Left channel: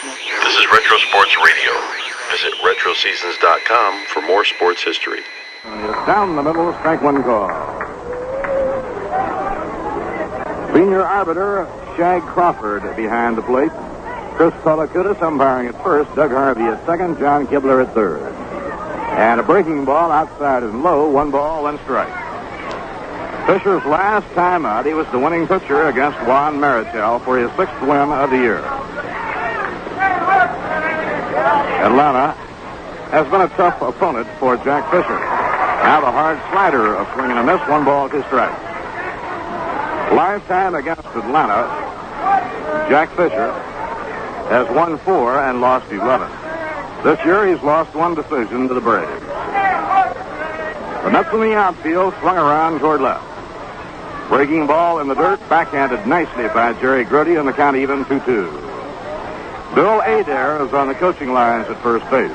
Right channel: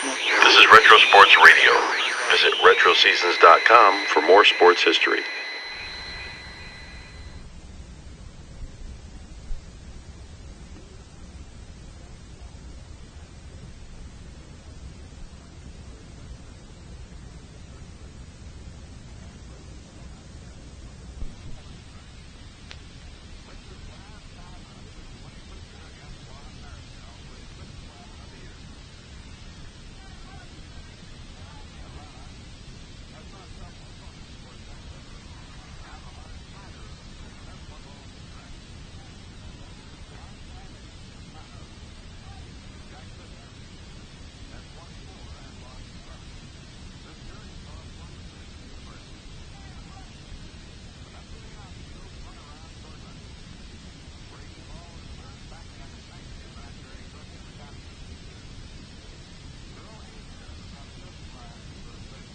This is Retro Sports Radio. Visit RetroSeasons.com for more sports history. Down the middle, strike one call. Senior arbiter Shag Crawford behind the plate. Chris Colacutis umpiring at first, Doug Harvey at second, John Kibler at third. And a breaking ball outside and low, 1 ball, 1 strike. Fisher's last time out, he was the winning pitcher against Juan Marichal for his 6th win of the year. Atlanta has been a tough opponent for Jack Fisher. Now the hard slider of swing and a miss, 1 ball, 2 strikes. Lifetime against Atlanta, Jack Fisher has won 4 and lost 11. This year he's lost 1 decision to the Braves. The Mets in the outfield swung around toward left. Breaking ball in the dirt, backhanded nicely by Jerry Grody, and the count even 2-2. Bill Adair is on the coaching lines at first base.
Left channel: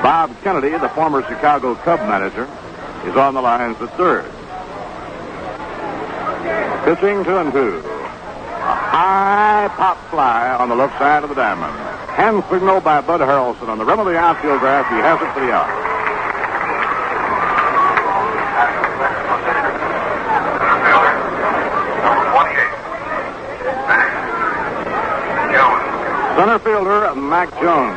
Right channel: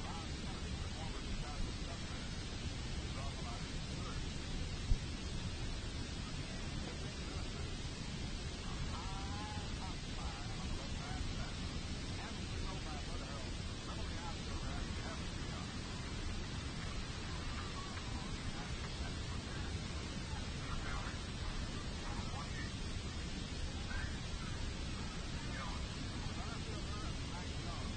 Bob Kennedy, the former Chicago Cub manager, is on the lines at third. Pitching 2-2. A high pop fly on the left side of the diamond. Hand signal by Bud Harrelson on the rim of the outfield grass. He has it for the out. Center fielder Mac Jones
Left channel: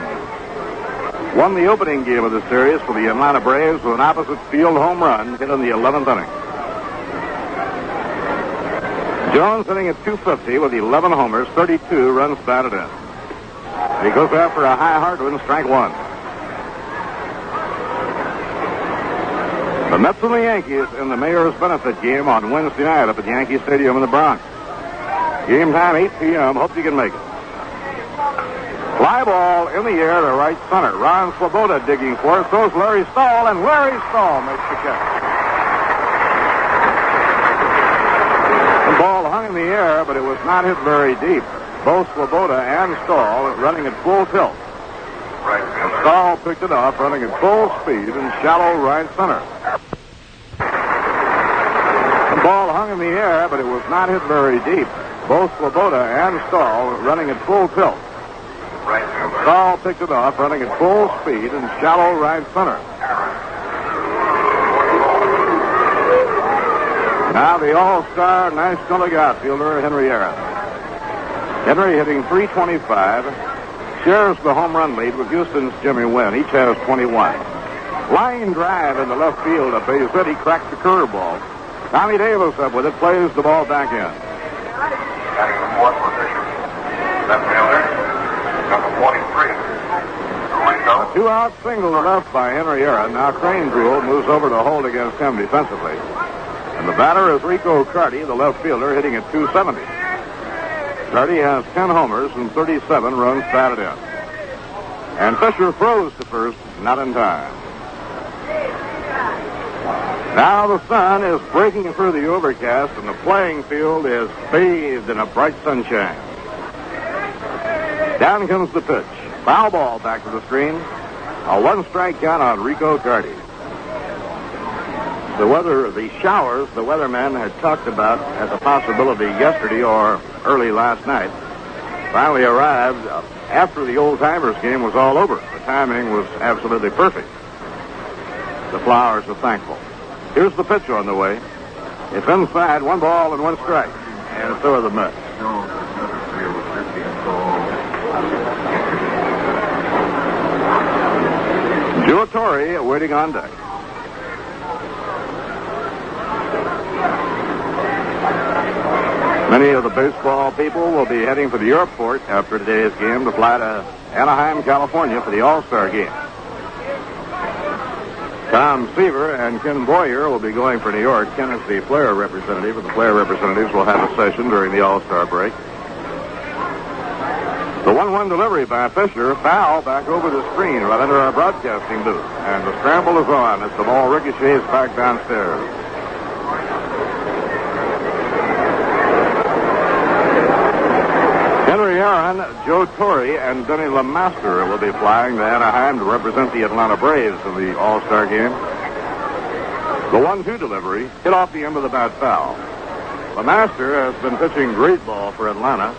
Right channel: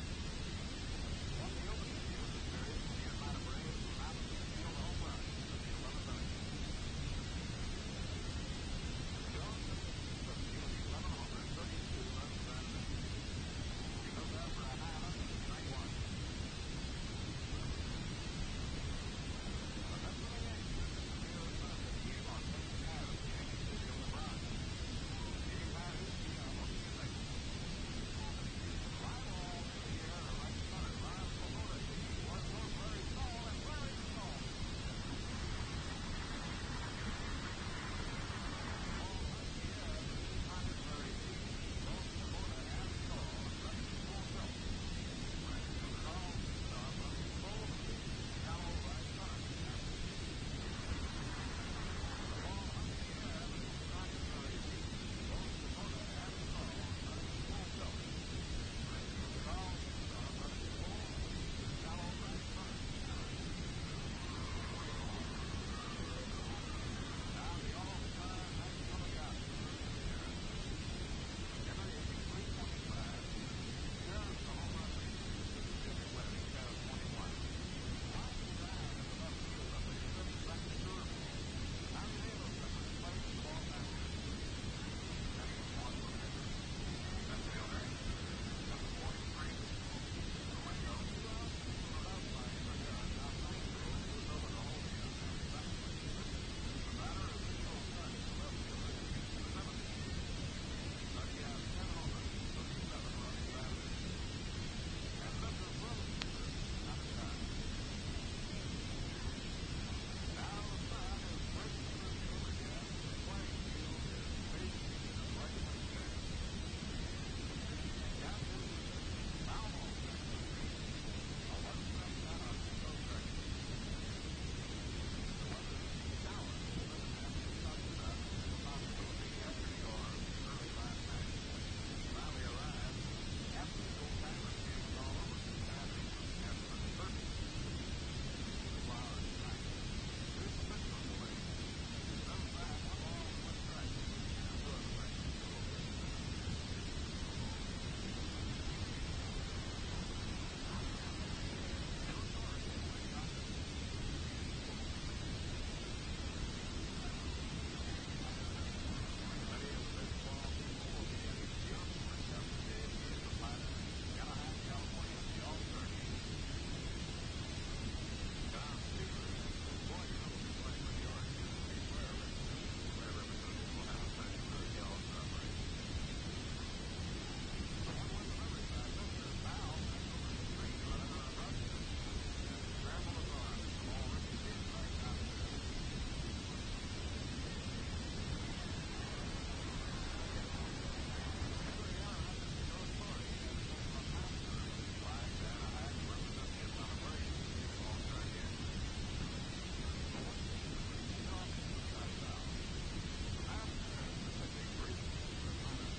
won the opening game of the series for the Atlanta Braves with an opposite field home run hit in the 11th inning. Jones hitting at .250 with 11 homers, 32 runs batted in. He goes after a high hard one, strike 1. The Mets and the Yankees in the Mayor's Benefit game on Wednesday night up at Yankee Stadium in the Bronx. Game time, 8 p.m. Hope you can make it. Fly ball in the air to right center. Ron Swoboda digging for it. Throws Larry Stahl, and Larry Stahl makes the catch. The ball hung in the air, but it was not hit very deep. Both Swoboda and Stahl running at full tilt. Stahl picked it off, running at full speed in shallow right center. The ball hung in the air, but it was not hit very deep. Both Swoboda and Stahl running at full tilt. Stahl picked it off, running at full speed in shallow right center. Now the all-star National League outfielder, Henry Aaron. Henry hitting .325, shares the home run lead with Houston's Jimmy Wynn. Each has 21. Line drive in the left field of base hit. He cracked the curveball. Tommy Davis up with it, plays the ball back in. Batting the 4th position, left fielder, number 43. A 2-out single left by Henry Aaron. Now Crane Brule moves over to hold against him defensively. And the batter is Rico Carty, the left fielder, hitting at .270. Carty has 10 homers and 37 runs batted in. And Fisher throws to first, not in time. Now the sun is breaking through the overcast, and the playing field is bathed in a bright sunshine. Down comes the pitch. Foul ball back to the screen. A 1-strike count on Rico Carty. The showers the weathermen had talked about as a possibility yesterday or early last night finally arrived after the Old Timers game was all over. The timing was absolutely perfect. The Flowers are thankful. Here's the pitch on the way. It's inside, 1 ball and 1 strike. And so are the Mets. Joe Torre waiting on deck. Many of the baseball people will be heading for the airport after today's game to fly to Anaheim, California for the All-Star game. Tom Seaver and Ken Boyer will be going for New York. Ken is the player representative, and the player representatives will have a session during the All-Star break. The 1-1 delivery by Fisher, foul back over the screen right under our broadcasting booth. And the scramble is on as the ball ricochets back downstairs. Henry Aaron, Joe Torre, and Denny LeMaster will be flying to Anaheim to represent the Atlanta Braves in the All-Star game. The 1-2 delivery hit off the end of the bat foul. LeMaster has been pitching great ball for Atlanta.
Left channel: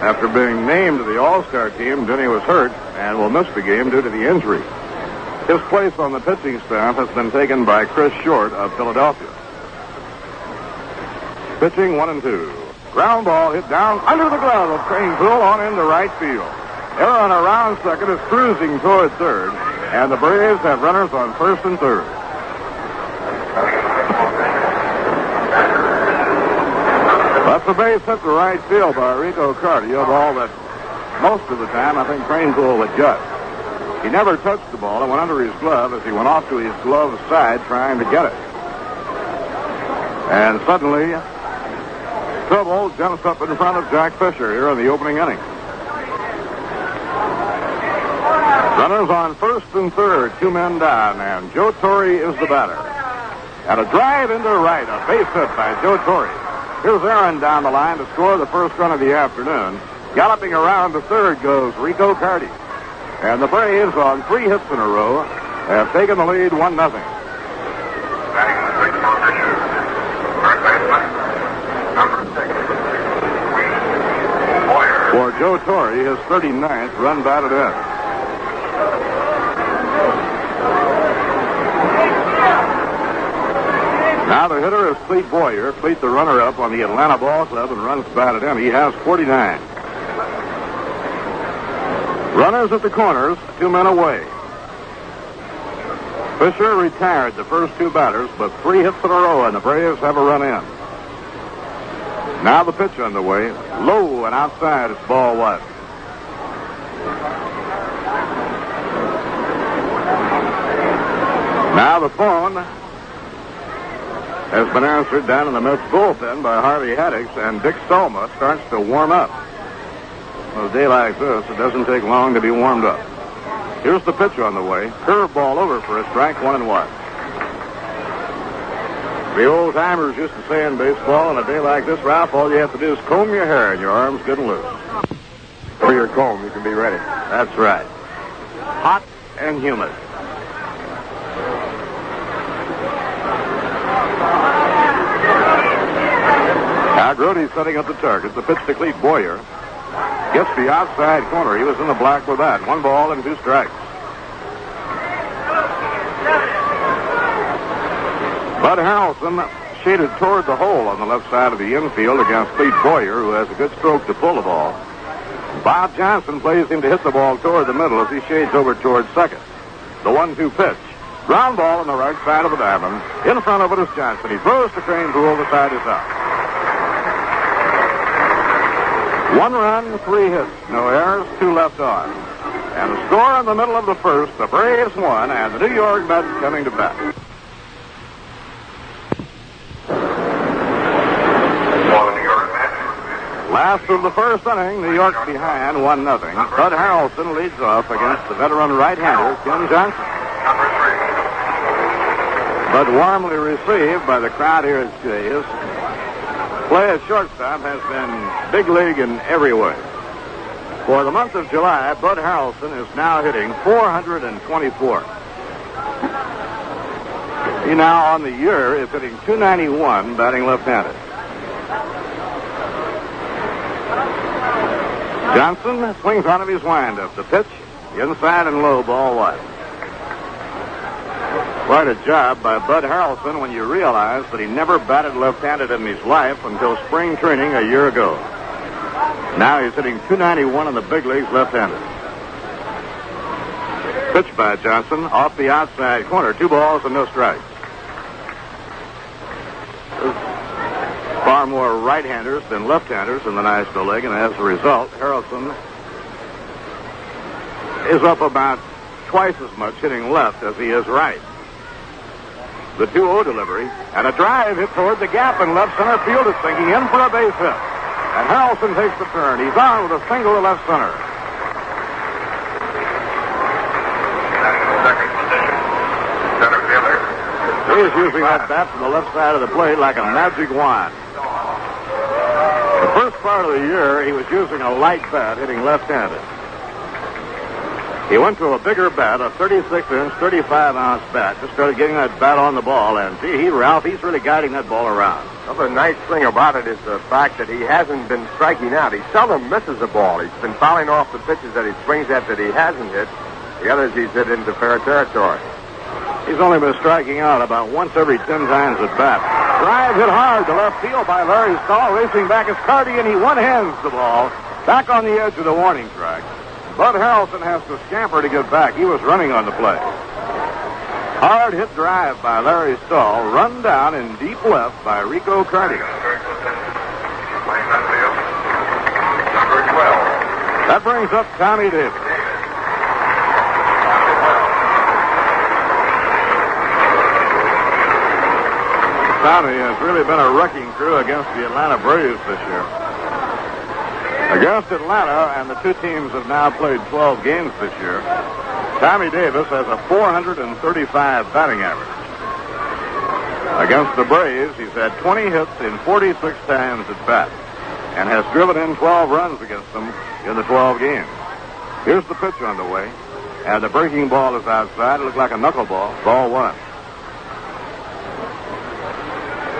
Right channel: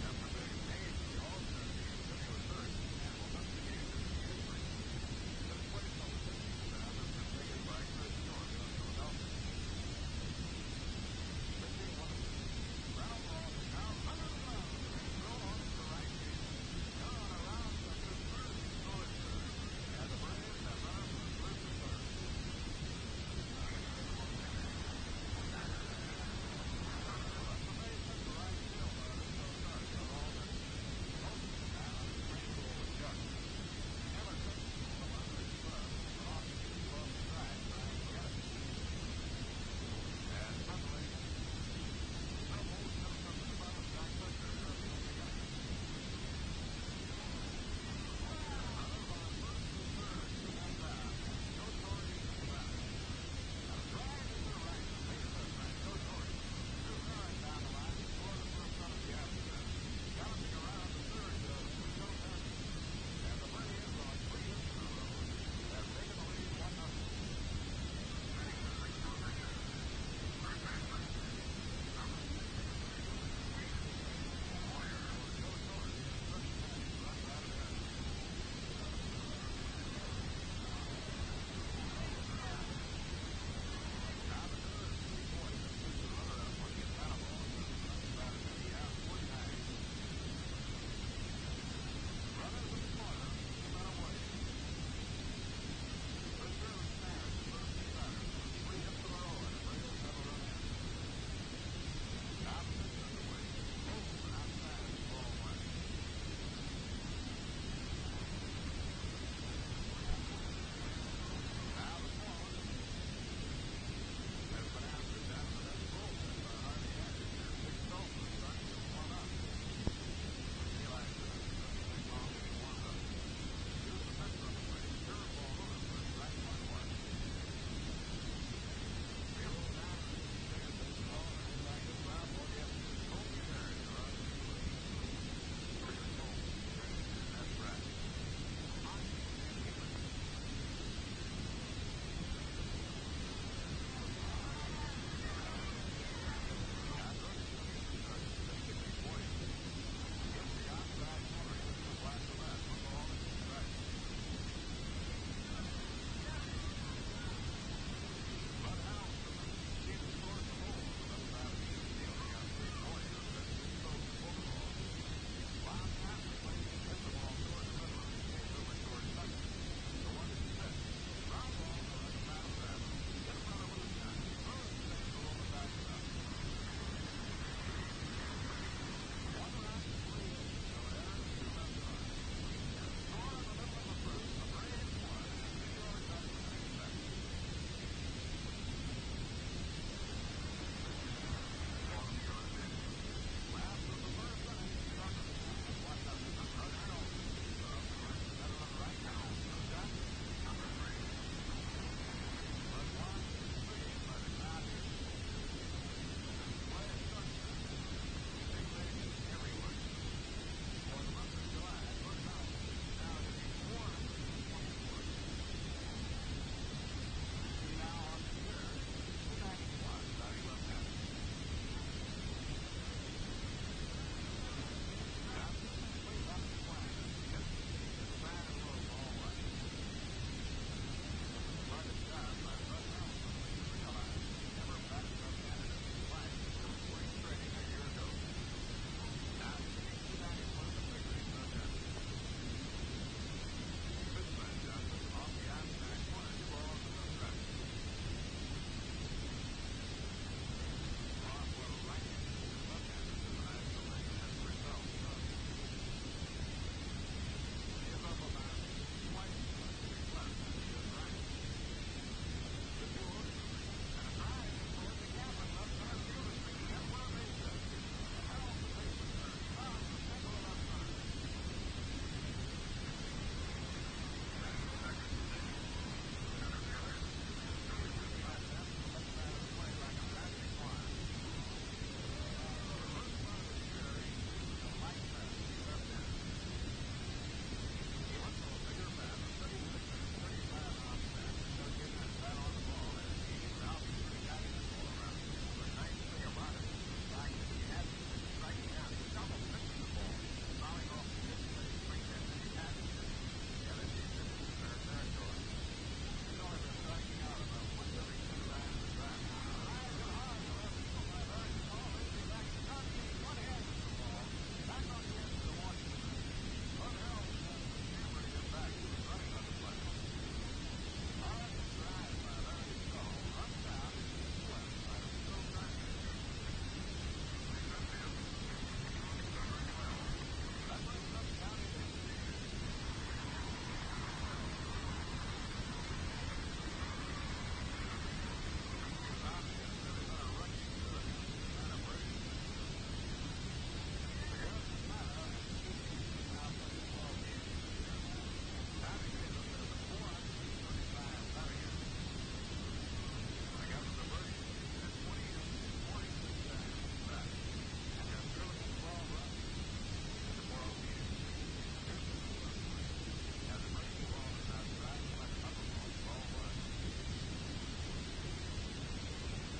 After being named to the All-Star team, Denny was hurt and will miss the game due to the injury. His place on the pitching staff has been taken by Chris Short of Philadelphia. Pitching 1-2. Ground ball hit down under the glove of Crane Poole on into right field. Aaron around second is cruising toward third, and the Braves have runners on first and third. That's a base hit to right field by Rico Carty, a ball that most of the time I think Crane Poole would gut. He never touched the ball. It went under his glove as he went off to his glove side trying to get it. And suddenly, trouble jumps up in front of Jack Fisher here in the opening inning. Runners on first and third, 2 men down, and Joe Torre is the batter. And a drive into right, a base hit by Joe Torre. Here's Aaron down the line to score the first run of the afternoon. Galloping around to third goes Rico Carty. And the Braves, on 3 hits in a row, have taken the lead 1-0. Batting in the sixth position, third baseman, number 6, Boyer. For Joe Torre, his 39th run batted in. Now the hitter is Clete Boyer. Clete, the runner-up on the Atlanta Ball Club, and runs batted in. He has 49. Runners at the corners, 2 men away. Fisher retired the first 2 batters, but 3 hits in a row, and the Braves have a run in. Now the pitch underway. Low and outside, it's ball 1. Now the phone has been answered down in the Mets bullpen by Harvey Haddix, and Dick Stolma starts to warm up. On a day like this, it doesn't take long to be warmed up. Here's the pitch on the way. Curveball over for a strike, 1-1. The old-timers used to say in baseball, on a day like this, Ralph, all you have to do is comb your hair and your arm's good and loose. For your comb, you can be ready. That's right. Hot and humid. Now Grote's setting up the target. The pitch to Clete Boyer. Gets the outside corner. He was in the black with that. 1 ball and 2 strikes. Bud Harrelson shaded toward the hole on the left side of the infield against Clete Boyer, who has a good stroke to pull the ball. Bob Johnson plays him to hit the ball toward the middle as he shades over toward second. The 1-2 pitch. Ground ball on the right side of the diamond. In front of it is Johnson. He throws to Crane Poole. The side is out. 1 run, 3 hits. No errors, 2 left on. And the score in the middle of the first, the Braves won, and the New York Mets coming to bat. Last of the first inning, New York behind 1-0. Bud Harrelson leads off against the veteran right-hander, Ken Johnson. Bud warmly received by the crowd here at His play at shortstop has been big league in every way. For the month of July, Bud Harrelson is now hitting .424. He now on the year is hitting .291, batting left-handed. Johnson swings out of his windup. The pitch, inside and low, ball 1. Quite a job by Bud Harrelson when you realize that he never batted left-handed in his life until spring training a year ago. Now he's hitting .291 in the big leagues left-handed. Pitch by Johnson off the outside corner. 2 balls and no strikes. There's far more right-handers than left-handers in the National League, and as a result, Harrelson is up about twice as much hitting left as he is right. The 2-0 delivery, and a drive hit toward the gap in left center field is sinking in for a base hit. And Harrelson takes the turn. He's on with a single to left center. Second position, center fielder. He's using that bat from the left side of the plate like a magic wand. The first part of the year, he was using a light bat, hitting left-handed. He went to a bigger bat, a 36-inch, 35-ounce bat. Just started getting that bat on the ball, and gee, Ralph, he's really guiding that ball around. Another nice thing about it is the fact that he hasn't been striking out. He seldom misses a ball. He's been fouling off the pitches that he swings at that he hasn't hit. The others he's hit into fair territory. He's only been striking out about once every 10 times at bat. Drive hit hard to left field by Larry Stahl. Racing back is Carty, and he one-hands the ball back on the edge of the warning track. Bud Harrelson has to scamper to get back. He was running on the play. Hard hit drive by Larry Stahl, run down in deep left by Rico Carty. Number 12. That brings up Tommy Davis. Tommy has really been a wrecking crew against the Atlanta Braves this year. Against Atlanta, and the two teams have now played 12 games this year, Tommy Davis has a 435 batting average. Against the Braves, he's had 20 hits in 46 times at bat and has driven in 12 runs against them in the 12 games. Here's the pitch on the way, and the breaking ball is outside. It looked like a knuckleball. Ball one.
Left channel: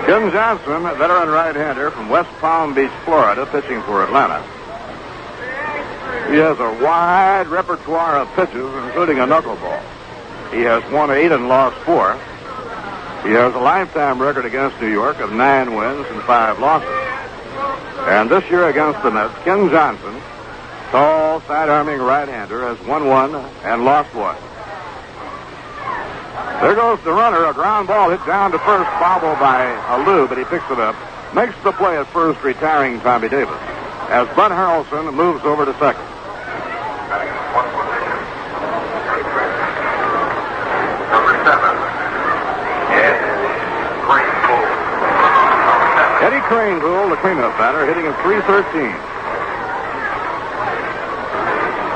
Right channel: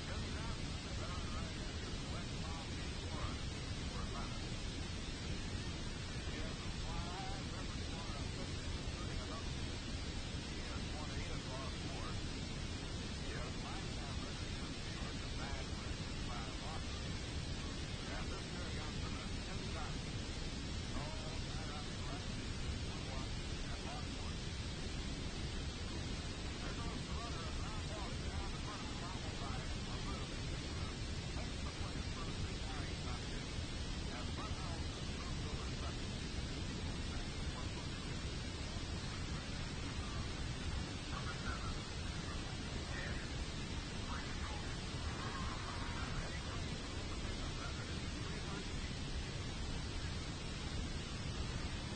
Ken Johnson, a veteran right-hander from West Palm Beach, Florida, pitching for Atlanta. He has a wide repertoire of pitches, including a knuckleball. He has won 8 and lost 4. He has a lifetime record against New York of 9 wins and 5 losses. And this year against the Mets, Ken Johnson, tall, side-arming right-hander, has won 1 and lost 1. There goes the runner. A ground ball hit down to first, bobbled by Alou, but he picks it up. Makes the play at first, retiring Tommy Davis, as Bud Harrelson moves over to second. Number 7. Eddie Cranepool, the cleanup batter, hitting at .313.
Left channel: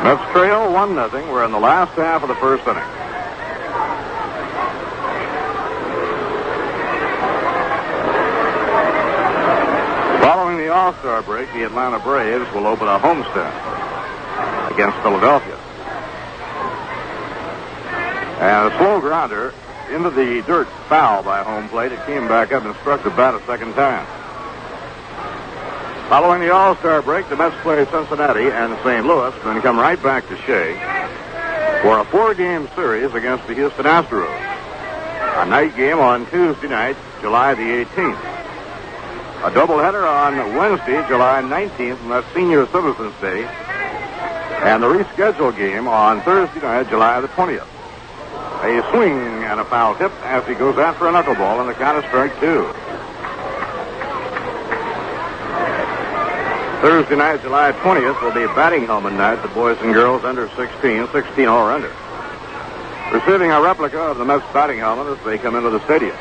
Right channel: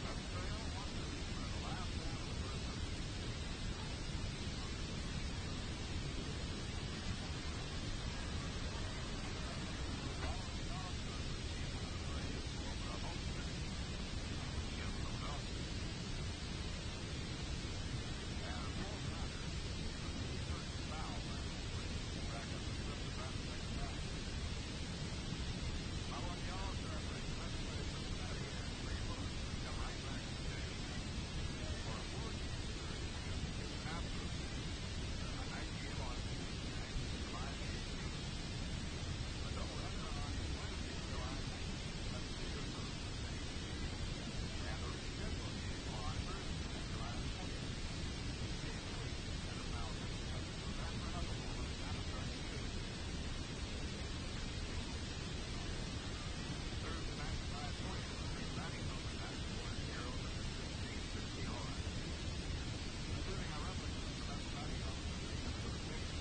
Mets trail 1-0. We're in the last half of the first inning. Following the All-Star break, the Atlanta Braves will open a homestand against Philadelphia. And a slow grounder into the dirt, foul by home plate. It came back up and struck the bat a second time. Following the All-Star break, the Mets play Cincinnati and St. Louis, then come right back to Shea for a 4-game series against the Houston Astros. A night game on Tuesday night, July the 18th. A doubleheader on Wednesday, July 19th, and that's Senior Citizens Day. And the rescheduled game on Thursday night, July the 20th. A swing and a foul tip as he goes after a knuckleball, and the count is strike 2. Thursday night, July 20th, will be batting helmet night. The boys and girls under 16 or under, receiving a replica of the Mets batting helmet as they come into the stadium.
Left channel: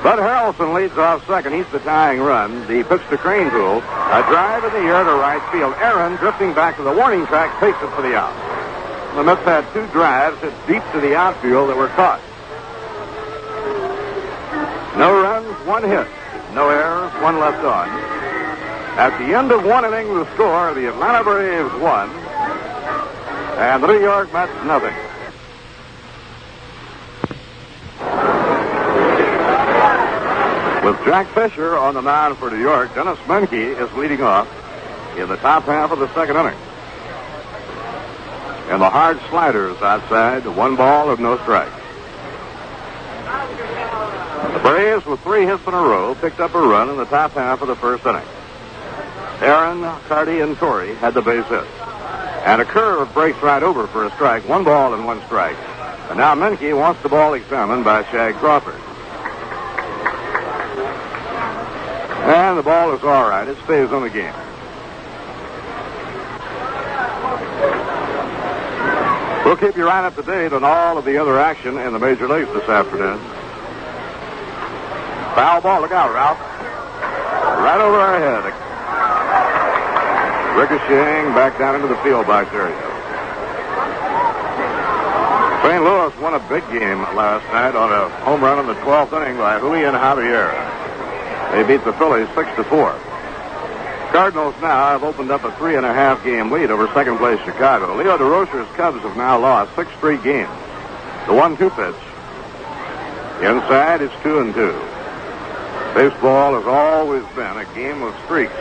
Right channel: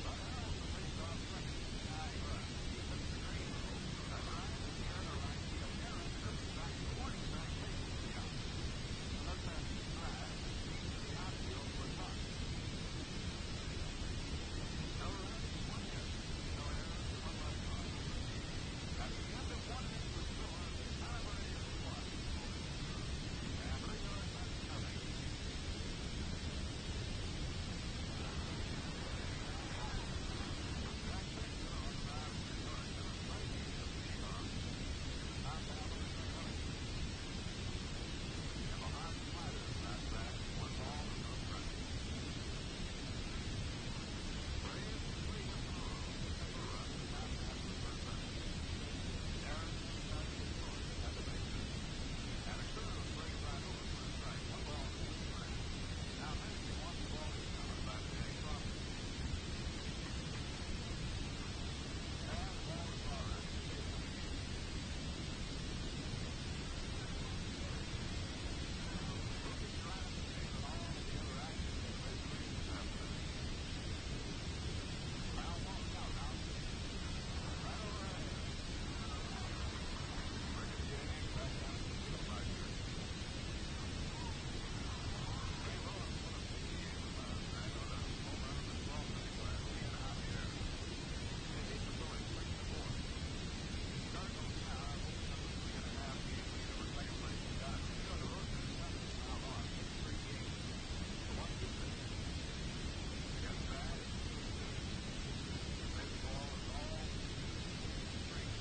Bud Harrelson leads off second. He's the tying run. The pitch to Cranepool. A drive in the air to right field. Aaron, drifting back to the warning track, takes it for the out. The Mets had 2 drives hit deep to the outfield that were caught. No runs, 1 hit. No errors, 1 left on. At the end of 1 inning, the score, the Atlanta Braves 1, and the New York Mets nothing. With Jack Fisher on the mound for New York, Dennis Menke is leading off in the top half of the second inning. And the hard sliders outside, 1 ball of no strikes. The Braves, with 3 hits in a row, picked up a run in the top half of the first inning. Aaron, Carty, and Torrey had the base hit. And a curve breaks right over for a strike, 1 ball and 1 strike. And now Menke wants the ball examined by Shag Crawford. And the ball is all right. It stays on the game. We'll keep you right up to date on all of the other action in the major leagues this afternoon. Foul ball. Look out, Ralph. Right over our head. Ricocheting back down into the field by Terrio. St. Louis won a big game last night on a home run in the 12th inning by Julian Javier. They beat the Phillies 6-4. Cardinals now have opened up a 3.5-game lead over second-place Chicago. Leo DeRocher's Cubs have now lost 6 straight games. The 1-2 pitch. Inside, it's 2-2. Baseball has always been a game of streaks.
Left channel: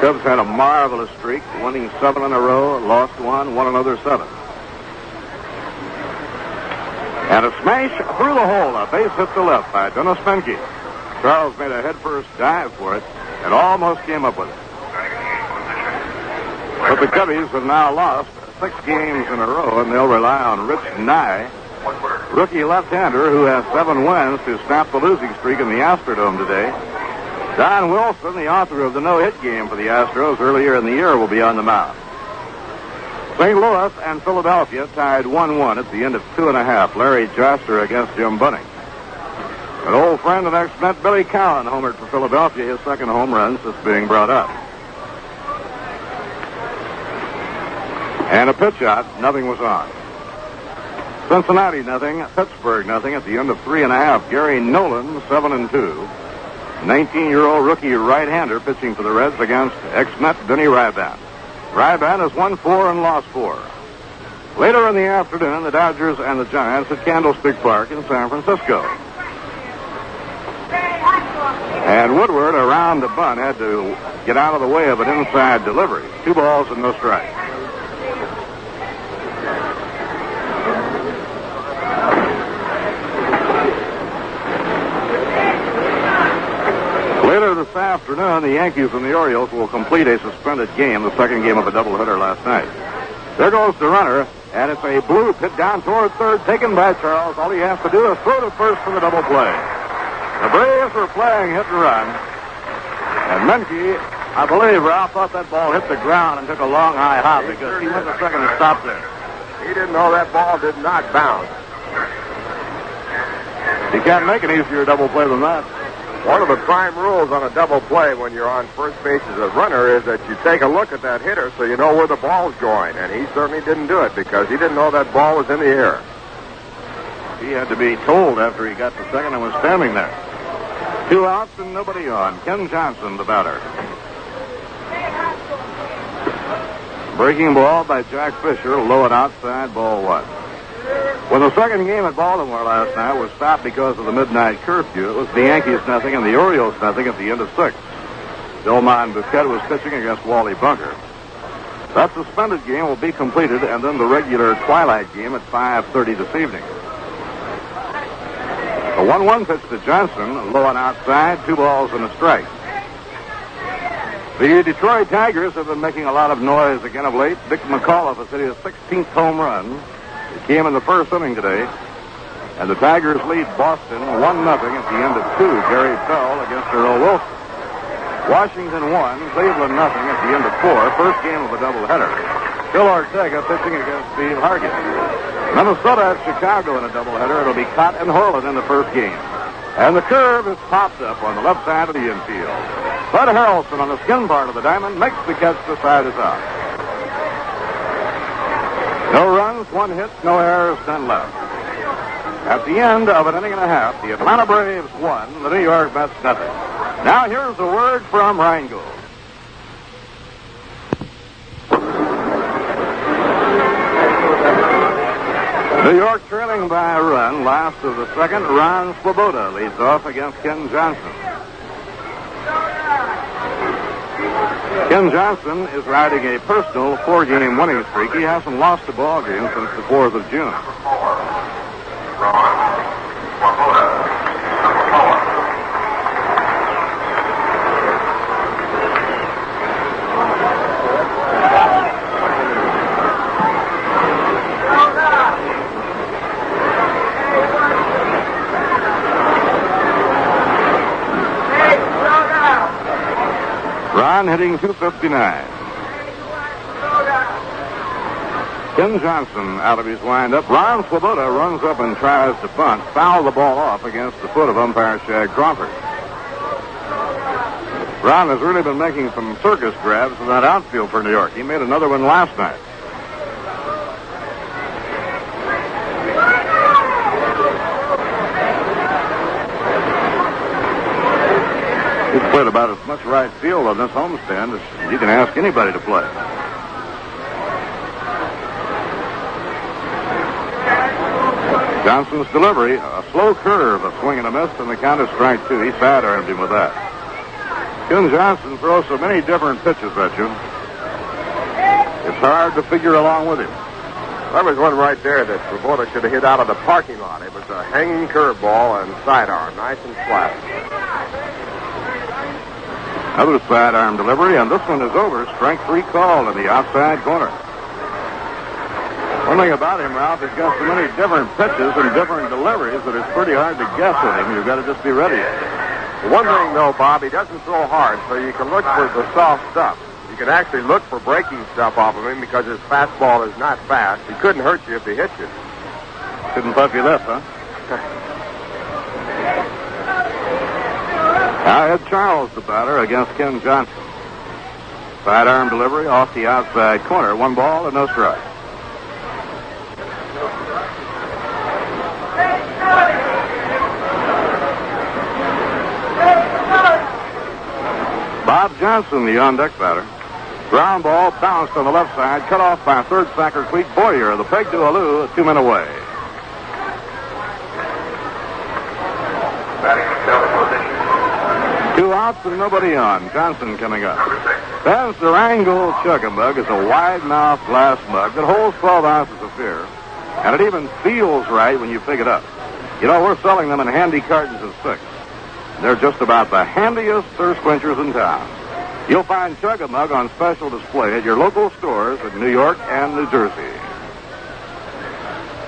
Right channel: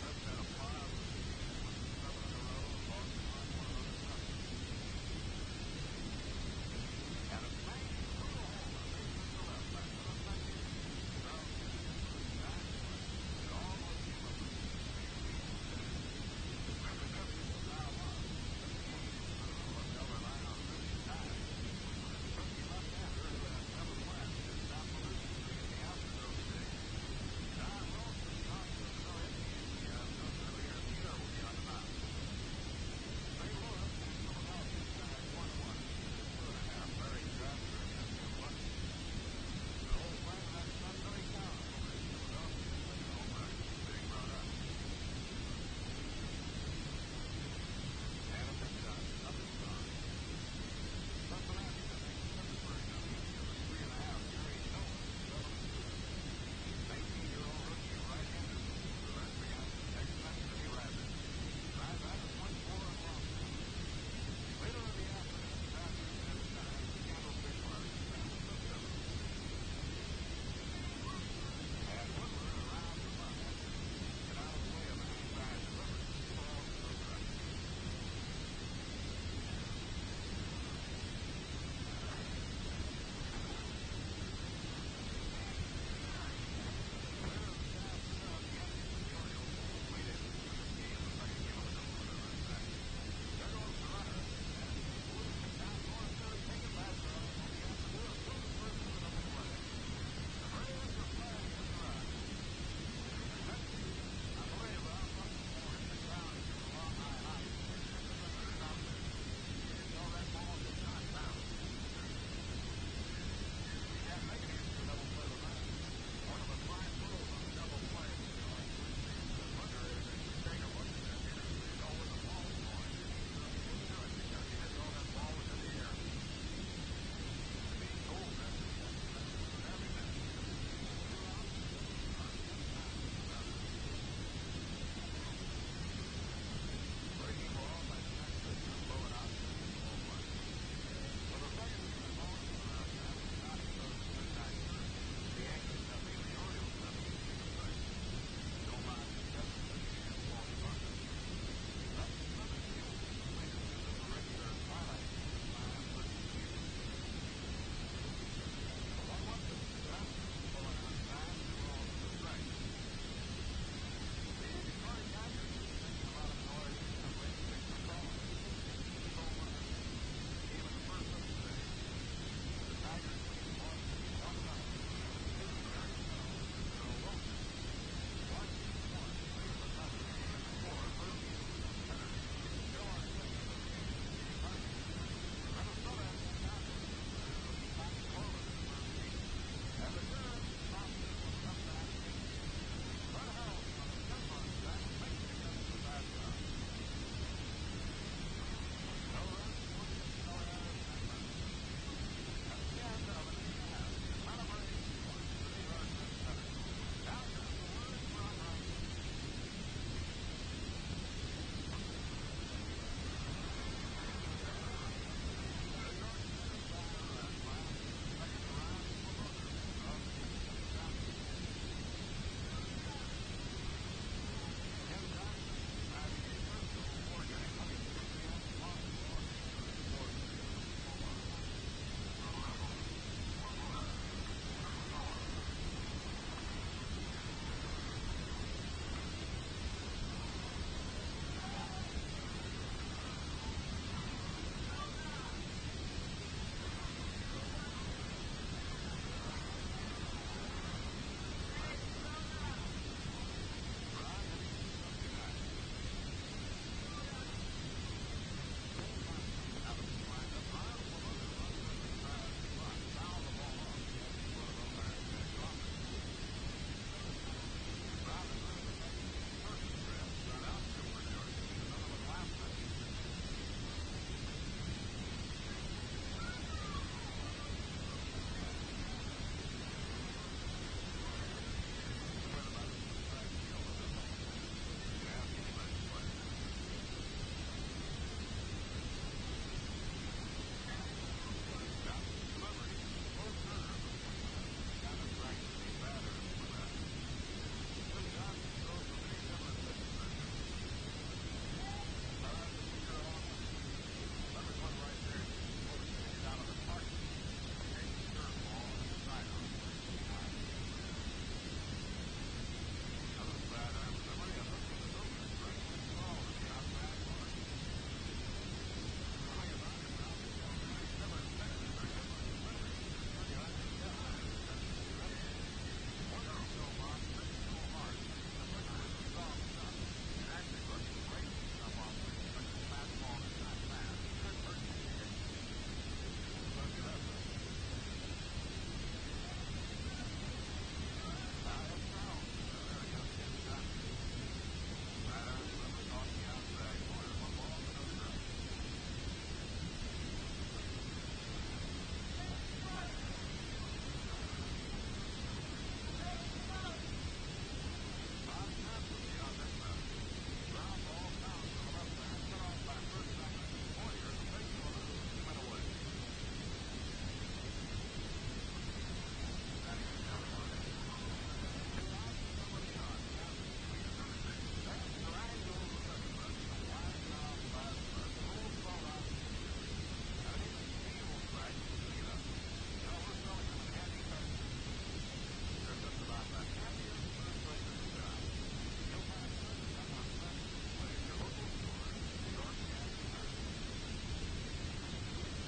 Cubs had a marvelous streak, winning 7 in a row, lost 1, won another 7. And a smash through the hole, a base hit to left by Dennis Menke. Charles made a headfirst dive for it and almost came up with it. But the Cubbies have now lost 6 games in a row, and they'll rely on Rich Nye, rookie left-hander who has 7 wins to snap the losing streak in the Astrodome today. Don Wilson, the author of the no-hit game for the Astros earlier in the year, will be on the mound. St. Louis and Philadelphia tied 1-1 at the end of 2.5. Larry Joster against Jim Bunning. An old friend and ex-Met Billy Cowan homered for Philadelphia, his second home run since being brought up. And a pitch out, nothing was on. Cincinnati nothing, Pittsburgh nothing at the end of 3.5. Gary Nolan 7-2. 19-year-old rookie right-hander pitching for the Reds against ex-Met Denny Ryban. Ryban has won 4 and lost 4. Later in the afternoon, the Dodgers and the Giants at Candlestick Park in San Francisco. And Woodward, around the bunt, had to get out of the way of an inside delivery. 2 balls and no strikes. Later this afternoon, the Yankees and the Orioles will complete a suspended game, the second game of a doubleheader last night. There goes the runner, and it's a bloop hit down toward third, taken by Charles. All he has to do is throw to first for the double play. The Braves were playing hit and run, and Menke, I believe, Ralph thought that ball hit the ground and took a long high hop because he went to second and stopped there. He didn't know that ball did not bounce. You can't make an easier double play than that. One of the prime rules on a double play when you're on first base as a runner is that you take a look at that hitter so you know where the ball's going. And he certainly didn't do it because he didn't know that ball was in the air. He had to be told after he got to second and was standing there. 2 outs and nobody on. Ken Johnson, the batter. Breaking ball by Jack Fisher, low and outside, ball 1. When the second game at Baltimore last night was stopped because of the midnight curfew, it was the Yankees nothing and the Orioles nothing at the end of 6. Dillman Bouquet was pitching against Wally Bunker. That suspended game will be completed, and then the regular twilight game at 5:30 this evening. A 1-1 pitch to Johnson, low and outside, 2 balls and a strike. The Detroit Tigers have been making a lot of noise again of late. Dick McAuliffe has hit his 16th home run. It came in the first inning today, and the Tigers lead Boston 1-0 at the end of 2. Gary Pell against Earl Wilson. Washington 1, Cleveland nothing at the end of 4. First game of a doubleheader. Phil Ortega pitching against Steve Hargett. Minnesota at Chicago in a doubleheader. It'll be Cott and Horland in the first game. And the curve is popped up on the left side of the infield. Bud Harrelson on the skin part of the diamond makes the catch. The side is out. No runs, 1 hit, no errors, none left. At the end of an inning and a half, the Atlanta Braves won, the New York Mets nothing. Now here's a word from Rheingold. New York trailing by a run. Last of the second, Ron Swoboda leads off against Ken Johnson. Ken Johnson is riding a personal 4-game winning streak. He hasn't lost a ball game since the 4th of June. Ron hitting .259. Ken Johnson out of his windup. Ron Swoboda runs up and tries to bunt, foul the ball off against the foot of umpire Shag Crawford. Ron has really been making some circus grabs in that outfield for New York. He made another one last night. He's played about as much right field on this homestand as you can ask anybody to play. Johnson's delivery, a slow curve, a swing and a miss, and the count is strike two. He bad-armed him with that. Ken Johnson throws so many different pitches at you, it's hard to figure along with him. There was one right there that Svoboda should have hit out of the parking lot. It was a hanging curveball and sidearm, nice and flat. Another sidearm delivery, and this one is over. Strike three called in the outside corner. One thing about him, Ralph, he's got so many different pitches and different deliveries that it's pretty hard to guess with him. You've got to just be ready. One thing, though, Bob, he doesn't throw hard, so you can look for the soft stuff. You can actually look for breaking stuff off of him because his fastball is not fast. He couldn't hurt you if he hit you. Couldn't puff you left, huh? Now Ed Charles, the batter, against Ken Johnson. Sidearm delivery off the outside corner. One ball and no strike. Bob Johnson, the on-deck batter. Ground ball bounced on the left side, cut off by third sacker Cleet Boyer. The peg to Alou, 2 men away. Two outs and nobody on. Johnson coming up. That's the Wrangle Chugga Mug. It's a wide-mouthed glass mug that holds 12 ounces of beer, and it even feels right when you pick it up. You know, we're selling them in handy cartons of 6. They're just about the handiest thirst quenchers in town. You'll find Chugga Mug on special display at your local stores in New York and New Jersey.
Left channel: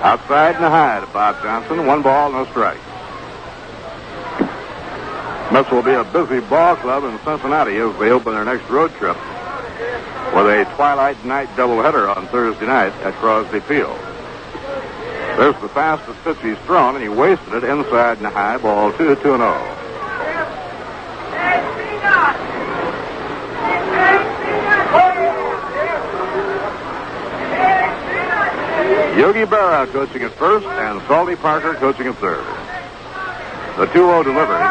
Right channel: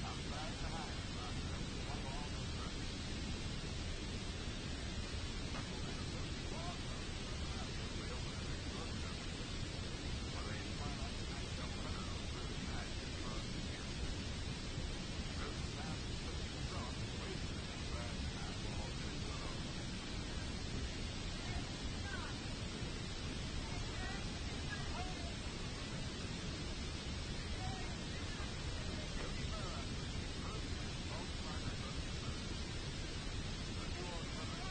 Outside and high to Bob Johnson. 1 ball, no strike. This will be a busy ball club in Cincinnati as they open their next road trip with a twilight night doubleheader on Thursday night at Crosby Field. There's the fastest pitch he's thrown, and he wasted it inside and high. Ball 2-0. Yogi Berra coaching at first, and Salty Parker coaching at third. The 2-0 delivery.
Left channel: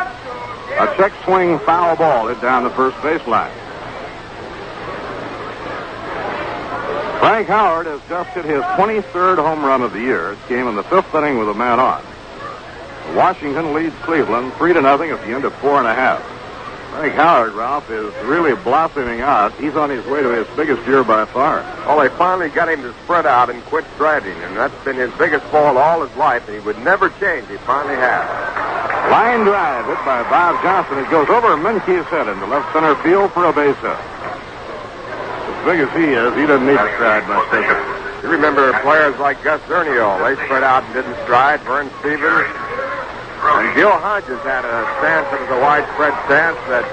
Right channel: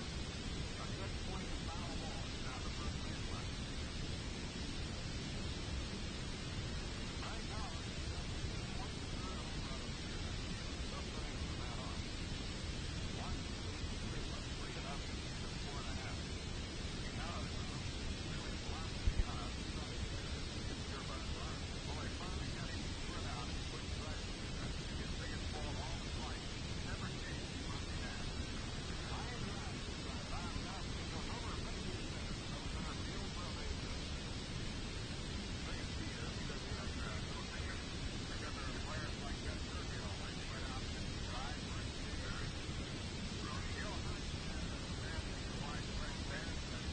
A check swing foul ball hit down the first baseline. Frank Howard has just hit his 23rd home run of the year. It came in the 5th inning with a man on. Washington leads Cleveland 3-0 at the end of 4.5. Frank Howard, Ralph, is really blossoming out. He's on his way to his biggest year by far. Well, they finally got him to spread out and quit striding, and that's been his biggest fault all his life, and he would never change. He finally has. Line drive hit by Bob Johnson. It goes over Minkey's head into left center field for a base hit. As big as he is, he doesn't need to stride much, does he? You remember players like Gus Ernie, they spread out and didn't stride. Vern Stevens. And Gil Hodges had a stance that was a widespread stance that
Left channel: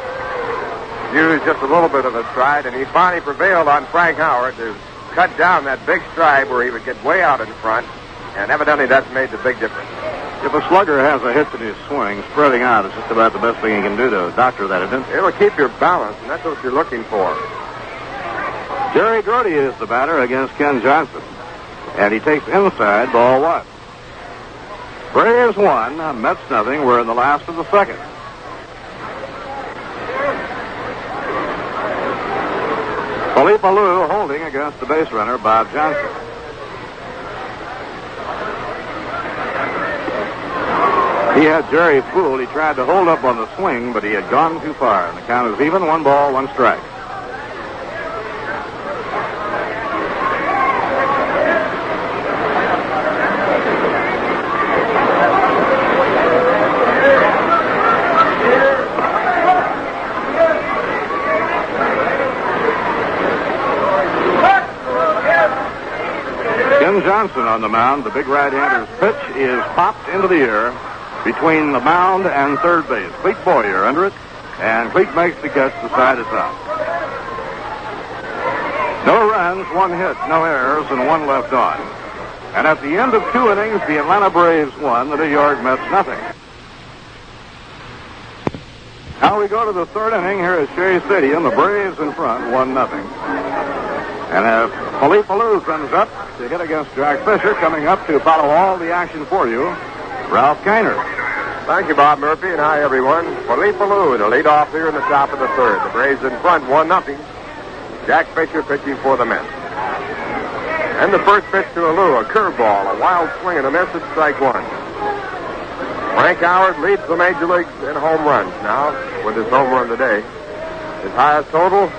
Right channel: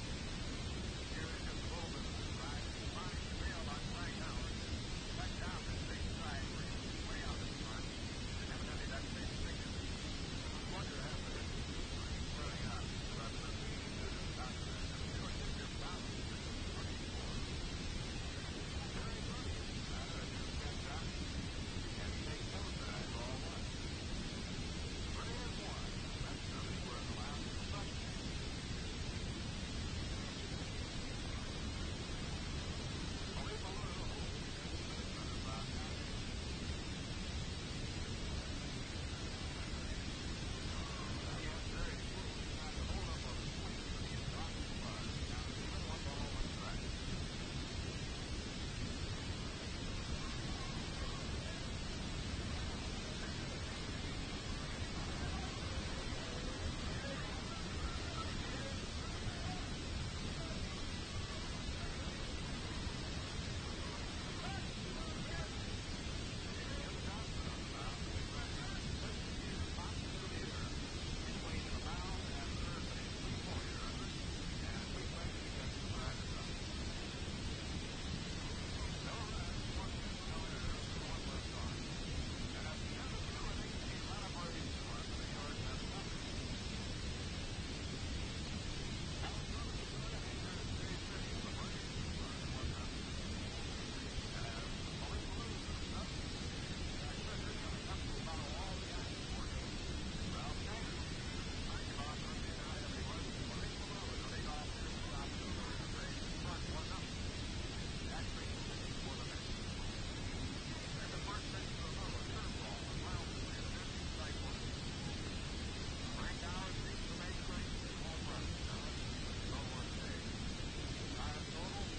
used just a little bit of a stride, and he finally prevailed on Frank Howard to cut down that big stride where he would get way out in front, and evidently that's made the big difference. If a slugger has a hit in his swing, spreading out is just about the best thing he can do to doctor that, isn't it? It'll keep your balance, and that's what you're looking for. Jerry Grody is the batter against Ken Johnson, and he takes inside, ball 1. Braves 1, Mets nothing. We're in the last of the second. Philippe Alou holding against the base runner, Bob Johnson. He had Jerry fooled. He tried to hold up on the swing, but he had gone too far. And the count is even. 1 ball, 1 strike. Johnson on the mound. The big right-hander's pitch is popped into the air between the mound and third base. Cleet Boyer under it, and Cleet makes the catch. The side is out. No runs, 1 hit, no errors, and 1 left on. And at the end of 2 innings, the Atlanta Braves won, the New York Mets nothing. Now we go to the 3rd inning here at Shea Stadium. The Braves in front, 1-0. And Philippe Alou comes up to hit against Jack Fisher. Coming up to follow all the action for you, Ralph Kiner. Thank you, Bob Murphy, and hi, everyone. Philippe Alou, the lead off here in the top of the 3rd. The Braves in front, 1-0. Jack Fisher pitching for the Mets. And the first pitch to Alou, a curveball, a wild swing and a miss at strike one. Frank Howard leads the major leagues in home runs now with his home run today. His highest total,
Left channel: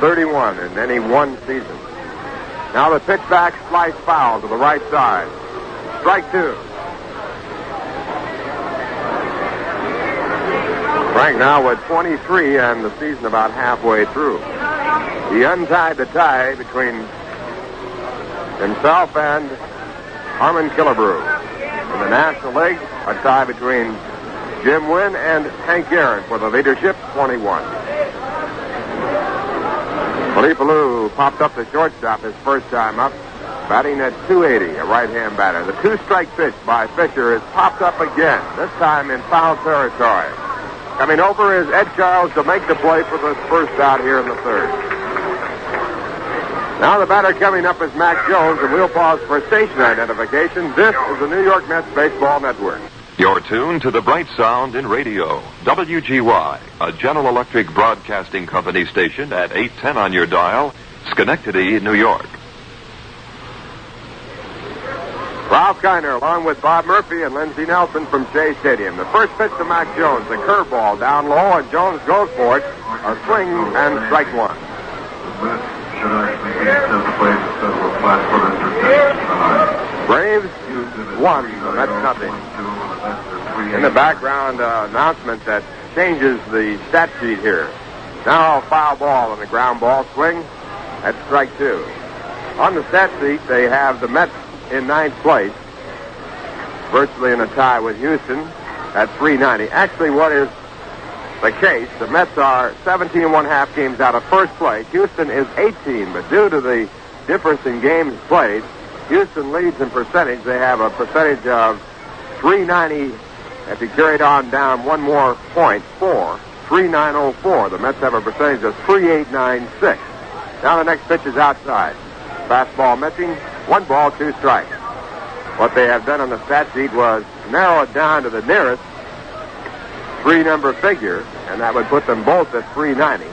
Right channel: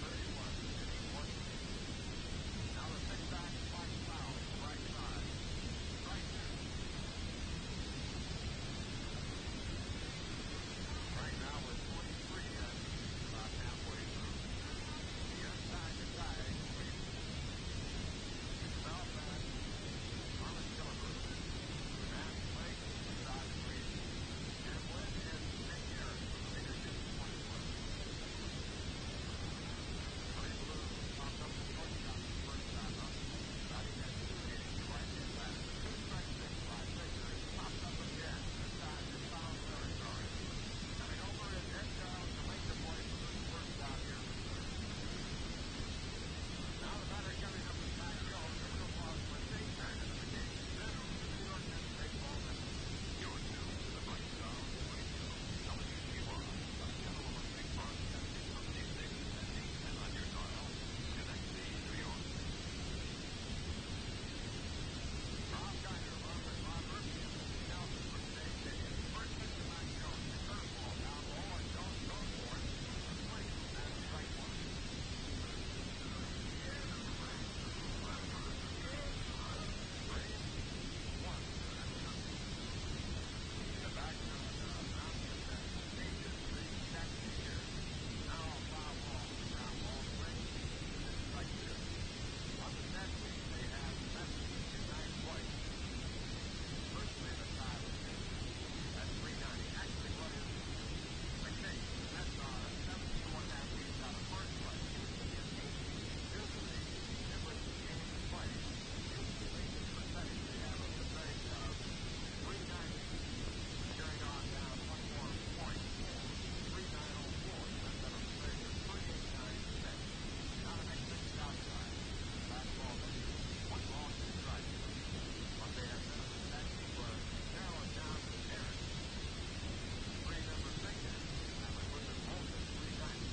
31 in any one season. Now the pitch back, slice foul to the right side. Strike two. Frank now with 23 and the season about halfway through. He untied the tie between himself and Harmon Killebrew. In the National League, a tie between Jim Wynn and Hank Aaron for the leadership, 21. Philippe Alou popped up the shortstop his first time up, batting at 280, a right-hand batter. The two-strike pitch by Fisher is popped up again, this time in foul territory. Coming over is Ed Charles to make the play for the first out here in the third. Now the batter coming up is Mac Jones, and we'll pause for station identification. This is the New York Mets Baseball Network. You're tuned to the bright sound in radio. WGY, a General Electric Broadcasting Company station at 810 on your dial, Schenectady, New York. Ralph Kiner along with Bob Murphy and Lindsey Nelson from Shea Stadium. The first pitch to Mac Jones, a curveball down low, and Jones goes for it. A swing and strike one. Braves won, so that's nothing. In the background, announcement that changes the stat sheet here. Now a foul ball and a ground ball swing at strike two. On the stat sheet, they have the Mets in ninth place, virtually in a tie with Houston at 390. Actually, what is the case, the Mets are 17 1/2 games out of first place. Houston is 18, but due to the difference in games played, Houston leads in percentage. They have a percentage of 390. If you carried on down one more point, 3.904. The Mets have a percentage of 3.896. Now the next pitch is outside. Fastball missing. 1 ball, 2 strikes. What they have done on the stat sheet was narrow it down to the nearest 3-number figure, and that would put them both at 390.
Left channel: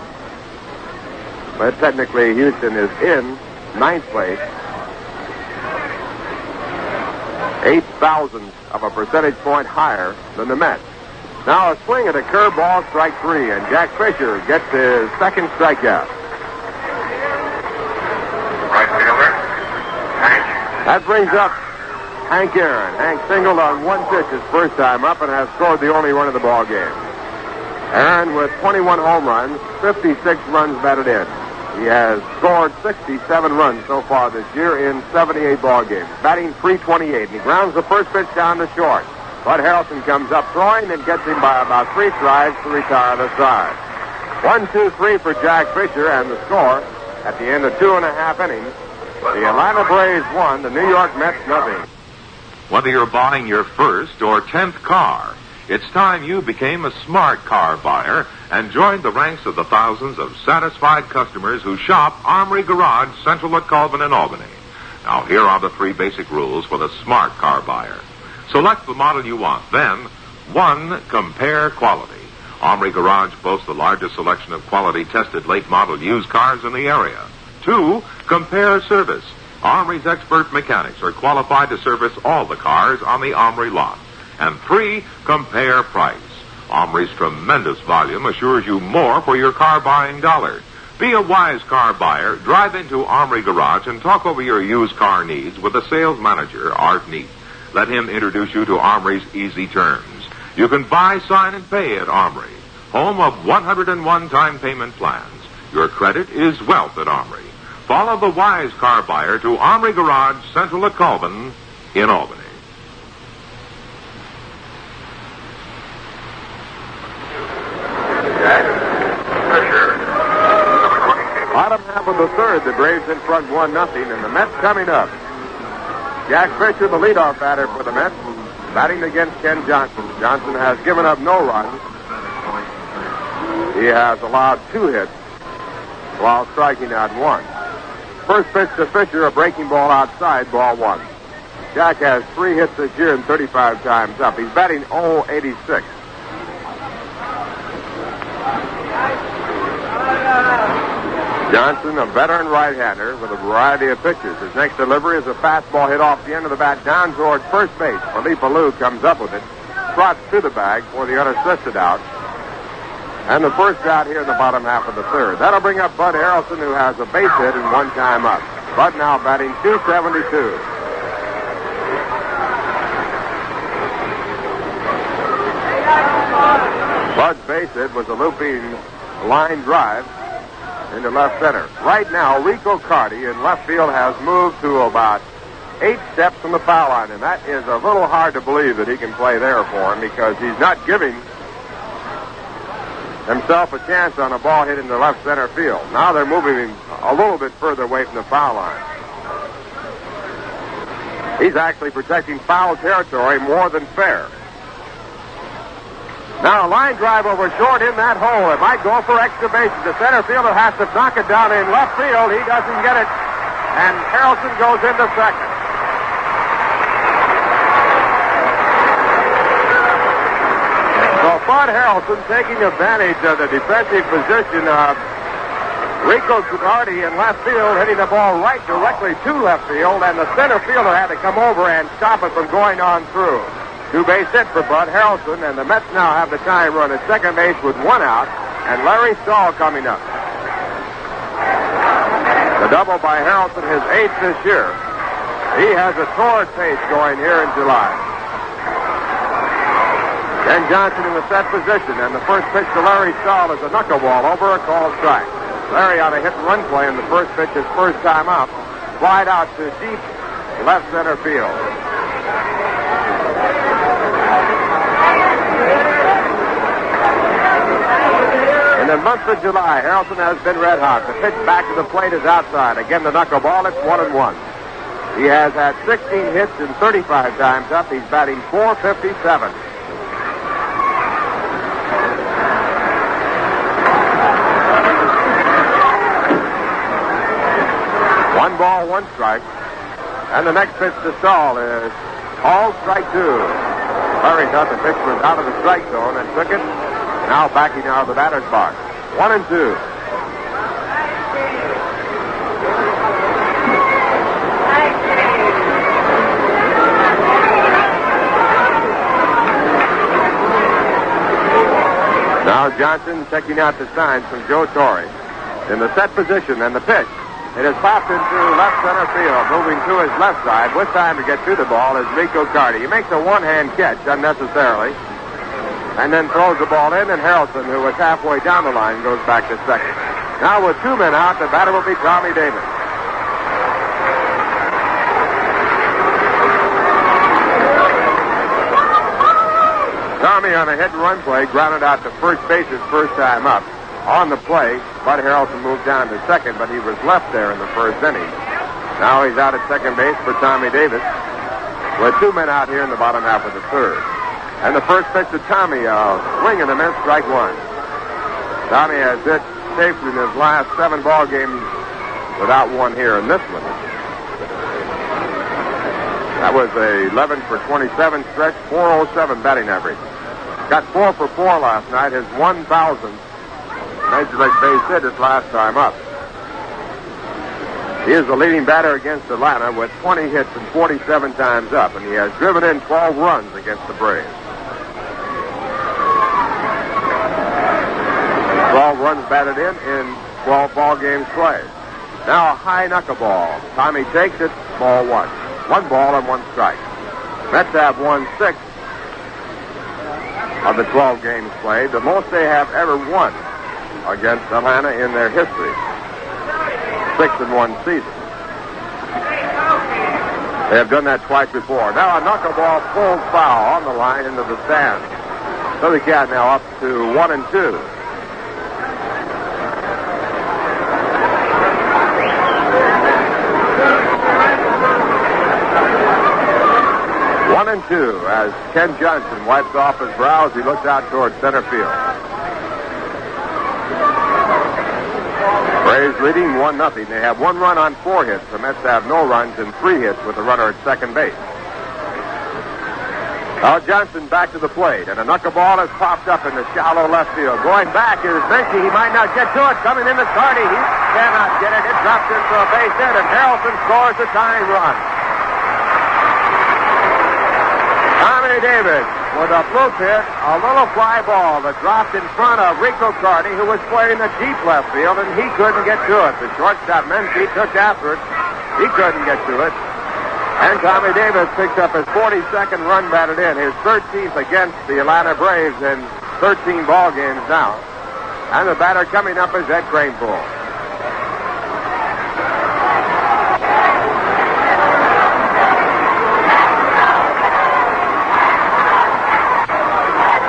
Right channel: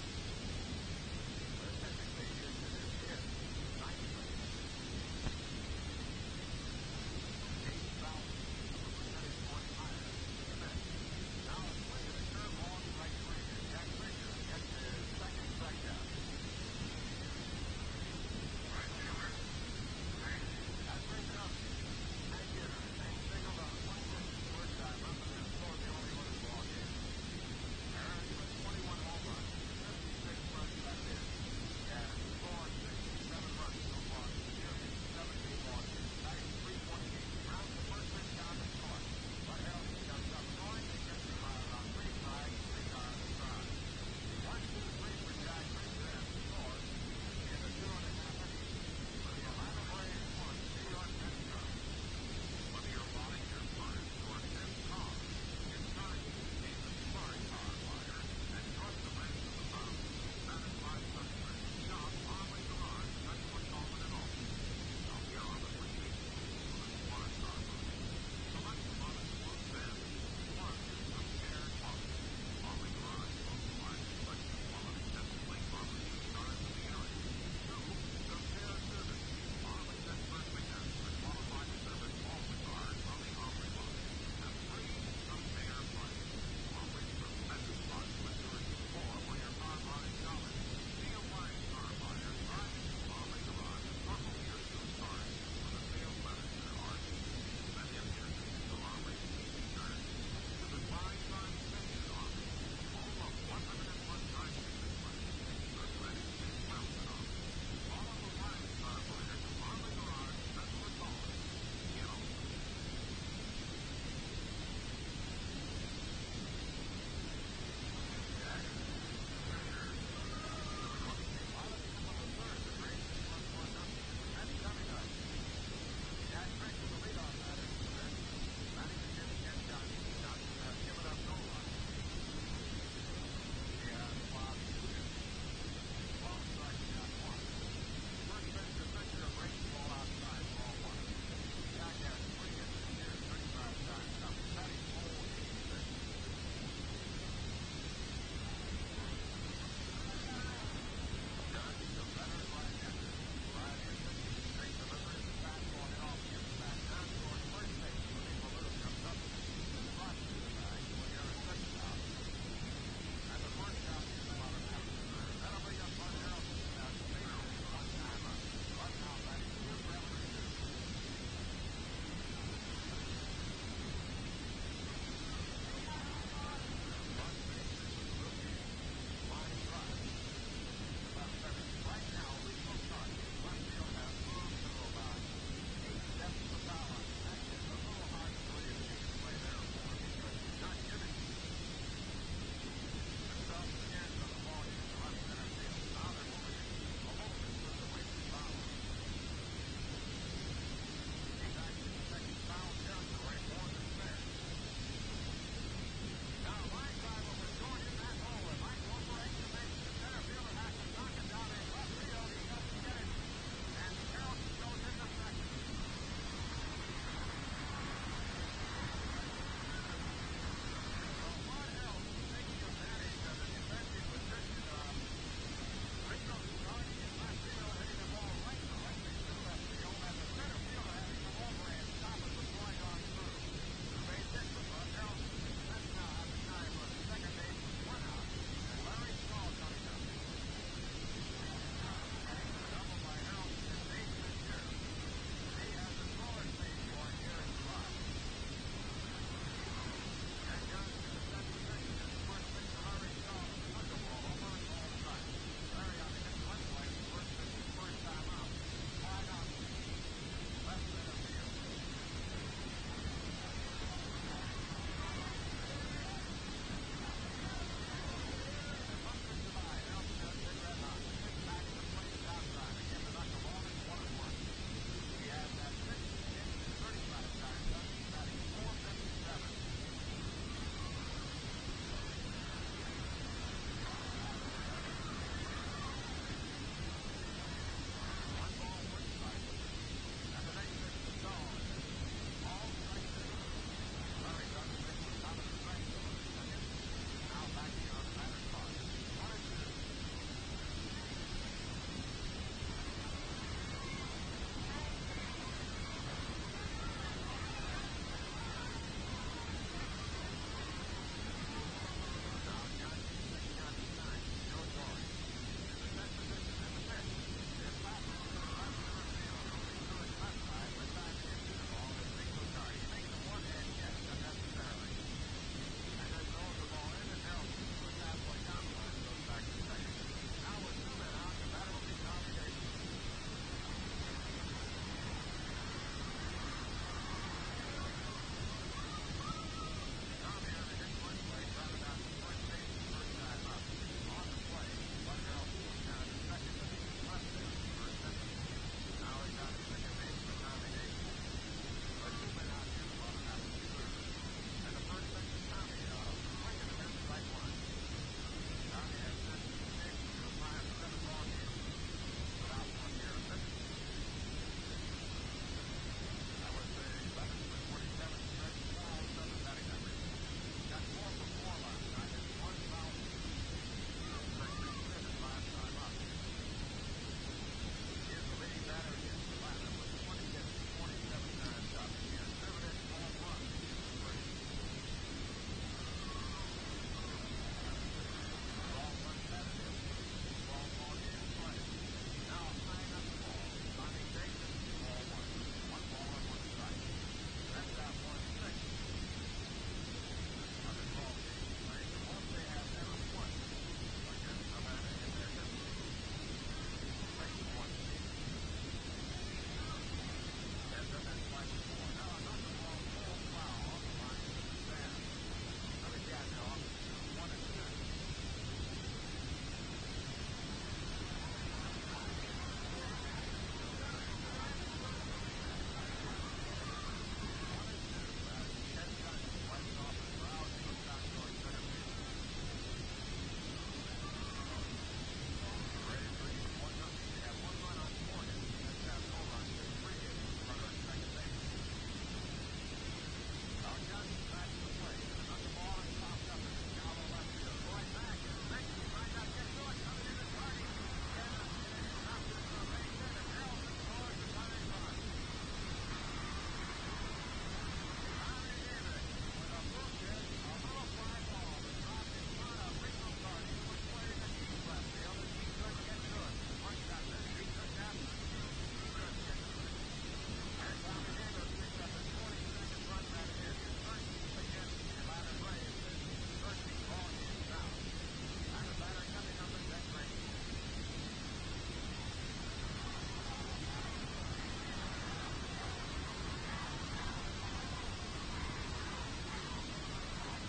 But technically, Houston is in ninth place. 0.08 of a percentage point higher than the Mets. Now a swing at a curveball, strike 3, and Jack Fisher gets his second strikeout. Right fielder, Hank. That brings up Hank Aaron. Hank singled on one pitch his first time up and has scored the only run of the ball game. Aaron with 21 home runs, 56 runs batted in. He has scored 67 runs so far this year in 78 ball games, batting .328, and he grounds the first pitch down to short. Bud Harrelson comes up throwing and gets him by about 3 strides to retire the side. 1-2-3 for Jack Fisher, and the score at the end of 2.5 innings. The Atlanta Braves won, the New York Mets nothing. Whether you're buying your first or 10th car, it's time you became a smart car buyer and joined the ranks of the thousands of satisfied customers who shop Armory Garage, Central at Colvin and Albany. Now, here are the 3 basic rules for the smart car buyer. Select the model you want. Then, 1, compare quality. Armory Garage boasts the largest selection of quality-tested late-model used cars in the area. 2, compare service. Armory's expert mechanics are qualified to service all the cars on the Armory lot. And 3, compare price. Armory's tremendous volume assures you more for your car buying dollar. Be a wise car buyer. Drive into Armory Garage and talk over your used car needs with the sales manager, Art Neat. Let him introduce you to Armory's easy terms. You can buy, sign, and pay at Armory, home of 101 time payment plans. Your credit is wealth at Armory. Follow the wise car buyer to Armory Garage, Central at Colvin in Albany. Bottom half of the third, the Braves in front 1-0, and the Mets coming up. Jack Fisher, the leadoff batter for the Mets, batting against Ken Johnson. Johnson has given up no runs. He has allowed 2 hits while striking out 1. First pitch to Fisher, a breaking ball outside, ball 1. Jack has 3 hits this year and 35 times up. He's batting .086. Johnson, a veteran right-hander with a variety of pitches. His next delivery is a fastball hit off the end of the bat down towards first base. Felipe Alou comes up with it, trots to the bag for the unassisted out. And the first out here in the bottom half of the third. That'll bring up Bud Harrelson, who has a base hit and one time up. Bud now batting .272. Bud's base hit was a looping line drive into left center. Right now, Rico Carty in left field has moved to about 8 steps from the foul line, and that is a little hard to believe that he can play there for him because he's not giving himself a chance on a ball hit into left center field. Now they're moving him a little bit further away from the foul line. He's actually protecting foul territory more than fair. Now a line drive over short in that hole. It might go for extra bases. The center fielder has to knock it down in left field. He doesn't get it. And Harrelson goes into second. So Bud Harrelson taking advantage of the defensive position of Rico Carty in left field, hitting the ball right directly to left field, and the center fielder had to come over and stop it from going on through. 2-base hit for Bud Harrelson, and the Mets now have the tying run at second base with 1 out, and Larry Stahl coming up. The double by Harrelson, his 8th this year. He has a torrid pace going here in July. Ken Johnson in the set position, and the first pitch to Larry Stahl is a knuckleball over a called strike. Larry on a hit-and-run play in the first pitch, his first time up. Slide out to deep left center field. In the month of July, Harrelson has been red hot. The pitch back to the plate is outside. Again, the knuckleball, it's 1-1. He has had 16 hits and 35 times up. He's batting .457. One ball, one strike. And the next pitch to Stahl is called strike 2. Larry thought the pitch was out of the strike zone and took it. Now backing out of the batter's box. 1-2. Now Johnson checking out the signs from Joe Torre. In the set position, and the pitch. It is popped into left center field, moving to his left side. With time to get to the ball is Rico Carty. He makes a one-hand catch unnecessarily, and then throws the ball in, and Harrelson, who was halfway down the line, goes back to second. Now with 2 men out, the batter will be Tommy Davis. Tommy on a hit-and-run play grounded out to first base his first time up. On the play, Bud Harrelson moved down to second, but he was left there in the first inning. Now he's out at second base for Tommy Davis, with 2 men out here in the bottom half of the third. And the first pitch to Tommy, swing and a miss, strike 1. Tommy has hit safely in his last 7 ball games without one here in this one. That was a 11 for 27 stretch, 407 batting average. Got 4 for 4 last night, his 1,000th Major League base hit his last time up. He is the leading batter against Atlanta with 20 hits and 47 times up, and he has driven in 12 runs against the Braves. 12 runs batted in 12 ball games played. Now a high knuckleball. Tommy takes it, ball 1. 1 ball and 1 strike. Mets have won 6 of the 12 games played, the most they have ever won against Atlanta in their history. 6-1 season. They have done that twice before. Now a knuckleball full foul on the line into the stand. So the Cat now up to 1-2. As Ken Johnson wipes off his brow as he looks out towards center field. Braves leading 1-0. They have 1 run on 4 hits. The Mets have no runs and 3 hits with a runner at second base. Now Johnson back to the plate, and a knuckleball has popped up in the shallow left field. Going back is Menchie. He might not get to it. Coming in the Carty. He cannot get it. It drops into a base hit, and Harrelson scores the tying run. Tommy Davis with a fluke hit, a little fly ball that dropped in front of Rico Carty, who was playing the deep left field, and he couldn't get to it. The shortstop, Menke, took after it. He couldn't get to it. And Tommy Davis picked up his 42nd run batted in, his 13th against the Atlanta Braves in 13 ball games now. And the batter coming up is Ed Kranepool.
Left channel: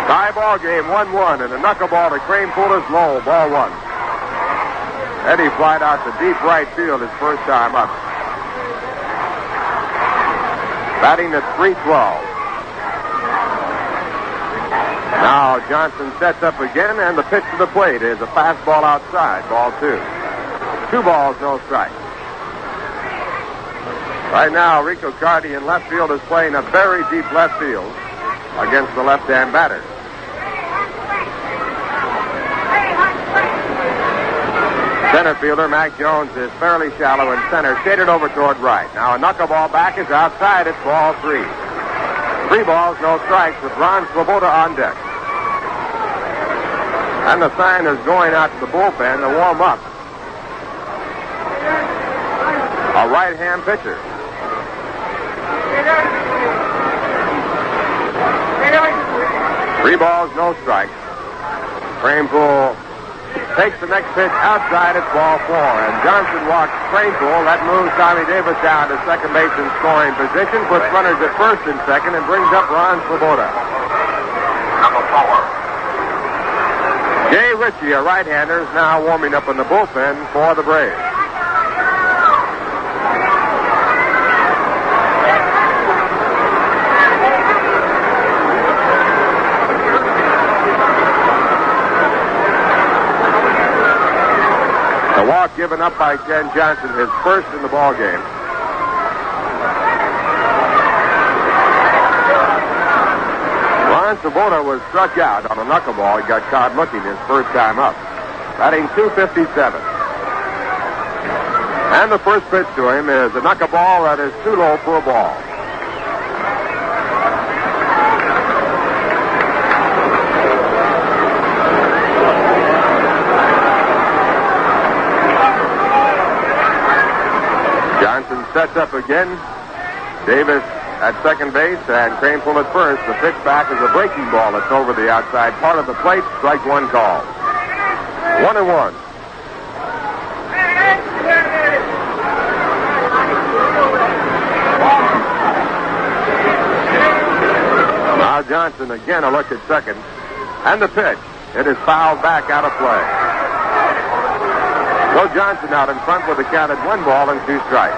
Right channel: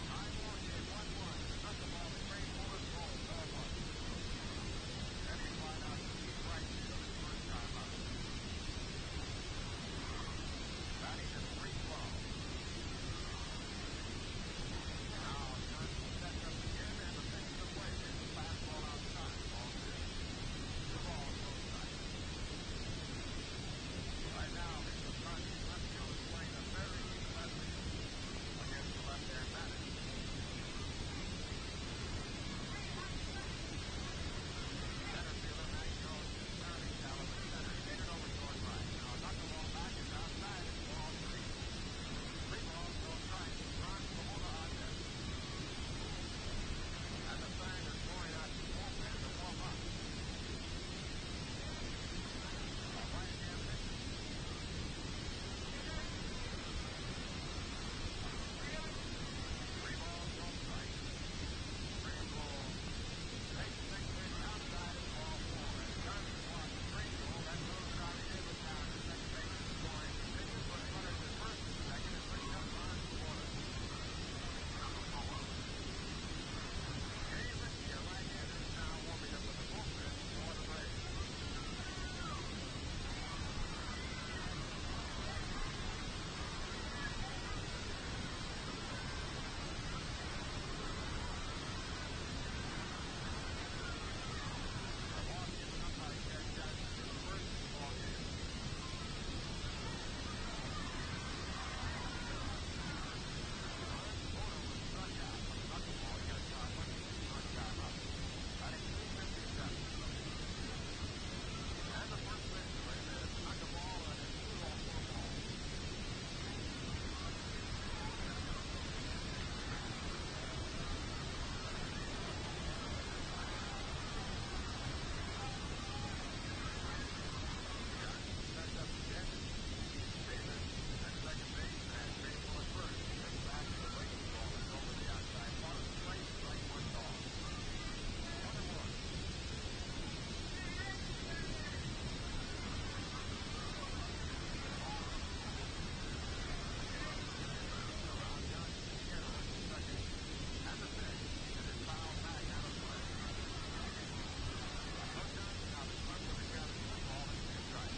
Tie ball game, 1-1, and a knuckleball to Kranepool is low, ball one. Eddie flied out to deep right field his first time up. Batting at .312. Now Johnson sets up again, and the pitch to the plate is a fastball outside, ball two. 2 balls, no strikes. Right now, Rico Carty in left field is playing a very deep left field against the left-hand batter. Center fielder Mac Jones is fairly shallow in center, shaded over toward right. Now a knuckleball back is outside. It's ball 3. 3 balls, no strikes with Ron Swoboda on deck. And the sign is going out to the bullpen to warm up. A right-hand pitcher. Three balls, no strikes. Kranepool takes the next pitch outside. It's ball 4. And Johnson walks Kranepool. That moves Tommy Davis down to second base in scoring position, puts runners at first and second, and brings up Ron Swoboda. Number 4. Jay Ritchie, a right-hander, is now warming up in the bullpen for the Braves. Walk given up by Ken Johnson, his first in the ball game. Ron Swoboda was struck out on a knuckleball. He got caught looking his first time up. Batting .257. And the first pitch to him is a knuckleball that is too low for a ball. Sets up again. Davis at second base and Kranepool at first. The pitch back is a breaking ball that's over the outside part of the plate. Strike one call. 1-1. Now Johnson again a look at second. And the pitch. It is fouled back out of play. So Johnson out in front with a count at 1 ball and 2 strikes.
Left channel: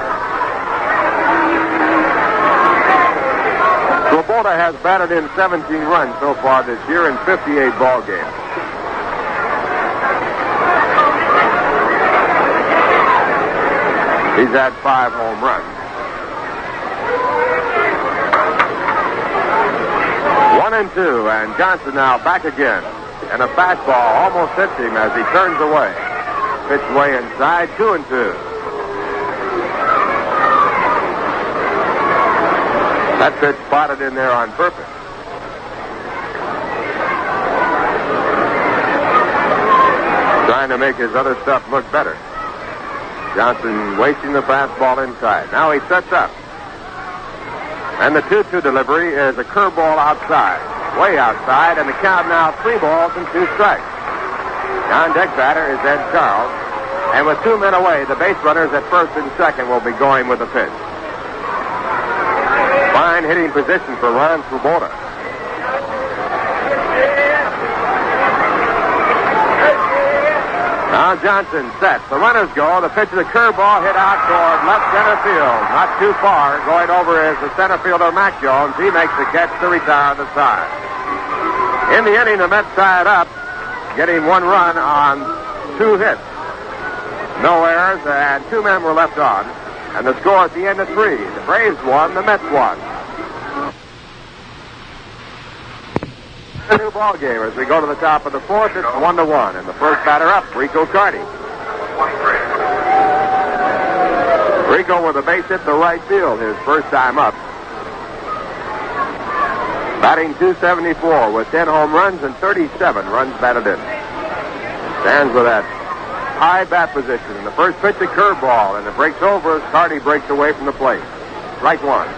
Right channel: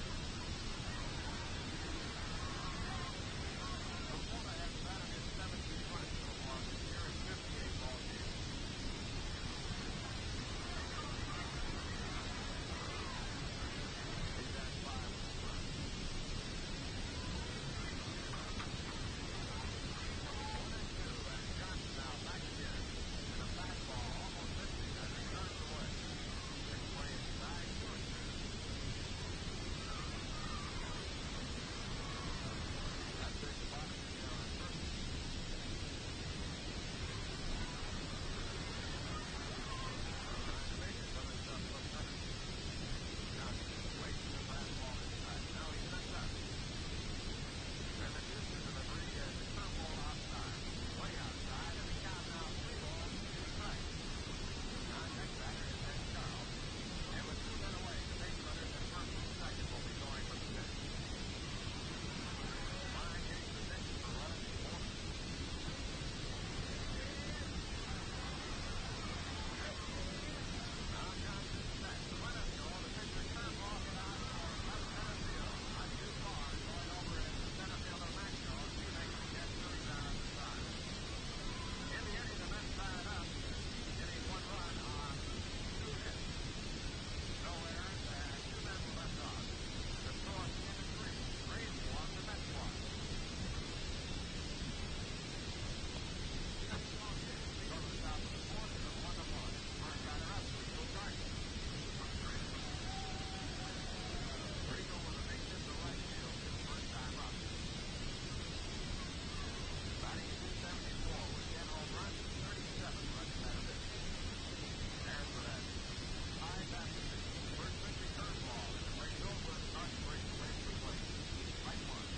Swoboda has batted in 17 runs so far this year in 58 ball games. He's had 5 home runs. 1-2, and Johnson now back again. And a fastball almost hits him as he turns away. Pitch way inside, 2-2. That pitch spotted in there on purpose. Trying to make his other stuff look better. Johnson wasting the fastball inside. Now he sets up. And the 2-2 delivery is a curveball outside. Way outside, and the count now 3 balls and 2 strikes. On-deck batter is Ed Charles. And with 2 men away, the base runners at first and second will be going with the pitch. Fine hitting position for Ron Swoboda. Now Johnson sets. The runners go. The pitch of the curveball hit out toward left center field. Not too far. Going over is the center fielder, Mac Jones. He makes the catch to retire the side. In the inning, the Mets tied up, getting 1 run on 2 hits. No errors, and 2 men were left on. And the score at the end of 3. The Braves won, the Mets won. A new ball game as we go to the top of the 4th. It's 1-1, and the first batter up, Rico Carty. 23. Rico with a base hit to right field, his first time up. Batting .274 with 10 home runs and 37 runs batted in. Stands with that high bat position. And the first pitch, a curveball, and it breaks over as Carty breaks away from the plate. Strike one.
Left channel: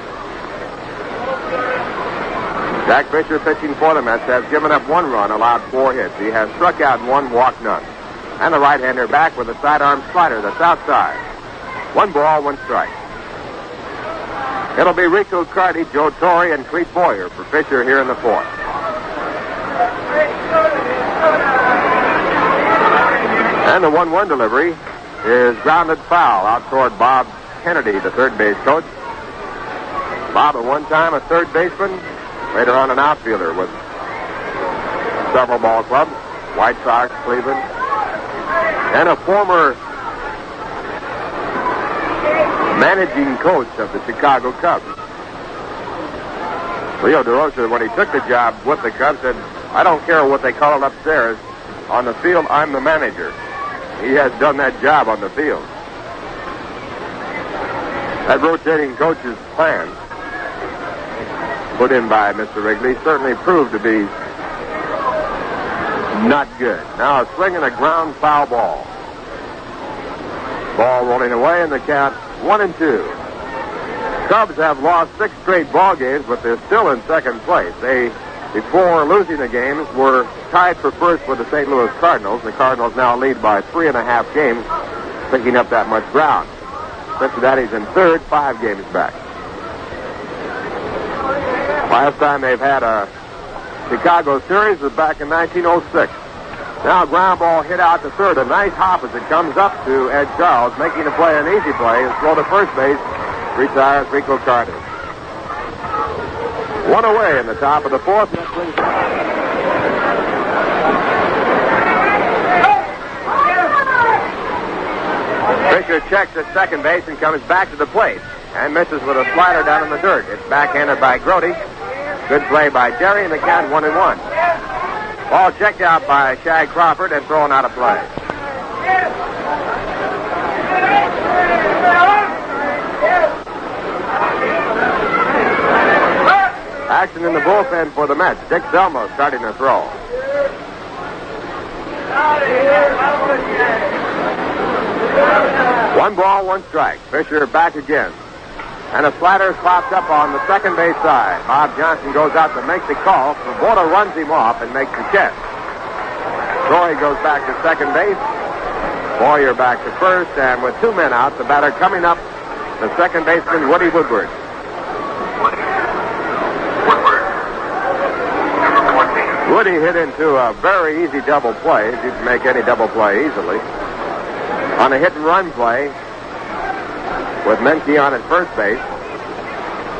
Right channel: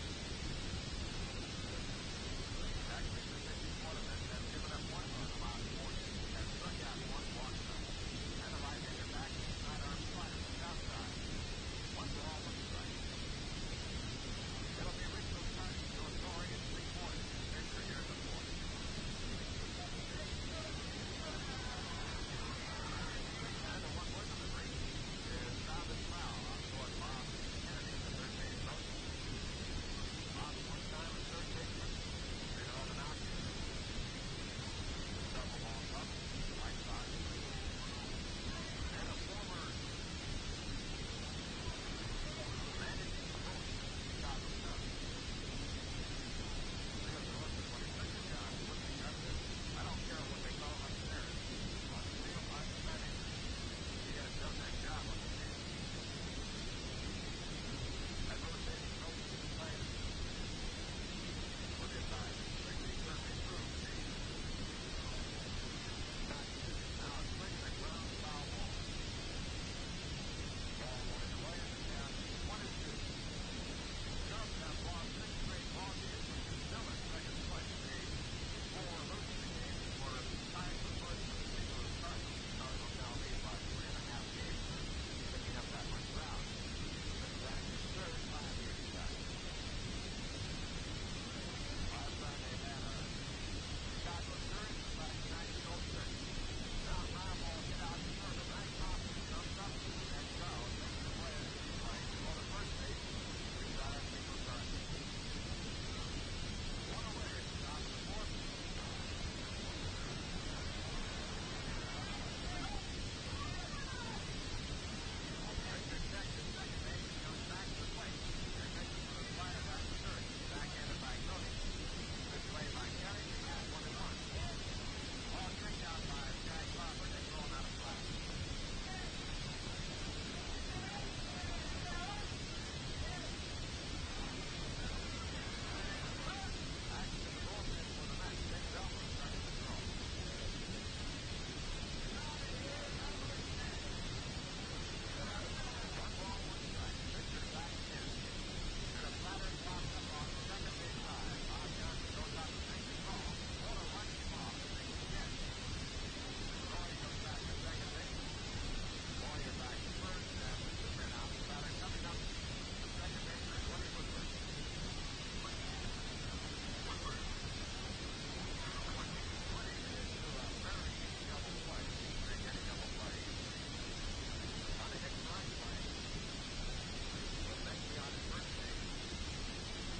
Jack Fisher, pitching for the Mets, has given up 1 run, allowed 4 hits. He has struck out 1, walked none. And the right-hander back with a sidearm slider that's outside. 1 ball, 1 strike. It'll be Rico, Carty, Joe Torre, and Clete Boyer for Fisher here in the 4th. And the 1-1 delivery is grounded foul out toward Bob Kennedy, the third base coach. Bob, at one time a third baseman, later on an outfielder with several ball clubs, White Sox, Cleveland, and a former managing coach of the Chicago Cubs. Leo DeRosa, when he took the job with the Cubs, said, I don't care what they call it upstairs. On the field, I'm the manager. He has done that job on the field. That rotating coach's plan put in by Mr. Wrigley certainly proved to be not good. Now a swing and a ground foul ball. Ball rolling away, and the count 1-2. Cubs have lost 6 straight ball games, but they're still in second place. They, before losing the games, were tied for first with the St. Louis Cardinals. The Cardinals now lead by 3.5 games, picking up that much ground. Cincinnati's in third, 5 games back. Last time they've had a Chicago series was back in 1906. Now a ground ball hit out to third. A nice hop as it comes up to Ed Charles, making the play an easy play and throw to first base. Retires Rico Carty. 1 away in the top of the 4th. Fisher checks at second base and comes back to the plate and misses with a slider down in the dirt. It's backhanded by Grody. Good play by Jerry, and the count 1-1. Ball checked out by Shag Crawford and thrown out of play. Action in the bullpen for the Mets. Dick Zelmo starting to throw. One ball, 1 strike. Fisher back again. And a slider pops up on the second base side. Bob Johnson goes out to make the call. Svoboda runs him off and makes the catch. Troy goes back to second base. Boyer back to first. And with 2 men out, the batter coming up, the second baseman, Woody Woodward. Woody hit into a very easy double play. You can make any double play easily. On a hit-and-run play, with Menke on at first base,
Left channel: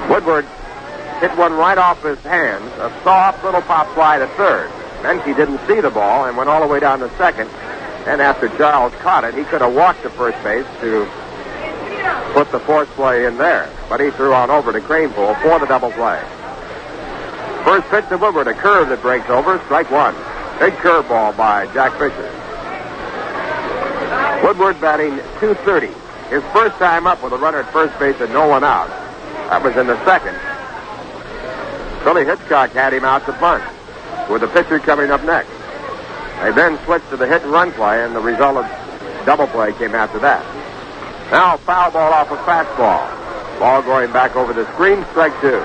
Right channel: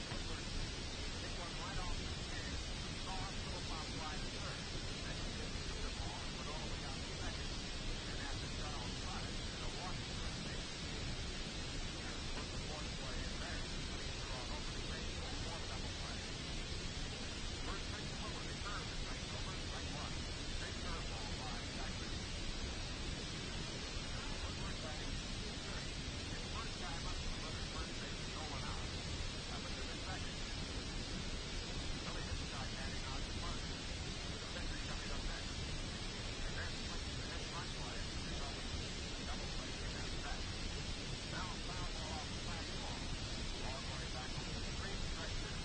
Woodward hit one right off his hands, a soft little pop fly to third. Menke didn't see the ball and went all the way down to second. And after Charles caught it, he could have walked to first base to put the force play in there. But he threw on over to Cranepool for the double play. First pitch to Woodward, a curve that breaks over, strike 1. Big curveball by Jack Fisher. Woodward batting .230. His first time up with a runner at first base and no one out. That was in the second. Billy Hitchcock had him out to bunt, with the pitcher coming up next. They then switched to the hit-and-run play, and the result of double play came after that. Now a foul ball off a fastball. Ball going back over the screen, strike 2.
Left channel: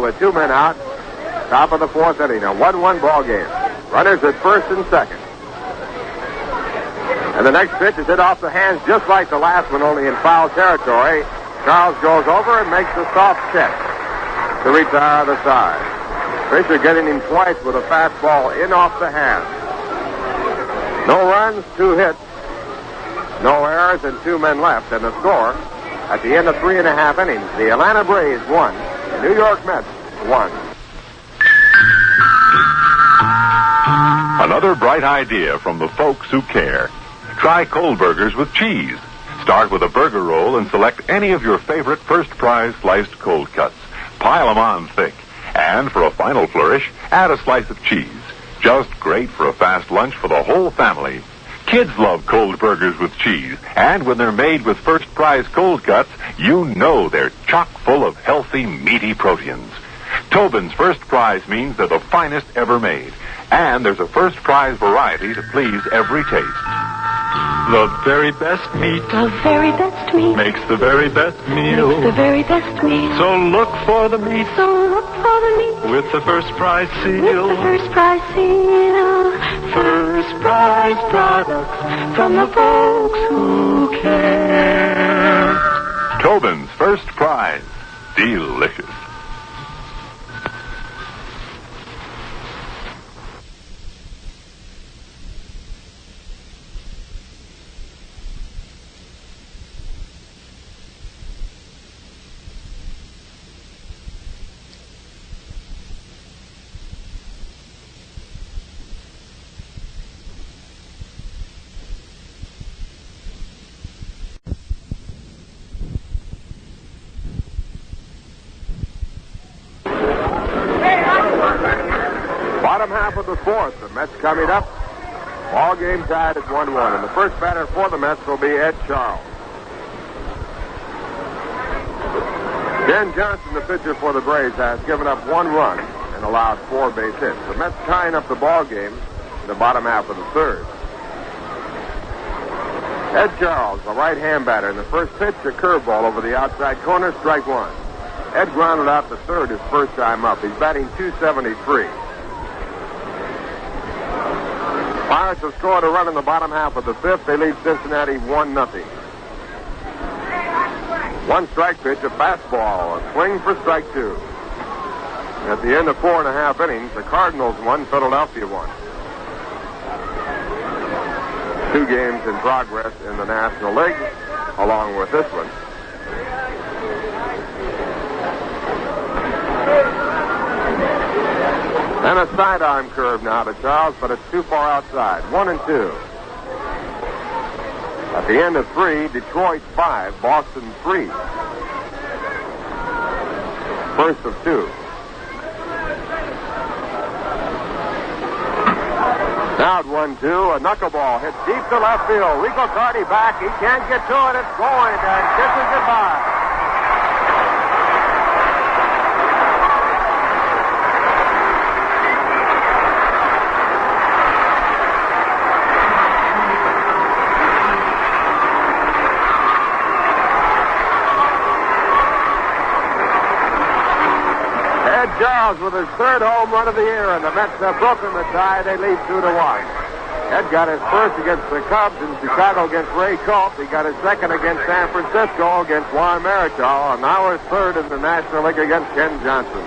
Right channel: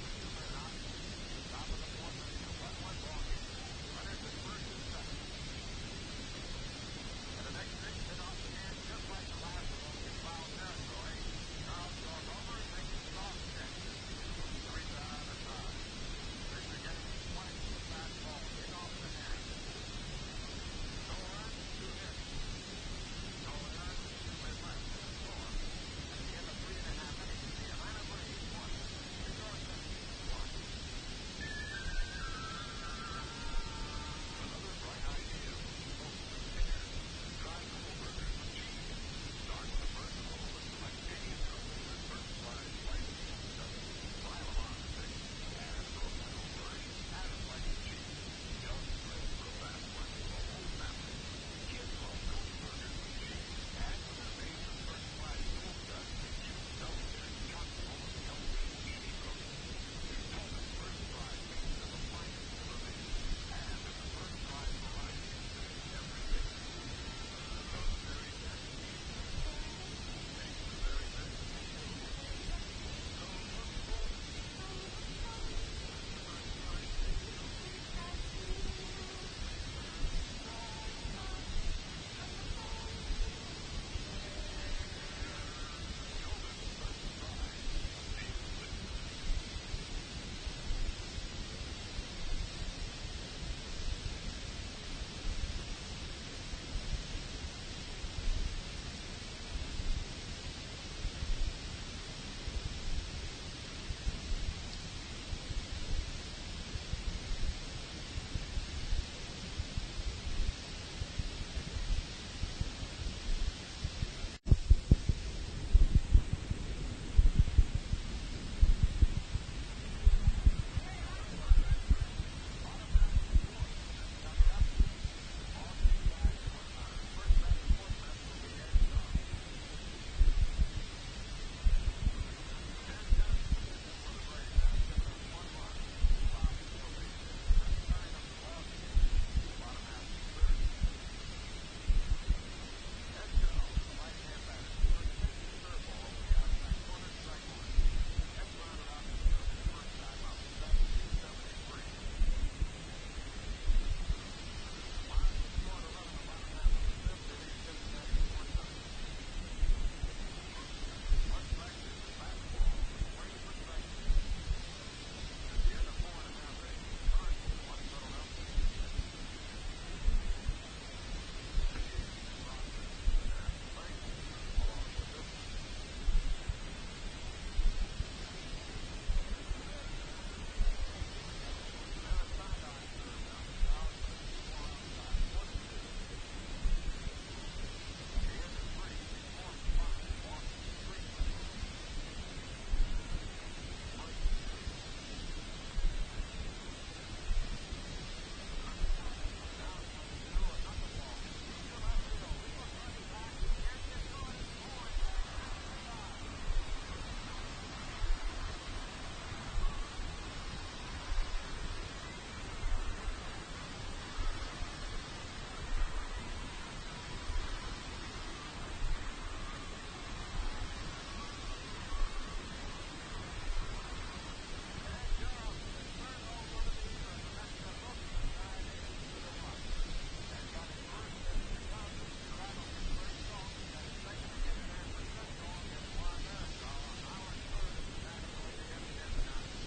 With 2 men out, top of the 4th inning, a 1-1 ball game. Runners at first and second. And the next pitch is hit off the hands just like the last one, only in foul territory. Charles goes over and makes a soft catch to retire the side. Fisher getting him twice with a fastball in off the hands. No runs, 2 hits, no errors, and 2 men left. And the score at the end of 3.5 innings, the Atlanta Braves won. New York Mets 1. Another bright idea from the folks who care. Try cold burgers with cheese. Start with a burger roll and select any of your favorite first prize sliced cold cuts. Pile 'em on thick. And for a final flourish, add a slice of cheese. Just great for a fast lunch for the whole family. Kids love cold burgers with cheese, and when they're made with First Prize cold cuts, you know they're chock full of healthy, meaty proteins. Tobin's First Prize means they're the finest ever made, and there's a First Prize variety to please every taste. The very best meat. The very best meat. Makes the very best meal. Makes the very best meat. So look for the meat. So look for the meat. With the First Prize seal. With the First Prize seal. First Prize products from the folks who care. Tobin's First Prize. Delicious. Bottom half of the fourth, the Mets coming up. Ball game tied at 1-1. And the first batter for the Mets will be Ed Charles. Ken Johnson, the pitcher for the Braves, has given up 1 run and allowed 4 base hits. The Mets tying up the ball game in the bottom half of the third. Ed Charles, a right-hand batter, in the first pitch, a curveball over the outside corner, strike 1. Ed grounded out the third his first time up. He's batting .273. Pirates have scored a run in the bottom half of the fifth. They lead Cincinnati 1-0. 1 strike pitch, a fastball, a swing for strike 2. At the end of 4.5 innings, the Cardinals won, Philadelphia won. 2 games in progress in the National League, along with this one. And a sidearm curve now to Charles, but it's too far outside. 1-2. At the end of 3, Detroit 5, Boston 3. First of 2. Now at 1-2, a knuckleball hit deep to left field. Rico Carty back. He can't get to it. It's going and kisses goodbye. Charles with his 3rd home run of the year, and the Mets have broken the tie. They lead 2-1. Ed got his first against the Cubs in Chicago against Ray Culp. He got his second against San Francisco against Juan Marichal, and now his 3rd in the National League against Ken Johnson.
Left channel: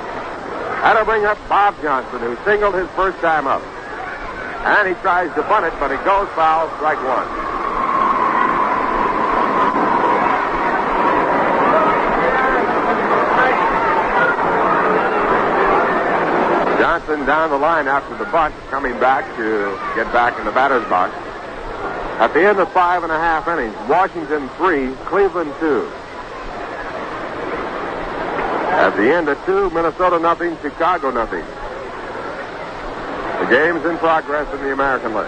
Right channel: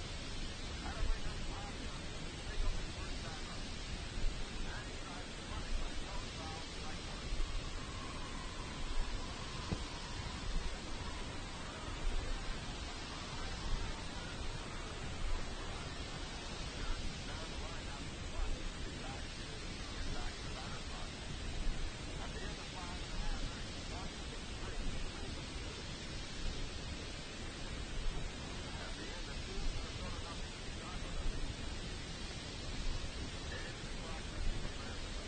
That'll bring up Bob Johnson, who singled his first time up. And he tries to bunt it, but it goes foul, strike 1. Johnson down the line after the bunt, coming back to get back in the batter's box. At the end of 5.5 innings, Washington 3, Cleveland 2. At the end of 2, Minnesota 0, Chicago 0. The game's in progress in the American League.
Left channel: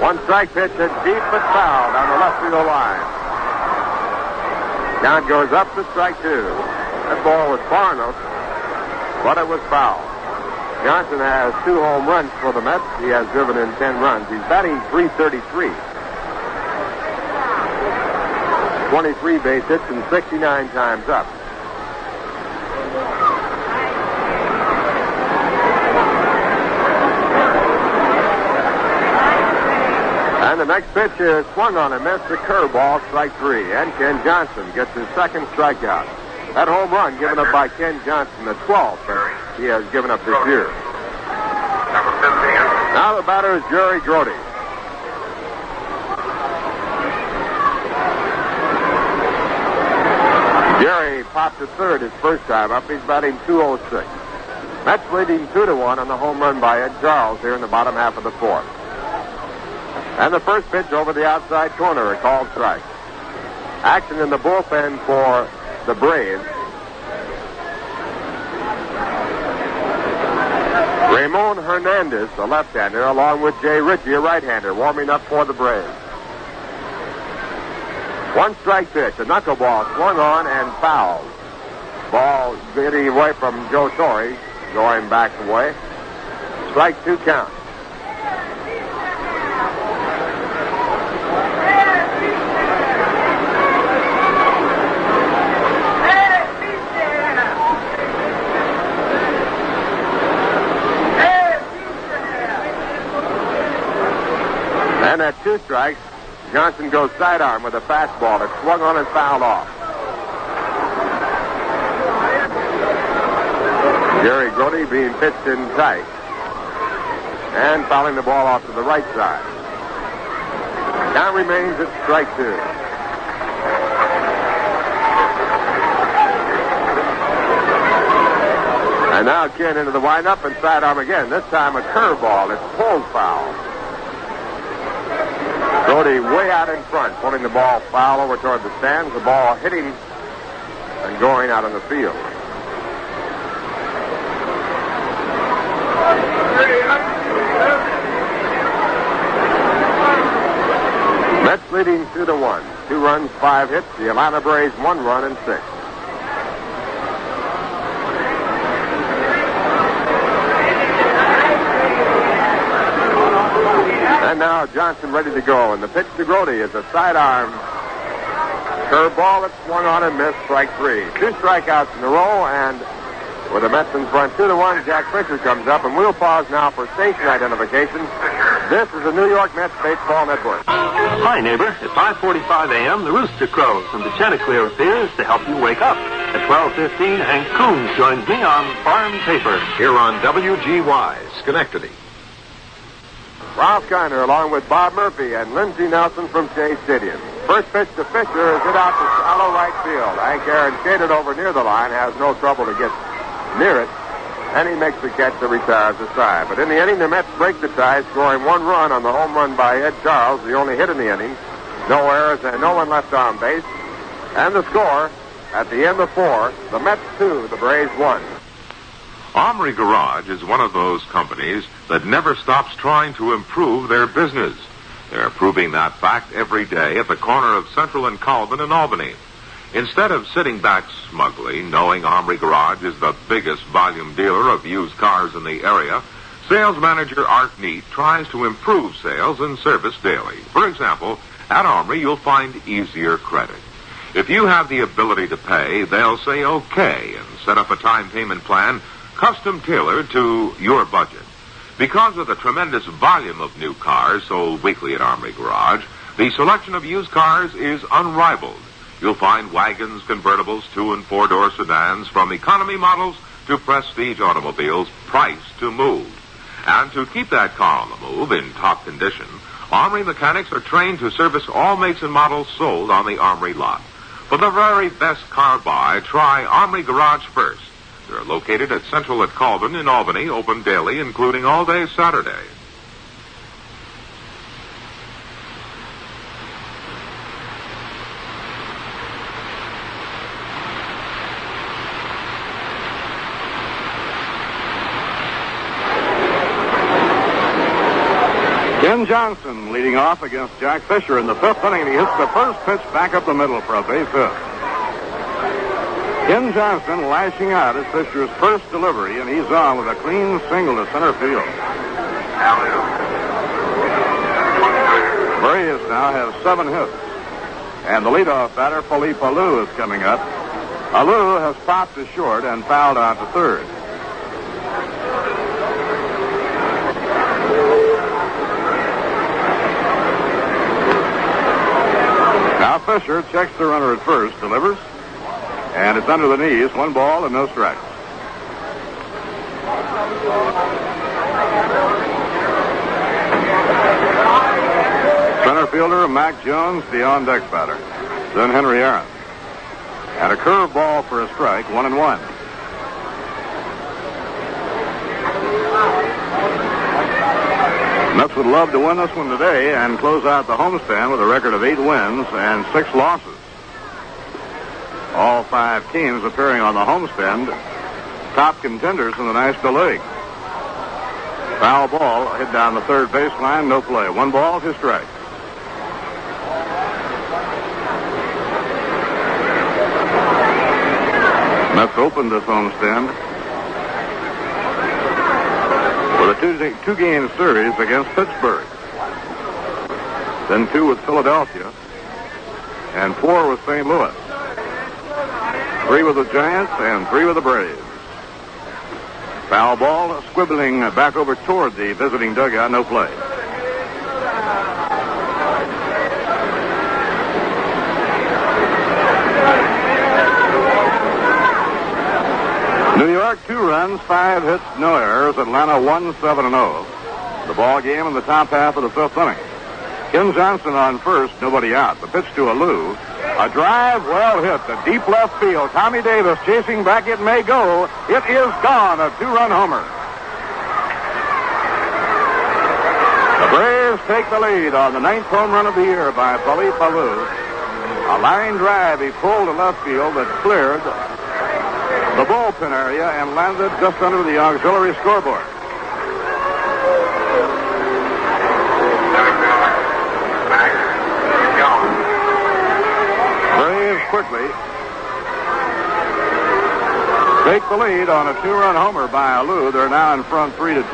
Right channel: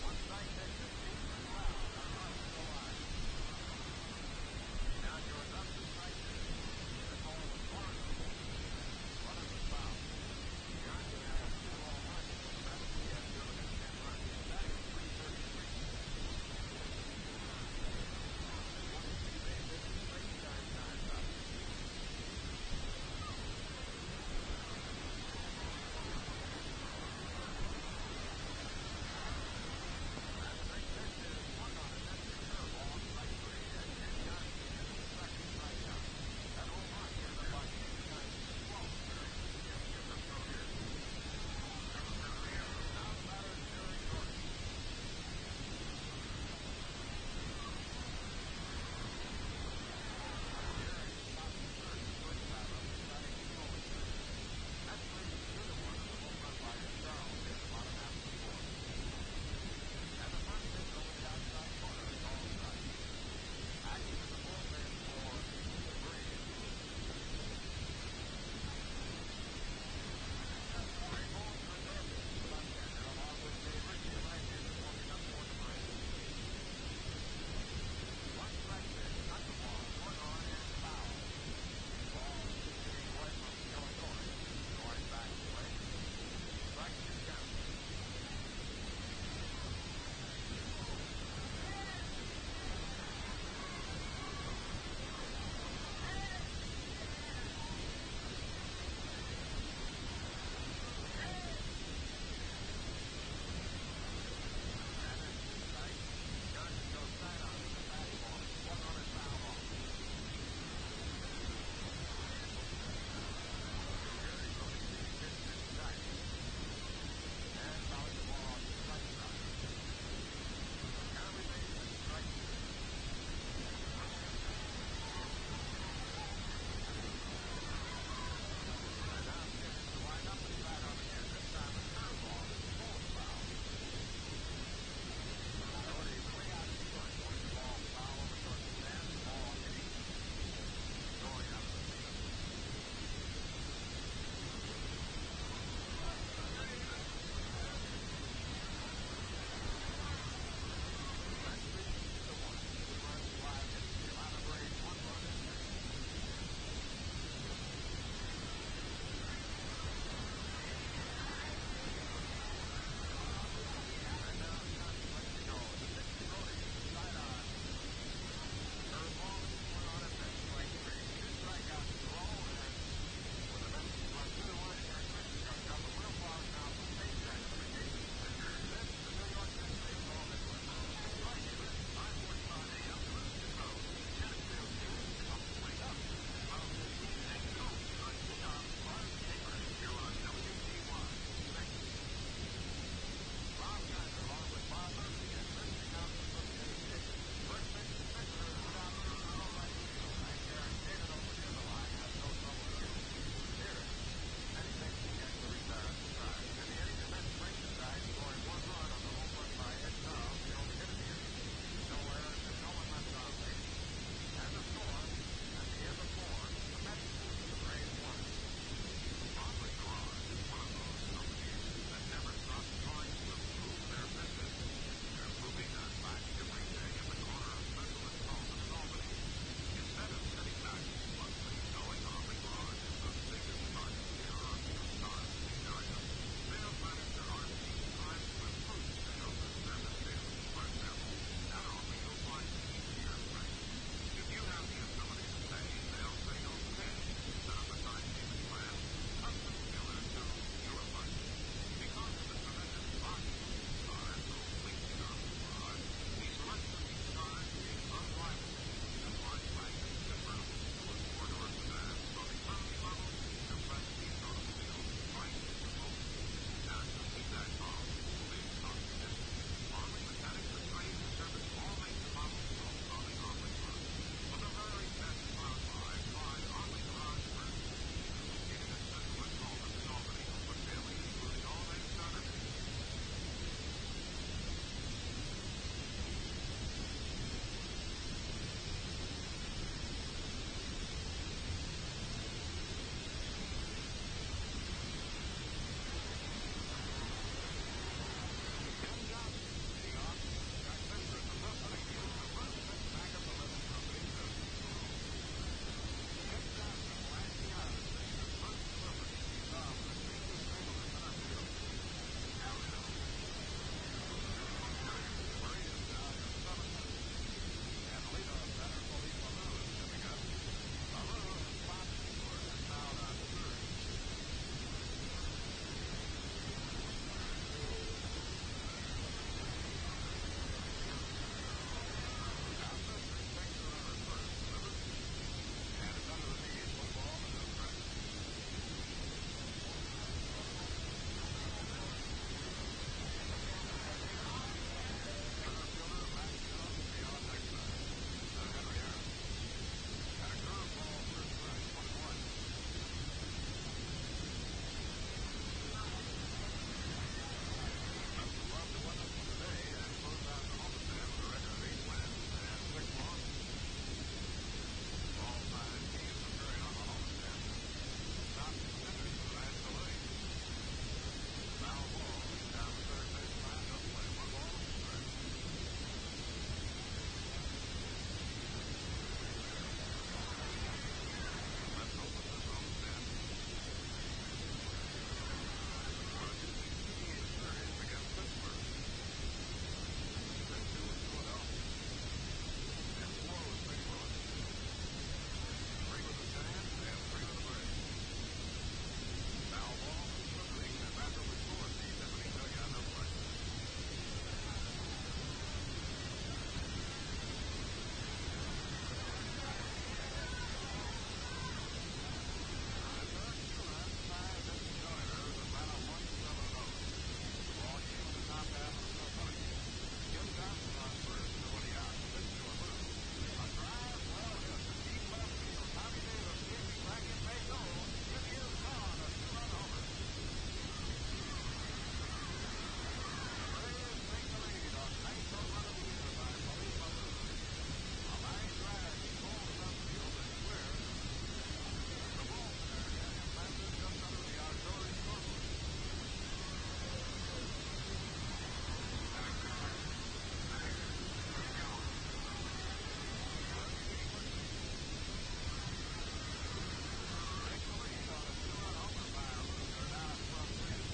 1 strike pitch hit deep but foul down the left field line. Count goes up to strike 2. That ball was far enough, but it was foul. Johnson has 2 home runs for the Mets. He has driven in 10 runs. He's batting .333. 23 base hits and 69 times up. And the next pitch is swung on and missed, a curveball, strike 3. And Ken Johnson gets his 2nd strikeout. That home run given up by Ken Johnson, the 12th that he has given up this year. Now the batter is Jerry Grody. Jerry popped to 3rd his first time up. He's batting .206. Mets leading 2-1 on the home run by Ed Charles here in the bottom half of the 4th. And the first pitch over the outside corner, a called strike. Action in the bullpen for the Braves. Ramon Hernandez, the left-hander, along with Jay Ritchie, a right-hander, warming up for the Braves. One strike pitch, a knuckleball swung on and fouled. Ball getting away from Joe Torre, going back away. Strike 2 count. And at 2 strikes, Johnson goes sidearm with a fastball that swung on and fouled off. Jerry Grody being pitched in tight and fouling the ball off to the right side. Count remains at strike 2. And now Ken into the windup and sidearm again. This time a curveball. It's pulled foul. Grody way out in front, pulling the ball foul over toward the stands. The ball hitting and going out on the field. Mets leading 2-1. 2 runs, 5 hits. The Atlanta Braves 1 run and 6. And now Johnson ready to go. And the pitch to Grody is a sidearm curveball that swung on and missed. Strike 3. 2 strikeouts in a row, and with the Mets in front 2-1, Jack Fisher comes up, and we'll pause now for station identification. This is the New York Mets Baseball Network. Hi, neighbor. At 5:45 a.m., the rooster crows, and the Chanticleer appears to help you wake up. At 12:15, Hank Coons joins me on Farm Paper. Here on WGY, Schenectady. Ralph Kiner along with Bob Murphy and Lindsey Nelson from Shea Stadium. First pitch to Fisher is hit out to shallow right field. Hank Aaron shaded over near the line, has no trouble to get near it, and he makes the catch that retires the side. But in the inning, the Mets break the tie, scoring 1 run on the home run by Ed Charles, the only hit in the inning. No errors and no one left on base. And the score, at the end of 4, the Mets 2, the Braves 1. Armory Garage is one of those companies that never stops trying to improve their business. They're proving that fact every day at the corner of Central and Colvin in Albany. Instead of sitting back smugly, knowing Armory Garage is the biggest volume dealer of used cars in the area, sales manager Art Neat tries to improve sales and service daily. For example, at Armory, you'll find easier credit. If you have the ability to pay, they'll say okay and set up a time payment plan custom tailored to your budget. Because of the tremendous volume of new cars sold weekly at Armory Garage, the selection of used cars is unrivaled. You'll find wagons, convertibles, 2- and 4-door sedans, from economy models to prestige automobiles, priced to move. And to keep that car on the move in top condition, Armory mechanics are trained to service all makes and models sold on the Armory lot. For the very best car buy, try Armory Garage first. They're located at Central at Colvin in Albany, open daily, including all day Saturday. Ken Johnson leading off against Jack Fisher in the 5th inning. He hits the first pitch back up the middle for a base hit. Ken Johnson lashing out at Fisher's first delivery, and he's on with a clean single to center field. Barrios now has 7 hits. And the leadoff batter, Felipe Alou, is coming up. Alou has popped to short and fouled out to third. Now Fisher checks the runner at first, delivers. And it's under the knees, 1 ball and no strikes. Center fielder Mac Jones, the on-deck batter. Then Henry Aaron. And a curveball for a strike, 1-1. Mets would love to win this one today and close out the homestand with a record of 8 wins and 6 losses. All 5 teams appearing on the homestand, top contenders in the National League. Foul ball hit down the third baseline, no play. 1 ball, 2 strikes. Mets opened this homestand with a two-game series against Pittsburgh. Then 2 with Philadelphia and 4 with St. Louis. 3 with the Giants and 3 with the Braves. Foul ball squibbling back over toward the visiting dugout, no play. New York 2 runs, 5 hits, no errors. Atlanta 1-7-0. The ball game in the top half of the 5th inning. Ken Johnson on first, nobody out. The pitch to Alou. A drive well hit to deep left field. Tommy Davis chasing back. It may go. It is gone. A 2-run homer. The Braves take the lead on the 9th home run of the year by Philippe Alou. A line drive he pulled to left field that cleared the bullpen area and landed just under the auxiliary scoreboard. Braves quickly take the lead on a 2-run homer by Alou. They're now in front 3-2.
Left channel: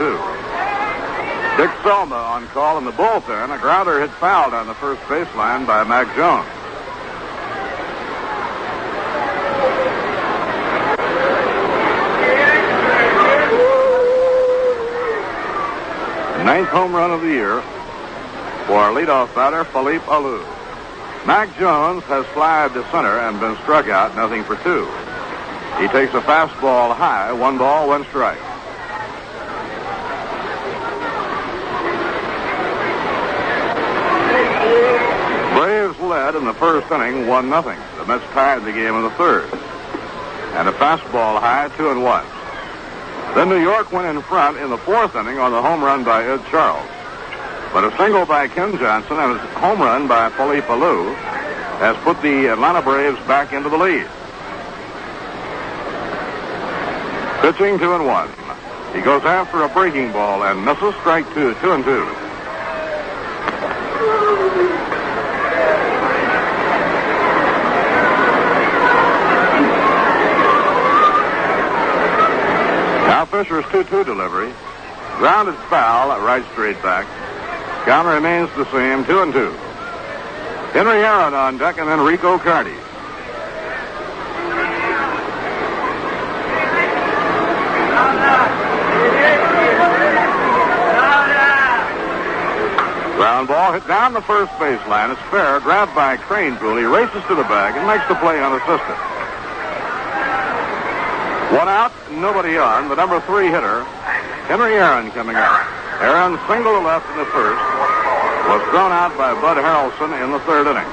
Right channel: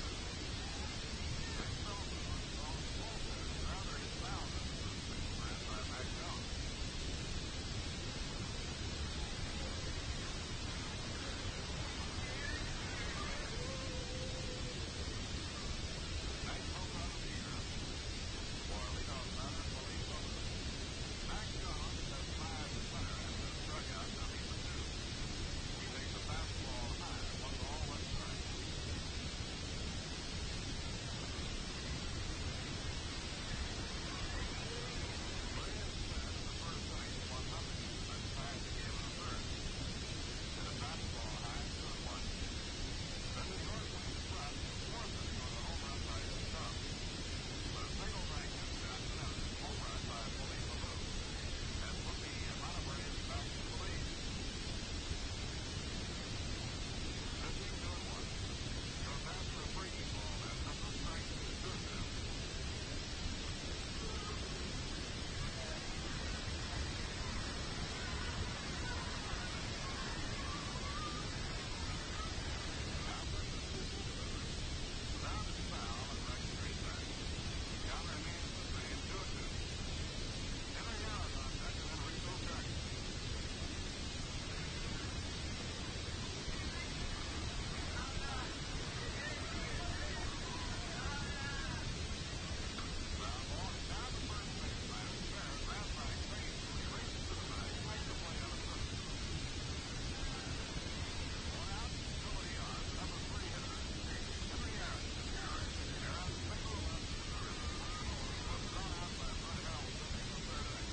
Dick Selma on call in the bullpen. A grounder hit foul down the first baseline by Mac Jones. Ninth home run of the year for our leadoff batter, Philippe Alou. Mac Jones has flied to center and been struck out, 0-for-2. He takes a fastball high, 1 ball, 1 strike. Braves led in the first inning, 1-0. The Mets tied the game in the third. And a fastball high, 2-1. Then New York went in front in the 4th inning on the home run by Ed Charles. But a single by Ken Johnson and a home run by Philippe Alou has put the Atlanta Braves back into the lead. Pitching 2-1. He goes after a breaking ball and misses. Strike 2, 2-2. Now Fisher's 2-2 delivery. Grounded foul at right straight back. Count remains the same, 2-2. Henry Aaron on deck and then Rico Carty. Ground ball hit down the first baseline. It's fair. Grabbed by Cranepool. He races to the bag and makes the play unassisted. 1 out, nobody on. The number 3 hitter, Henry Aaron, coming up. Aaron single to left in the first. Was thrown out by Bud Harrelson in the 3rd inning.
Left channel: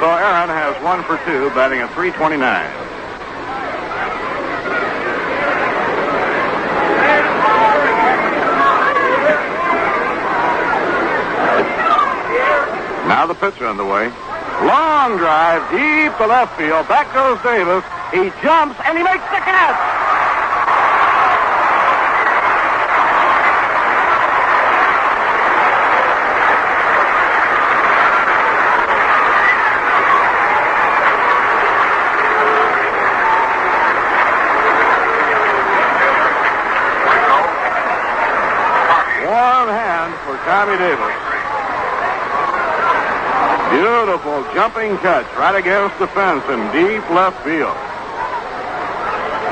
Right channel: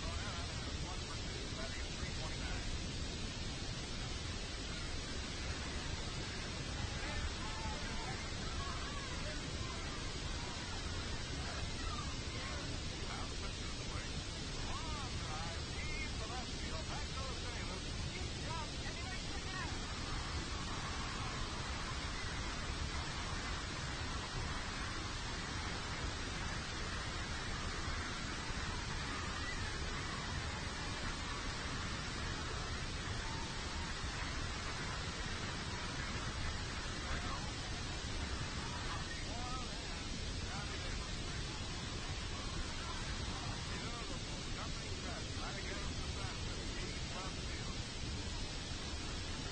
So Aaron has 1 for 2, batting at .329. Now the pitch on the way. Long drive, deep to left field. Back goes Davis. He jumps, and he makes the catch. Warm hand for Tommy Davis. Beautiful jumping catch right against the fence in deep left field.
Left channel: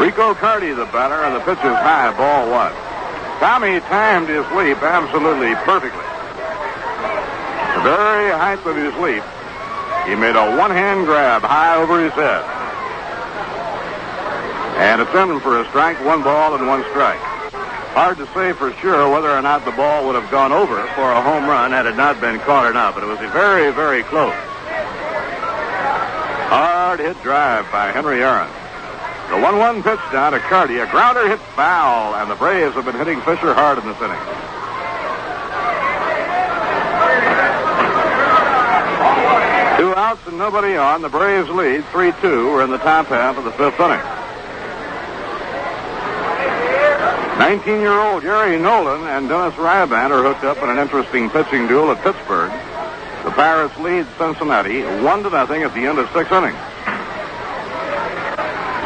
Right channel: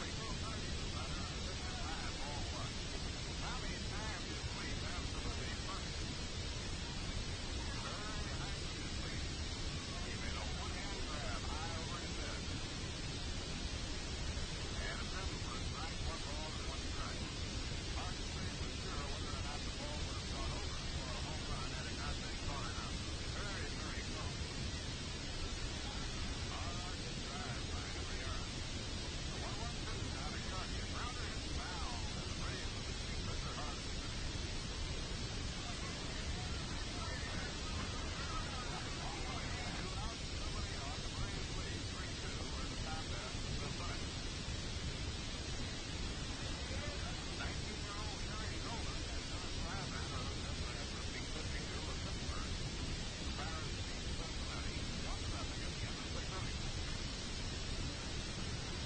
Rico Carty, the batter, and the pitch is high, ball 1. Tommy timed his leap absolutely perfectly. The very height of his leap, he made a one-hand grab high over his head. And it's in for a strike, 1 ball and 1 strike. Hard to say for sure whether or not the ball would have gone over for a home run had it not been caught or not, but it was very, very close. Hard hit drive by Henry Aaron. The 1-1 pitch down to Carty. A grounder hit foul, and the Braves have been hitting Fisher hard in this inning. Two outs and nobody on. The Braves lead 3-2. We're in the top half of the 5th inning. 19-year-old Gary Nolan and Dennis Ryaband are hooked up in an interesting pitching duel at Pittsburgh. The Pirates lead Cincinnati 1-0 at the end of 6 innings.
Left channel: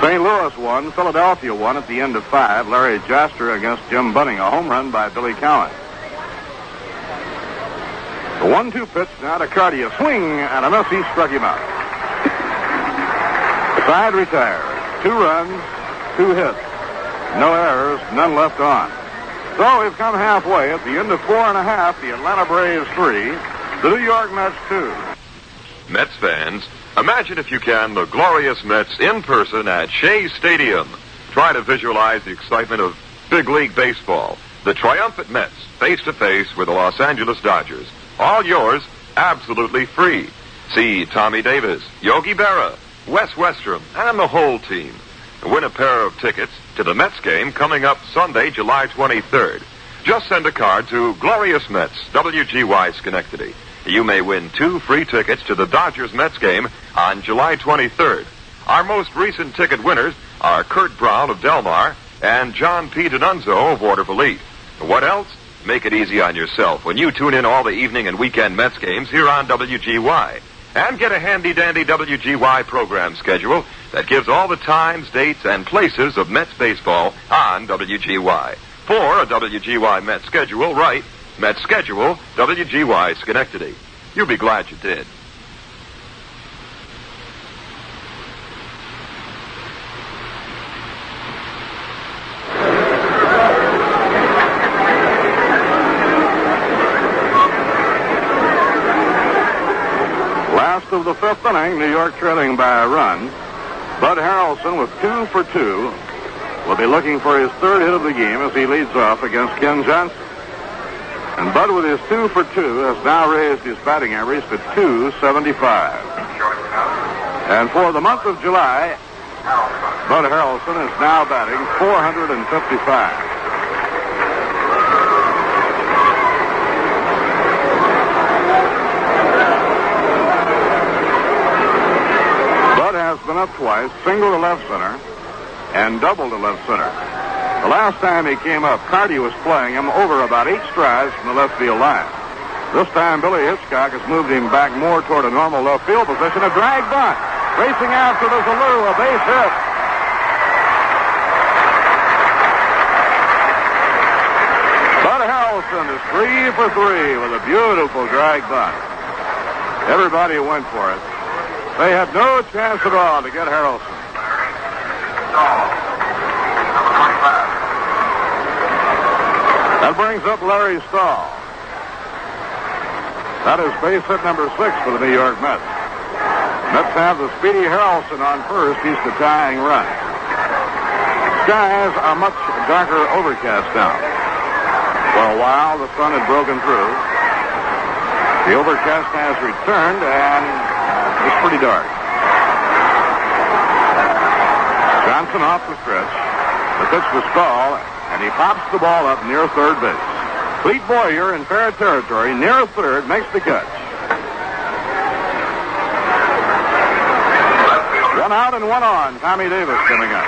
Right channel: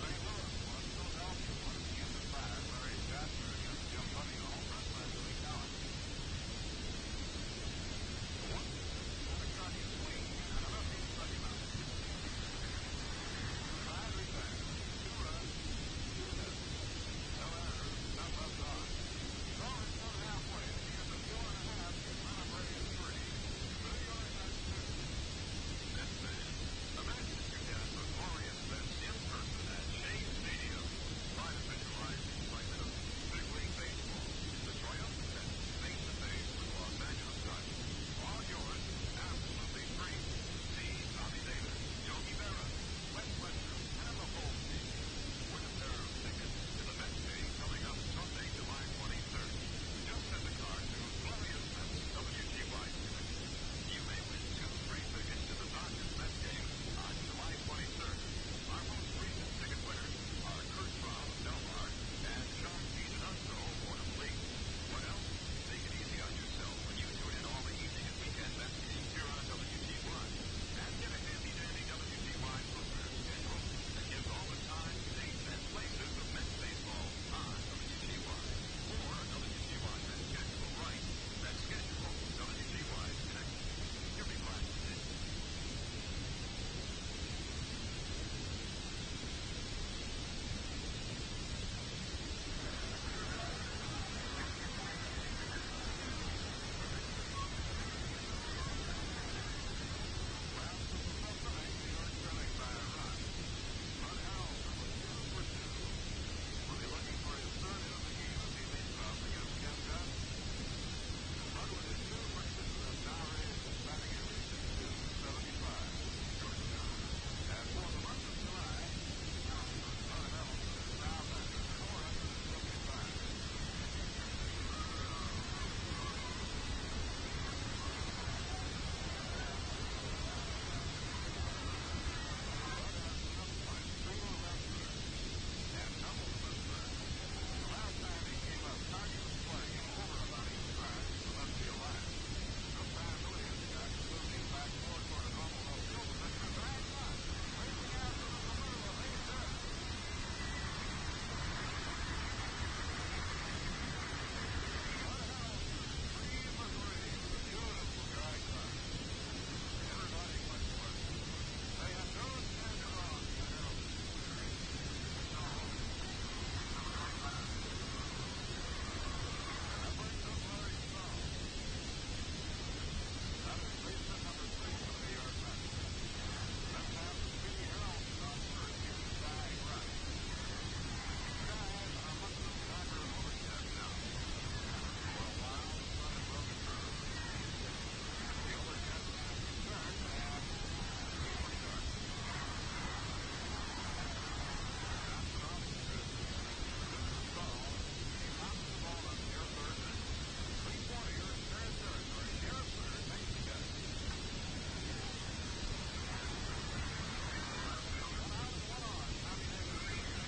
St. Louis won, Philadelphia won at the end of 5. Larry Jaster against Jim Bunning, a home run by Billy Cowan. The 1-2 pitch now to Carty, a swing and a miss. He struck him out. Side retires. 2 runs, 2 hits. No errors, none left on. So we've come halfway. At the end of 4 1/2, the Atlanta Braves 3, the New York Mets 2. Mets fans, imagine if you can the glorious Mets in person at Shea Stadium. Try to visualize the excitement of big league baseball. The triumphant Mets face-to-face with the Los Angeles Dodgers. All yours, absolutely free. See Tommy Davis, Yogi Berra, Wes Westrom, and the whole team. Win a pair of tickets to the Mets game coming up Sunday, July 23rd. Just send a card to Glorious Mets, WGY Schenectady. You may win 2 free tickets to the Dodgers-Mets game on July 23rd. Our most recent ticket winners are Kurt Brown of Del Mar and John P. D'Annunzio of Waterville Elite. What else? Make it easy on yourself when you tune in all the evening and weekend Mets games here on WGY. And get a handy-dandy WGY program schedule that gives all the times, dates, and places of Mets baseball on WGY. For a WGY Mets schedule, write Mets Schedule, WGY Schenectady. You'll be glad you did. Last of the 5th inning, New York trailing by a run. Bud Harrelson with 2 for 2 will be looking for his 3rd hit of the game as he leads off against Ken Johnson. And Bud with his 2 for 2 has now raised his batting average to .275. And for the month of July, Bud Harrelson is now batting .455. Has been up twice, single to left center, and double to left center. The last time he came up, Carty was playing him over about 8 strides from the left field line. This time, Billy Hitchcock has moved him back more toward a normal left field position. A drag bunt. Racing after the Zalou, a base hit. Bud Harrelson is 3 for 3 with a beautiful drag bunt. Everybody went for it. They had no chance at all to get Harrelson. That brings up Larry Stahl. That is base hit number 6 for the New York Mets. Mets have the speedy Harrelson on first. He's the tying run. Skies are much darker overcast now. For a while, the sun had broken through. The overcast has returned, and it's pretty dark. Johnson off the stretch. The pitch to Stahl, and he pops the ball up near third base. Clete Boyer in fair territory near third makes the catch. 1 out and 1 on. Tommy Davis coming up.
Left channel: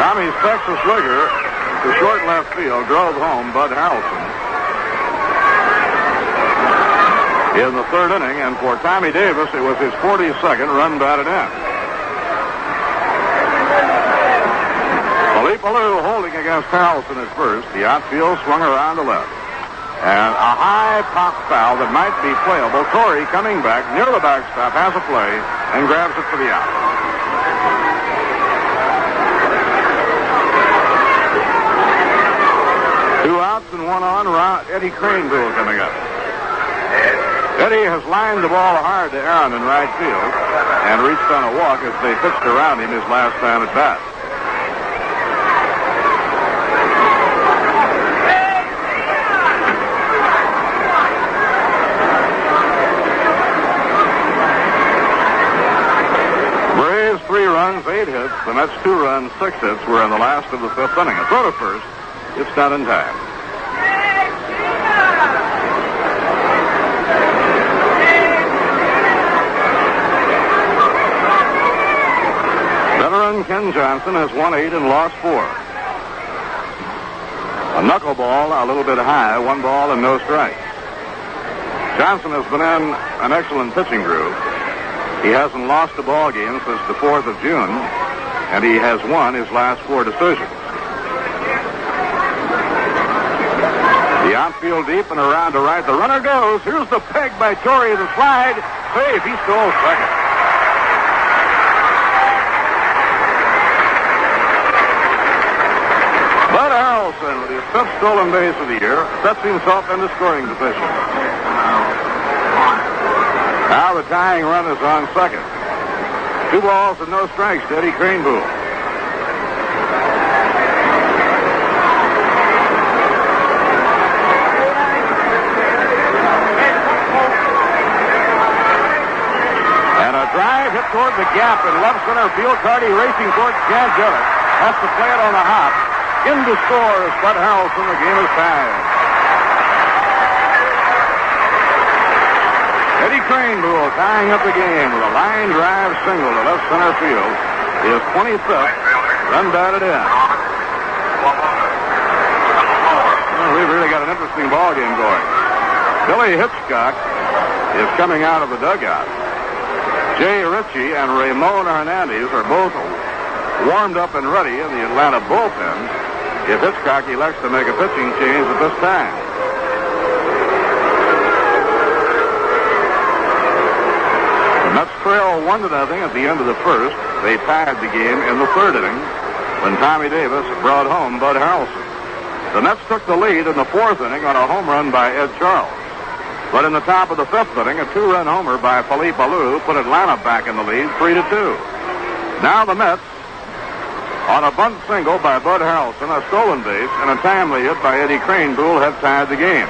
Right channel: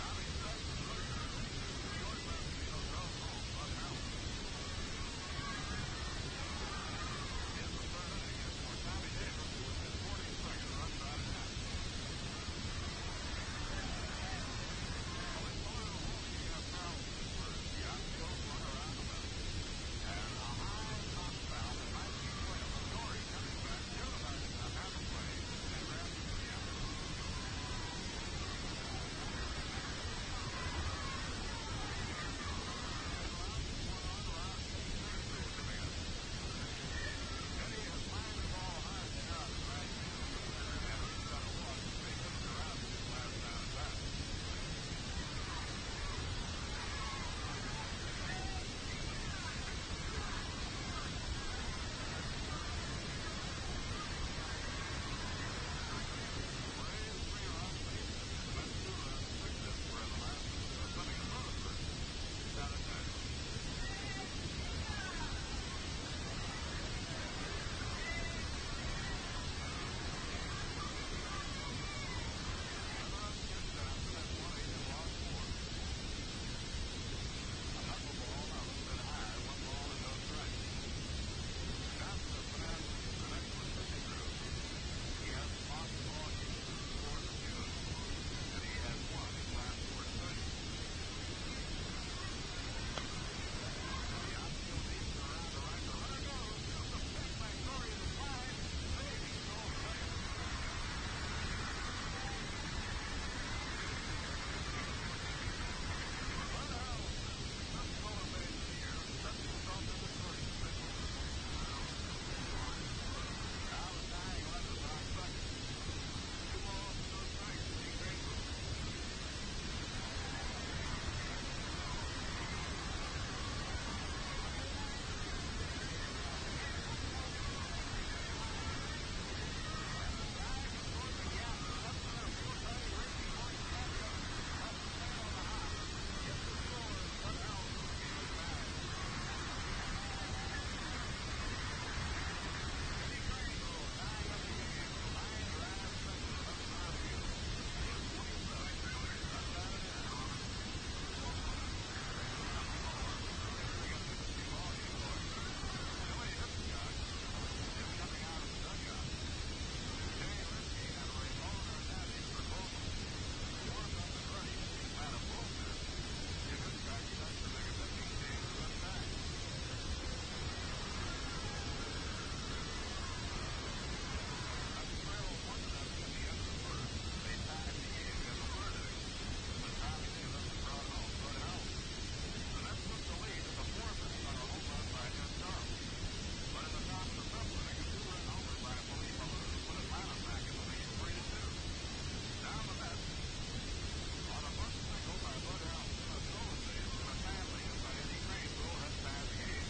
Tommy's Texas Ligger to short left field drove home Bud Harrelson in the 3rd inning, and for Tommy Davis, it was his 42nd run batted in. Philippe Alou holding against Harrelson at first. The outfield swung around to left. And a high pop foul that might be playable. Torrey coming back near the backstop, has a play, and grabs it for the out. Two outs and 1 on. Eddie Craneville coming up. Eddie has lined the ball hard to Aaron in right field and reached on a walk as they pitched around him his last time at bat. Braves 3 runs, 8 hits. The Mets 2 runs, 6 hits were in the last of the 5th inning. A throw to first. It's not in time. Johnson has won 8 and lost 4. A knuckleball a little bit high, 1 ball and no strikes. Johnson has been in an excellent pitching groove. He hasn't lost a ball game since the 4th of June, and he has won his last 4 decisions. The outfield deep and around to right. The runner goes. Here's the peg by Torrey. The slide. Save. He stole second. Bud Harrelson, with his 5th stolen base of the year, sets himself into scoring position. Now the tying run is on second. 2 balls and no strikes to Eddie Craneboom. Drive hit toward the gap in left center field. Carty racing towards Chad Gillett. Has to play it on a hop. In to score is Bud Harrelson. The game is tied. Eddie Craneboom tying up the game with a line drive single to left center field. His 25th run batted in. Well, we've really got an interesting ball game going. Billy Hitchcock is coming out of the dugout. Jay Ritchie and Ramon Hernandez are both warmed up and ready in the Atlanta bullpen if Hitchcock elects to make a pitching change at this time. The Mets trail 1-0 at the end of the first. They tied the game in the 3rd inning when Tommy Davis brought home Bud Harrelson. The Mets took the lead in the 4th inning on a home run by Ed Charles. But in the top of the 5th inning, a 2-run homer by Philippe Alou put Atlanta back in the lead, 3-2. Now the Mets, on a bunt single by Bud Harrelson, a stolen base, and a timely hit by Eddie Craneboom, have tied the game.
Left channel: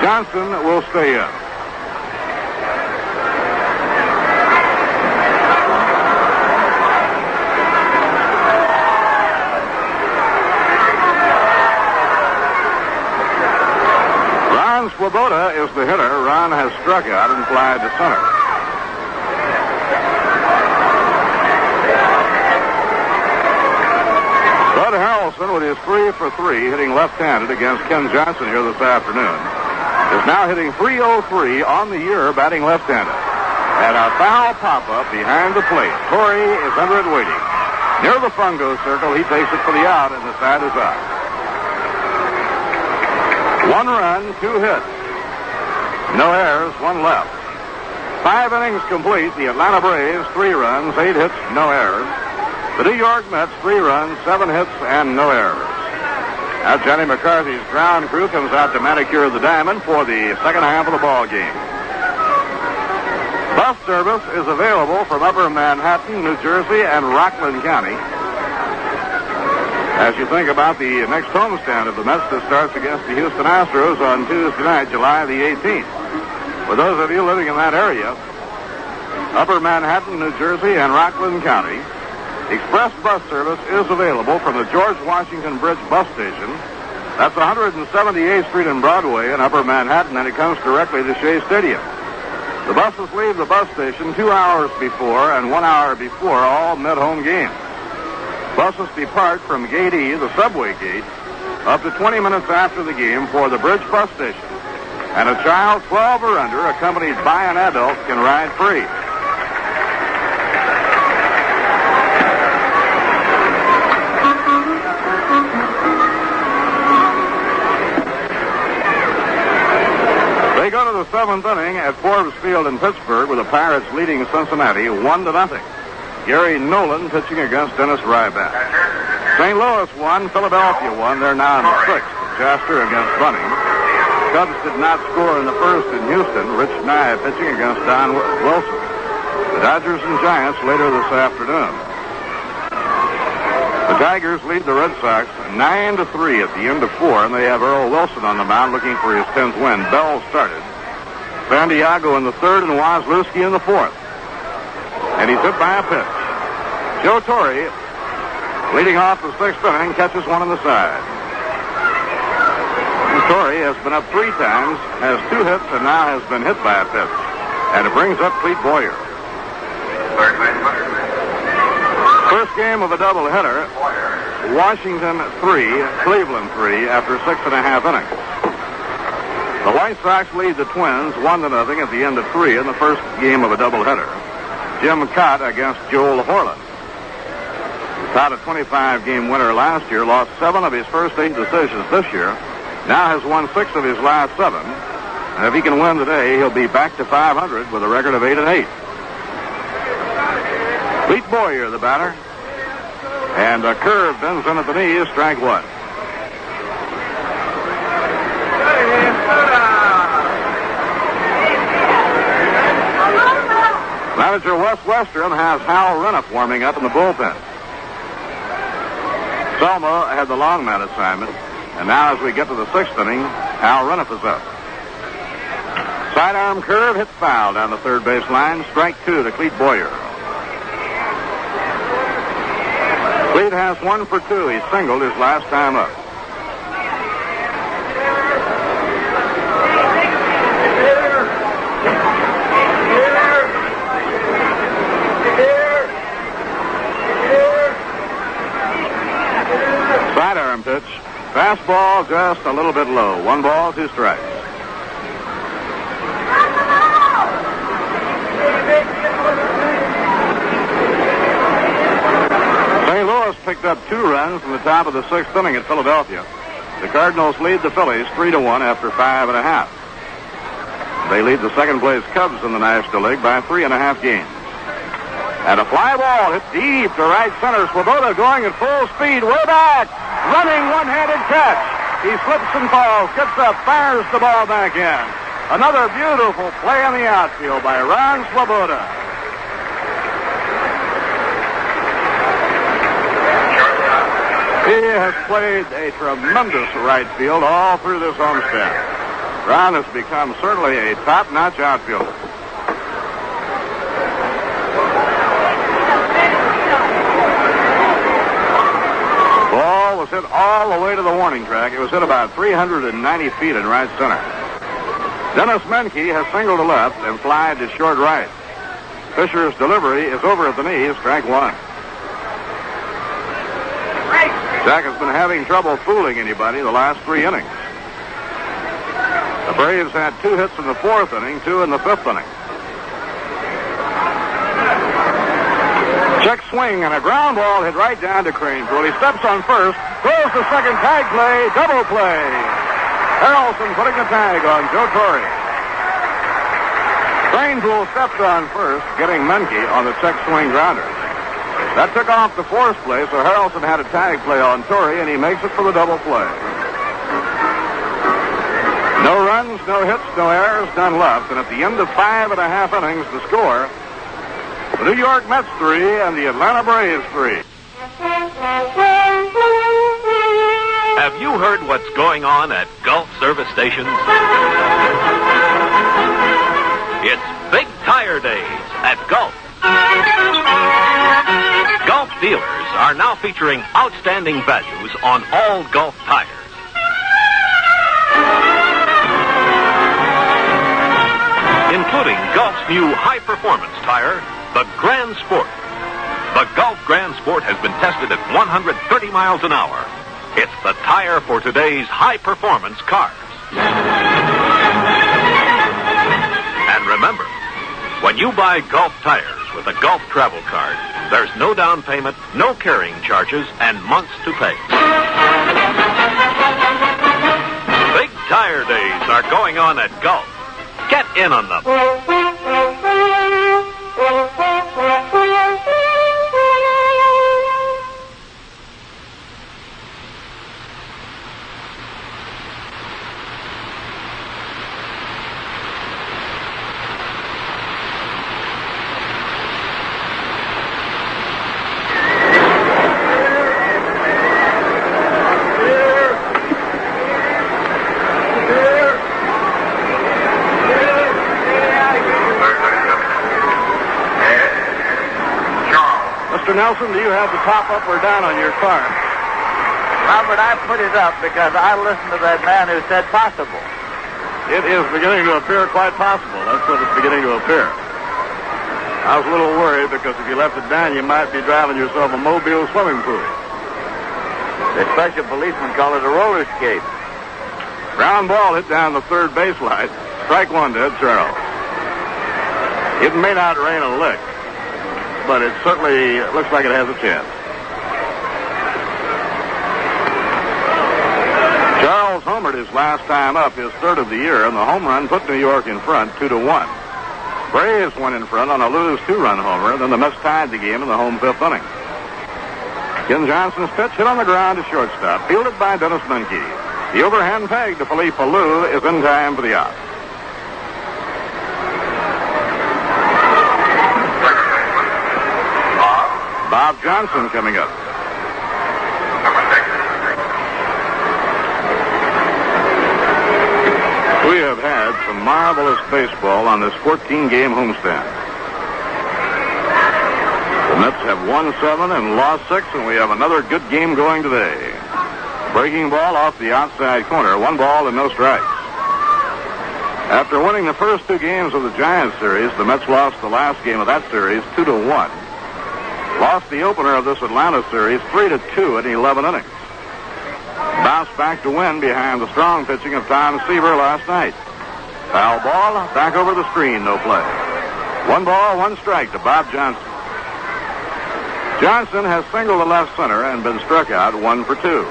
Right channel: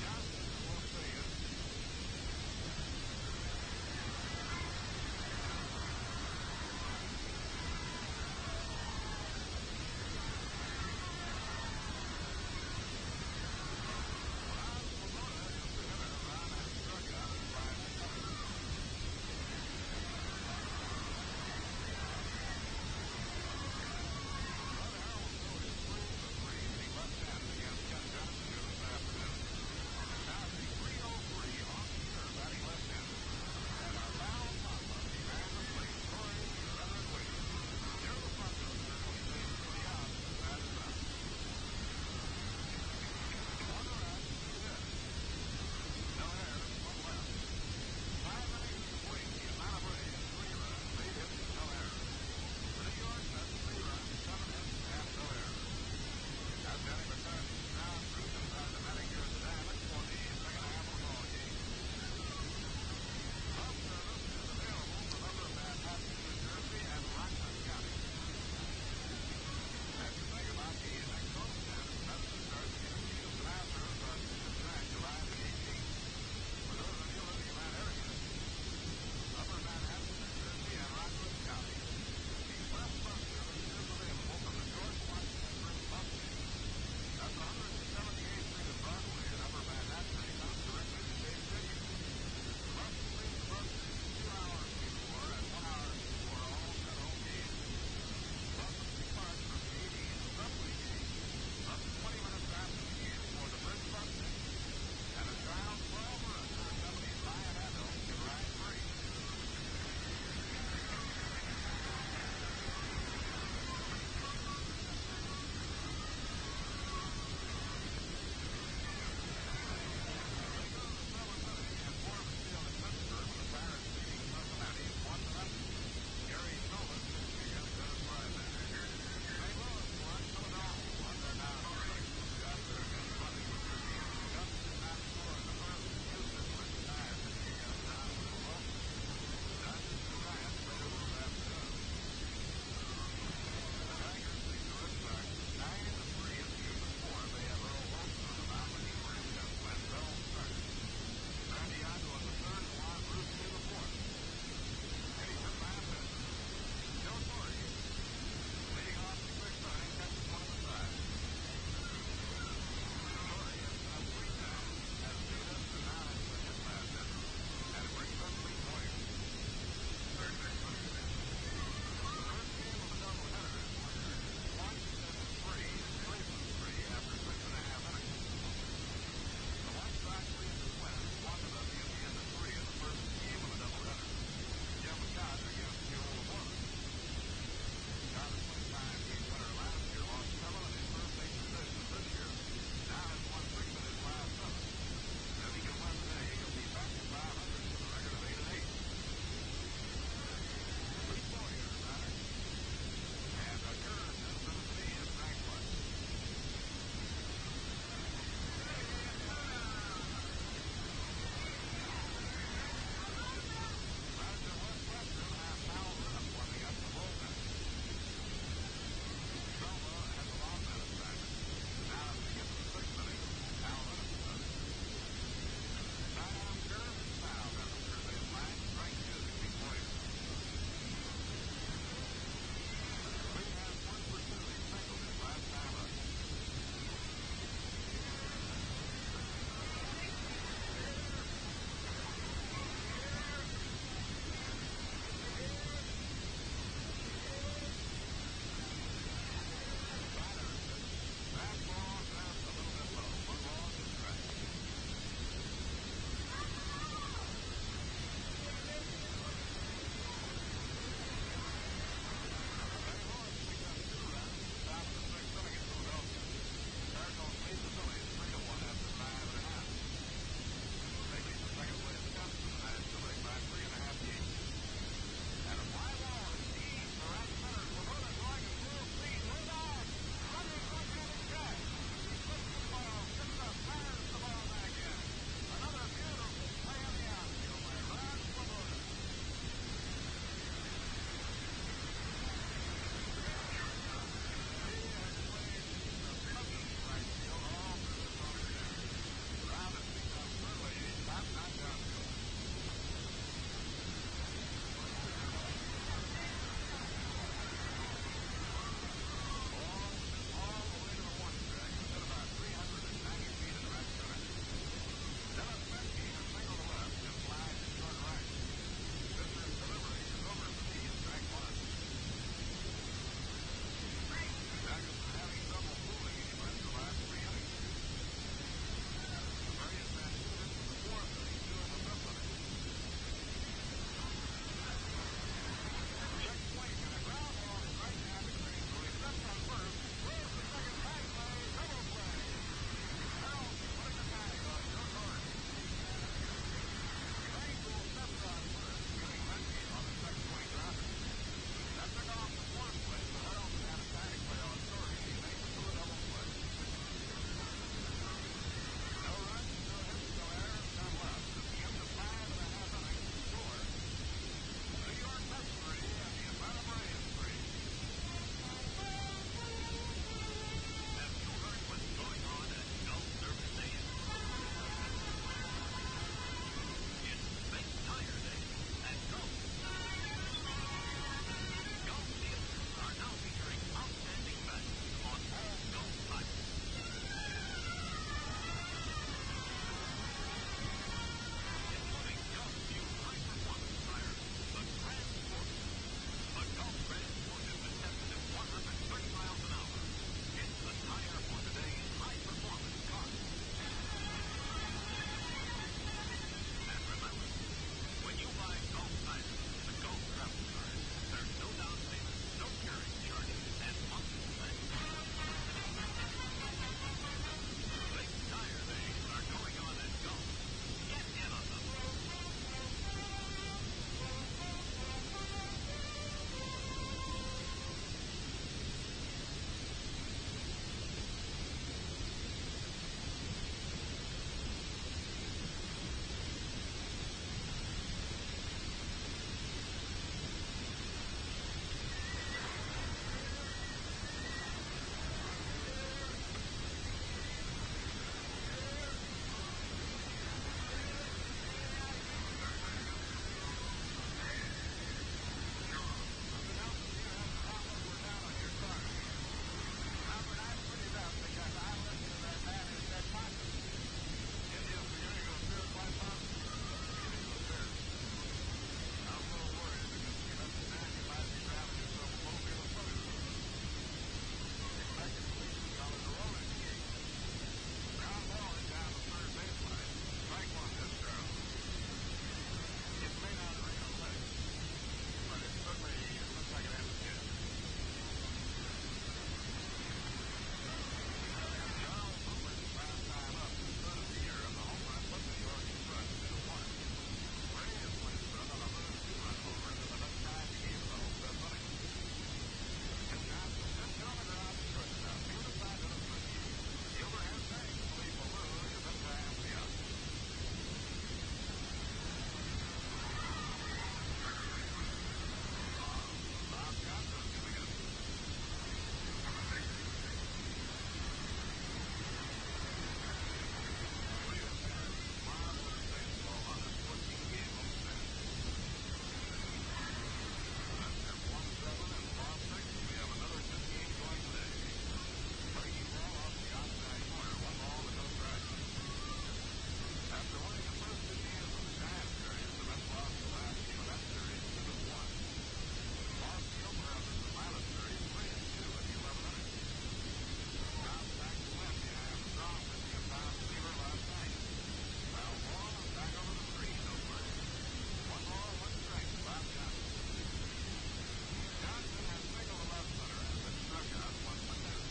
Johnson will stay in. Swoboda is the hitter. Ron has struck out and flied to center. Bud Harrelson, with his 3 for 3, hitting left-handed against Ken Johnson here this afternoon, is now hitting .303 on the year, batting left-handed. And a foul pop-up behind the plate. Torrey is under it waiting. Near the fungo circle, he takes it for the out, and the side is out. 1 run, 2 hits. No errors, 1 left. 5 innings complete. The Atlanta Braves, 3 runs, 8 hits, no errors. The New York Mets, 3 runs, 7 hits, and no errors. Now Johnny McCarthy's ground crew comes out to manicure the diamond for the second half of the ball game. Bus service is available from Upper Manhattan, New Jersey, and Rockland County. As you think about the next homestand of the Mets that starts against the Houston Astros on Tuesday night, July the 18th. For those of you living in that area, Upper Manhattan, New Jersey, and Rockland County, express bus service is available from the George Washington Bridge bus station. That's 178th Street and Broadway in Upper Manhattan, and it comes directly to Shea Stadium. The buses leave the bus station 2 hours before and 1 hour before all mid-home games. Buses depart from Gate E, the subway gate, up to 20 minutes after the game for the Bridge bus station. And a child 12 or under, accompanied by an adult, can ride free. They go to the 7th inning at Forbes Field in Pittsburgh with the Pirates leading Cincinnati 1-0. Gary Nolan pitching against Dennis Ryback. St. Louis won, Philadelphia won. They're now in the 6th. Jasper against Bunning. Cubs did not score in the first in Houston. Rich Nye pitching against Don Wilson. The Dodgers and Giants later this afternoon. The Tigers lead the Red Sox 9-3 at the end of 4, and they have Earl Wilson on the mound looking for his 10th win. Bell started. San Diego in the 3rd and Wozlewski in the 4th. And he's hit by a pitch. Joe Torre, leading off the 6th inning, catches one on the side. Torre has been up 3 times, has 2 hits, and now has been hit by a pitch. And it brings up Clete Boyer. First game of a doubleheader, Washington 3, Cleveland 3 after 6.5 innings. The White Sox lead the Twins 1-0 at the end of 3 in the first game of a doubleheader. Jim Cott against Joel Horland. Cott, a 25-game winner last year, lost 7 of his first 8 decisions this year. Now has won 6 of his last 7. And if he can win today, he'll be back to 500 with a record of 8-8. Pete Boyer, the batter. And a curve bends in at the knees, strike 1. Manager Wes Western has Hal Renniff warming up in the bullpen. Selma had the long man assignment, and now as we get to the 6th inning, Hal Renniff is up. Sidearm curve hit foul down the third base line, strike 2 to Clete Boyer. Clete has 1 for 2. He singled his last time up. Sidearm pitch. Fastball just a little bit low. 1 ball, 2 strikes. St. Louis picked up 2 runs in the top of the 6th inning at Philadelphia. The Cardinals lead the Phillies 3-1 after 5.5. They lead the second-place Cubs in the National League by 3.5 games. And a fly ball hit deep to right center. Swoboda going at full speed, way back. Running one-handed catch. He slips and falls, gets up, fires the ball back in. Another beautiful play in the outfield by Ron Swoboda. He has played a tremendous right field all through this homestand. Ron has become certainly a top-notch outfielder. Ball was hit all the way to the warning track. It was hit about 390 feet in right center. Dennis Menke has singled to left and flied to short right. Fisher's delivery is over at the knees, strike 1. Jack has been having trouble fooling anybody the last 3 innings. The Braves had 2 hits in the 4th inning, 2 in the 5th inning. Check swing and a ground ball hit right down to Cranepool. He steps on first, throws the second, tag play, double play. Harrelson putting the tag on Joe Torre. Cranepool stepped on first, getting Menke on the check swing grounder. That took off the 4th play, so Harrelson had a tag play on Torre, and he makes it for the double play. No runs, no hits, no errors, none left. And at the end of 5.5 innings, the score, the New York Mets 3 and the Atlanta Braves 3. Have you heard what's going on at Gulf service stations? It's Big Tire Days at Gulf. Gulf dealers are now featuring outstanding values on all Gulf tires. Including Gulf's new high-performance tire, the Grand Sport. The Gulf Grand Sport has been tested at 130 miles an hour. It's the tire for today's high-performance cars. And remember, when you buy Gulf tires with a Gulf travel card, there's no down payment, no carrying charges, and months to pay. Big Tire Days are going on at Gulf. Get in on them. Nelson, do you have the top up or down on your car? Robert, I put it up because I listened to that man who said possible. It is beginning to appear quite possible. That's what it's beginning to appear. I was a little worried because if you left it down, you might be driving yourself a mobile swimming pool. The special policeman called it a roller skate. Ground ball hit down the third base line. Strike one to Ed Charles. It may not rain a lick, but it certainly looks like it has a chance. Charles homered his last time up, his third of the year, and the home run put New York in front 2-1. Braves went in front on a Lewis 2-run homer, then the Mets tied the game in the home fifth inning. Ken Johnson's pitch hit on the ground to shortstop, fielded by Dennis Menke. The overhand peg to Philippe Alou is in time for the out. Bob Johnson coming up. We have had some marvelous baseball on this 14-game homestand. The Mets have won 7 and lost 6, and we have another good game going today. Breaking ball off the outside corner, 1 ball and no strikes. After winning the first 2 games of the Giants series, the Mets lost the last game of that series 2-1. Lost the opener of this Atlanta series 3-2 in 11 innings. Bounced back to win behind the strong pitching of Tom Seaver last night. Foul ball, back over the screen, no play. 1 ball, 1 strike to Bob Johnson. Johnson has singled the left center and been struck out 1 for 2.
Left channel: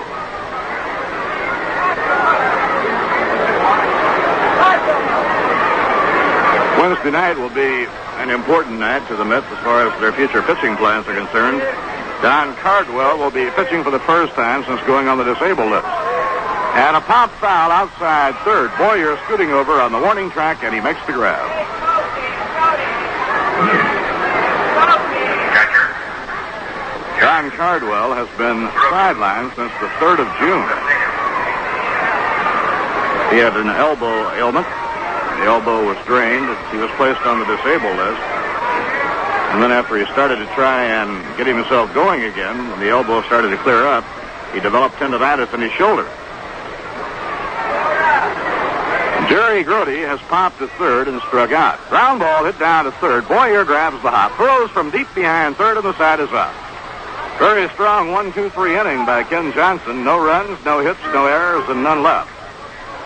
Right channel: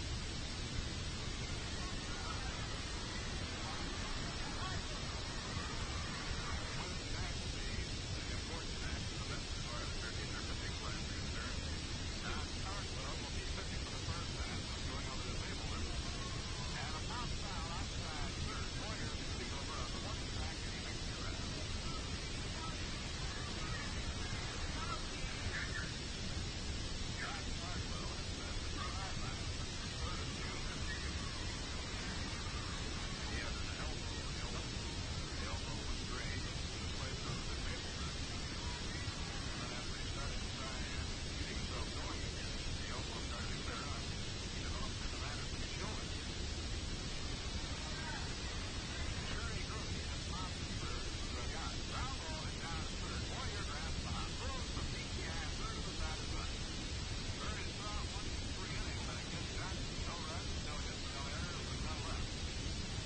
Wednesday night will be an important night to the Mets as far as their future pitching plans are concerned. Don Cardwell will be pitching for the first time since going on the disabled list. And a pop foul outside third. Boyer scooting over on the warning track, and he makes the grab. Don Cardwell has been sidelined since the 3rd of June. He had an elbow ailment. The elbow was drained. He was placed on the disabled list. And then after he started to try and get himself going again, when the elbow started to clear up, he developed tendonitis in his shoulder. Jerry Grody has popped to third and struck out. Ground ball hit down to third. Boyer grabs the hop. Throws from deep behind third, and the side is up. Very strong 1-2-3 inning by Ken Johnson. No runs, no hits, no errors, and none left.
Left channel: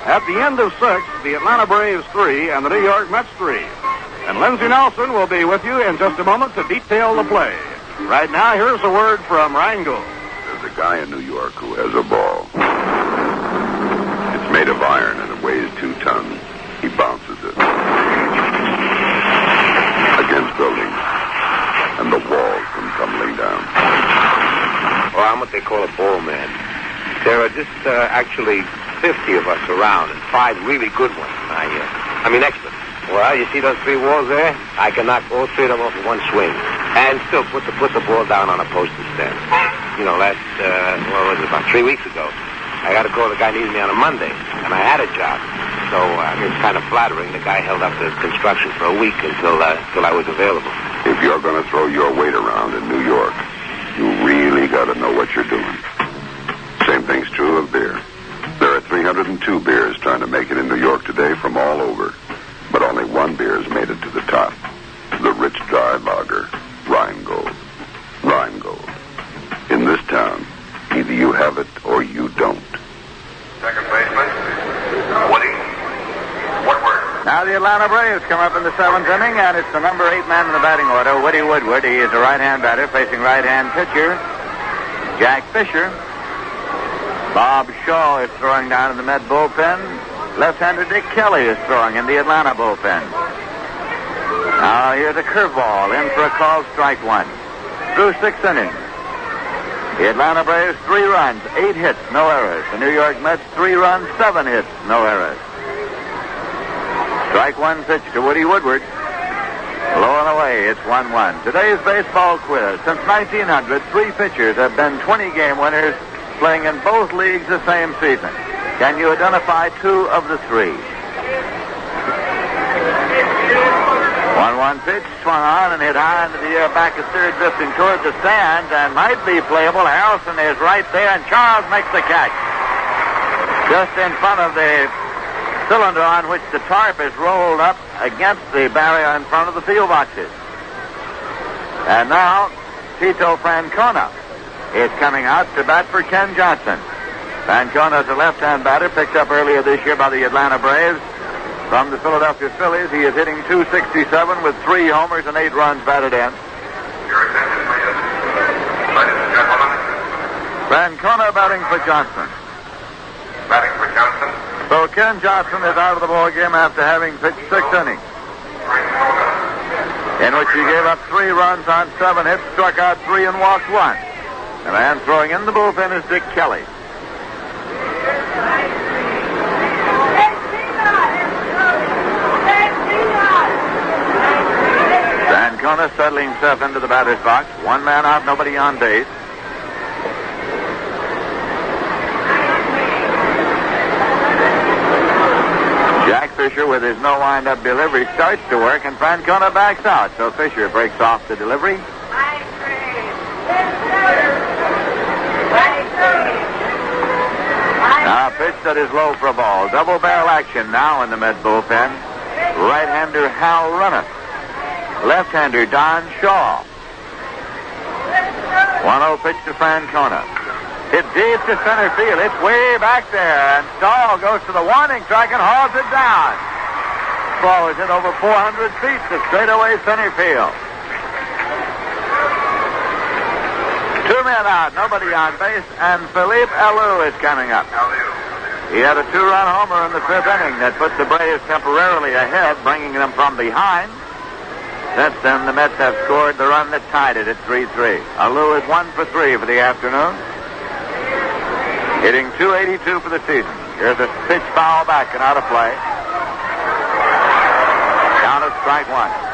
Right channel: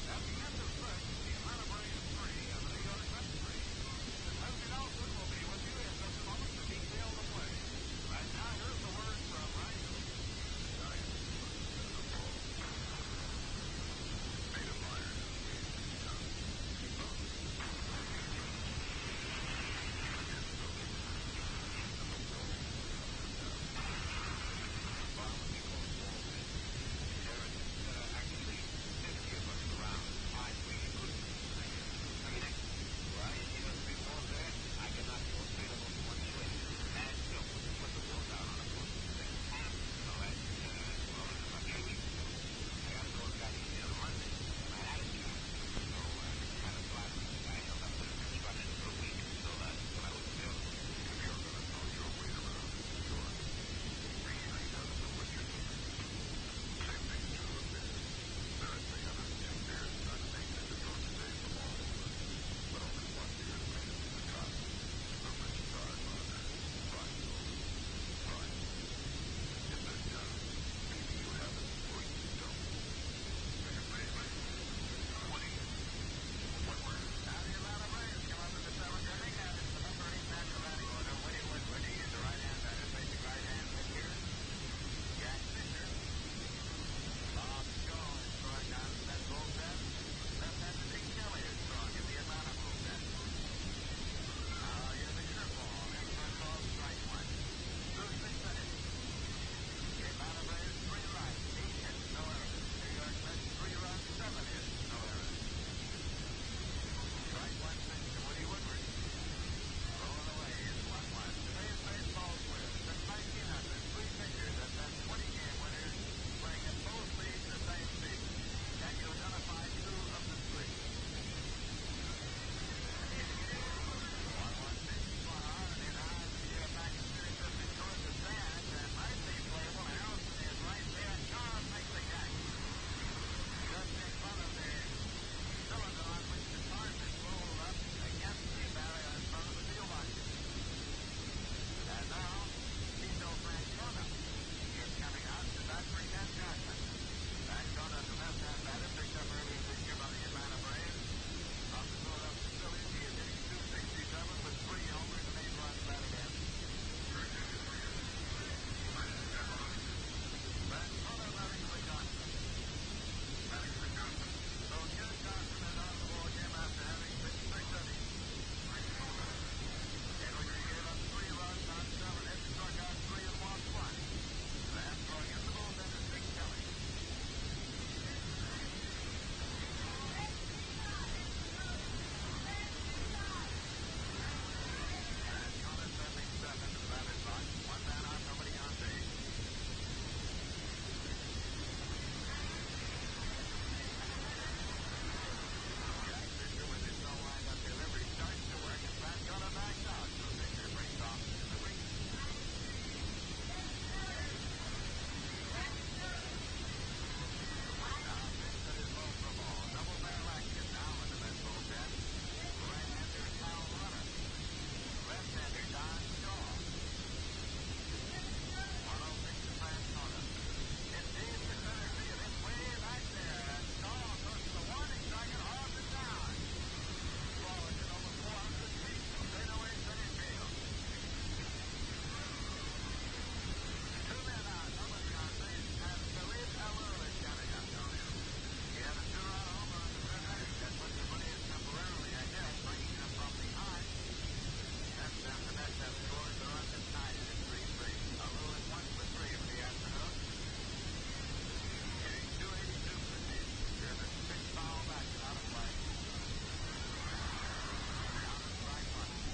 At the end of 6, the Atlanta Braves 3 and the New York Mets 3. And Lindsey Nelson will be with you in just a moment to detail the play. Right now, here's a word from Rheingold. There's a guy in New York who has a ball. It's made of iron and it weighs 2 tons. He bounces it against buildings, and the walls come tumbling down. Well, I'm what they call a ball man. There are just actually 50 of us around, and 5 really good ones. I mean excellent. Well, you see those 3 walls there? I can knock all 3 of them off in one swing, and still put the ball down on a postage stand. You know, what was it, about 3 weeks ago, I got a call. The guy needed me on a Monday, and I had a job. So it's kind of flattering. The guy held up the construction for a week until I was available. If you're going to throw your weight around in New York, you really got to know what you're doing. Same thing's true of beer. There are 302 beers trying to make it in New York today from all over. But only one beer has made it to the top. The rich, dry lager, Rheingold. Rheingold. In this town, either you have it or you don't. Second baseman, Woody Woodward. Now the Atlanta Braves come up in the 7th inning, and it's the number 8 man in the batting order, Woody Woodward. He is a right-hand batter facing right-hand pitcher Jack Fisher. Bob Shaw is throwing down in the Met bullpen. Left-hander Dick Kelly is throwing in the Atlanta bullpen. Now here's a curveball in for a called strike 1. Through 6 innings. The Atlanta Braves 3 runs, 8 hits, no errors. The New York Mets 3 runs, 7 hits, no errors. Strike 1 pitch to Woody Woodward. Low and away, it's 1-1. Today's baseball quiz. Since 1900, 3 pitchers have been 20-game winners playing in both leagues the same season. Can you identify 2 of the 3? 1-1 pitch, swung on and hit high into the air, back is third, drifting toward the stands, and might be playable. Harrelson is right there, and Charles makes the catch. Just in front of the cylinder on which the tarp is rolled up against the barrier in front of the field boxes. And now, Tito Francona is coming out to bat for Ken Johnson. Francona is a left-hand batter, picked up earlier this year by the Atlanta Braves. From the Philadelphia Phillies, he is hitting .267 with 3 homers and 8 runs batted in. Francona batting for Johnson. Batting for Johnson. So Ken Johnson is out of the ball game after having pitched 6 innings, in which he gave up 3 runs on 7 hits, struck out 3, and walked 1. The man throwing in the bullpen is Dick Kelly. Francona settling himself into the batter's box. 1 man out, nobody on base. Jack Fisher, with his no wind-up delivery, starts to work, and Francona backs out. So Fisher breaks off the delivery. Now pitch that is low for a ball. Double barrel action now in the Met bullpen. Right-hander Hal Runneth. Left-hander Don Shaw. 1-0 pitch to Francona. Hit deep to center field. It's way back there. And Stahl goes to the warning track and hauls it down. Ball is hit over 400 feet to straightaway center field. 2 men out, nobody on base, and Philippe Alou is coming up. He had a 2-run homer in the 5th inning that put the Braves temporarily ahead, bringing them from behind. Since then, the Mets have scored the run that tied it at 3-3. Alou is 1 for 3 for the afternoon, hitting .282 for the season. Here's a pitch foul back and out of play. Count of strike 1.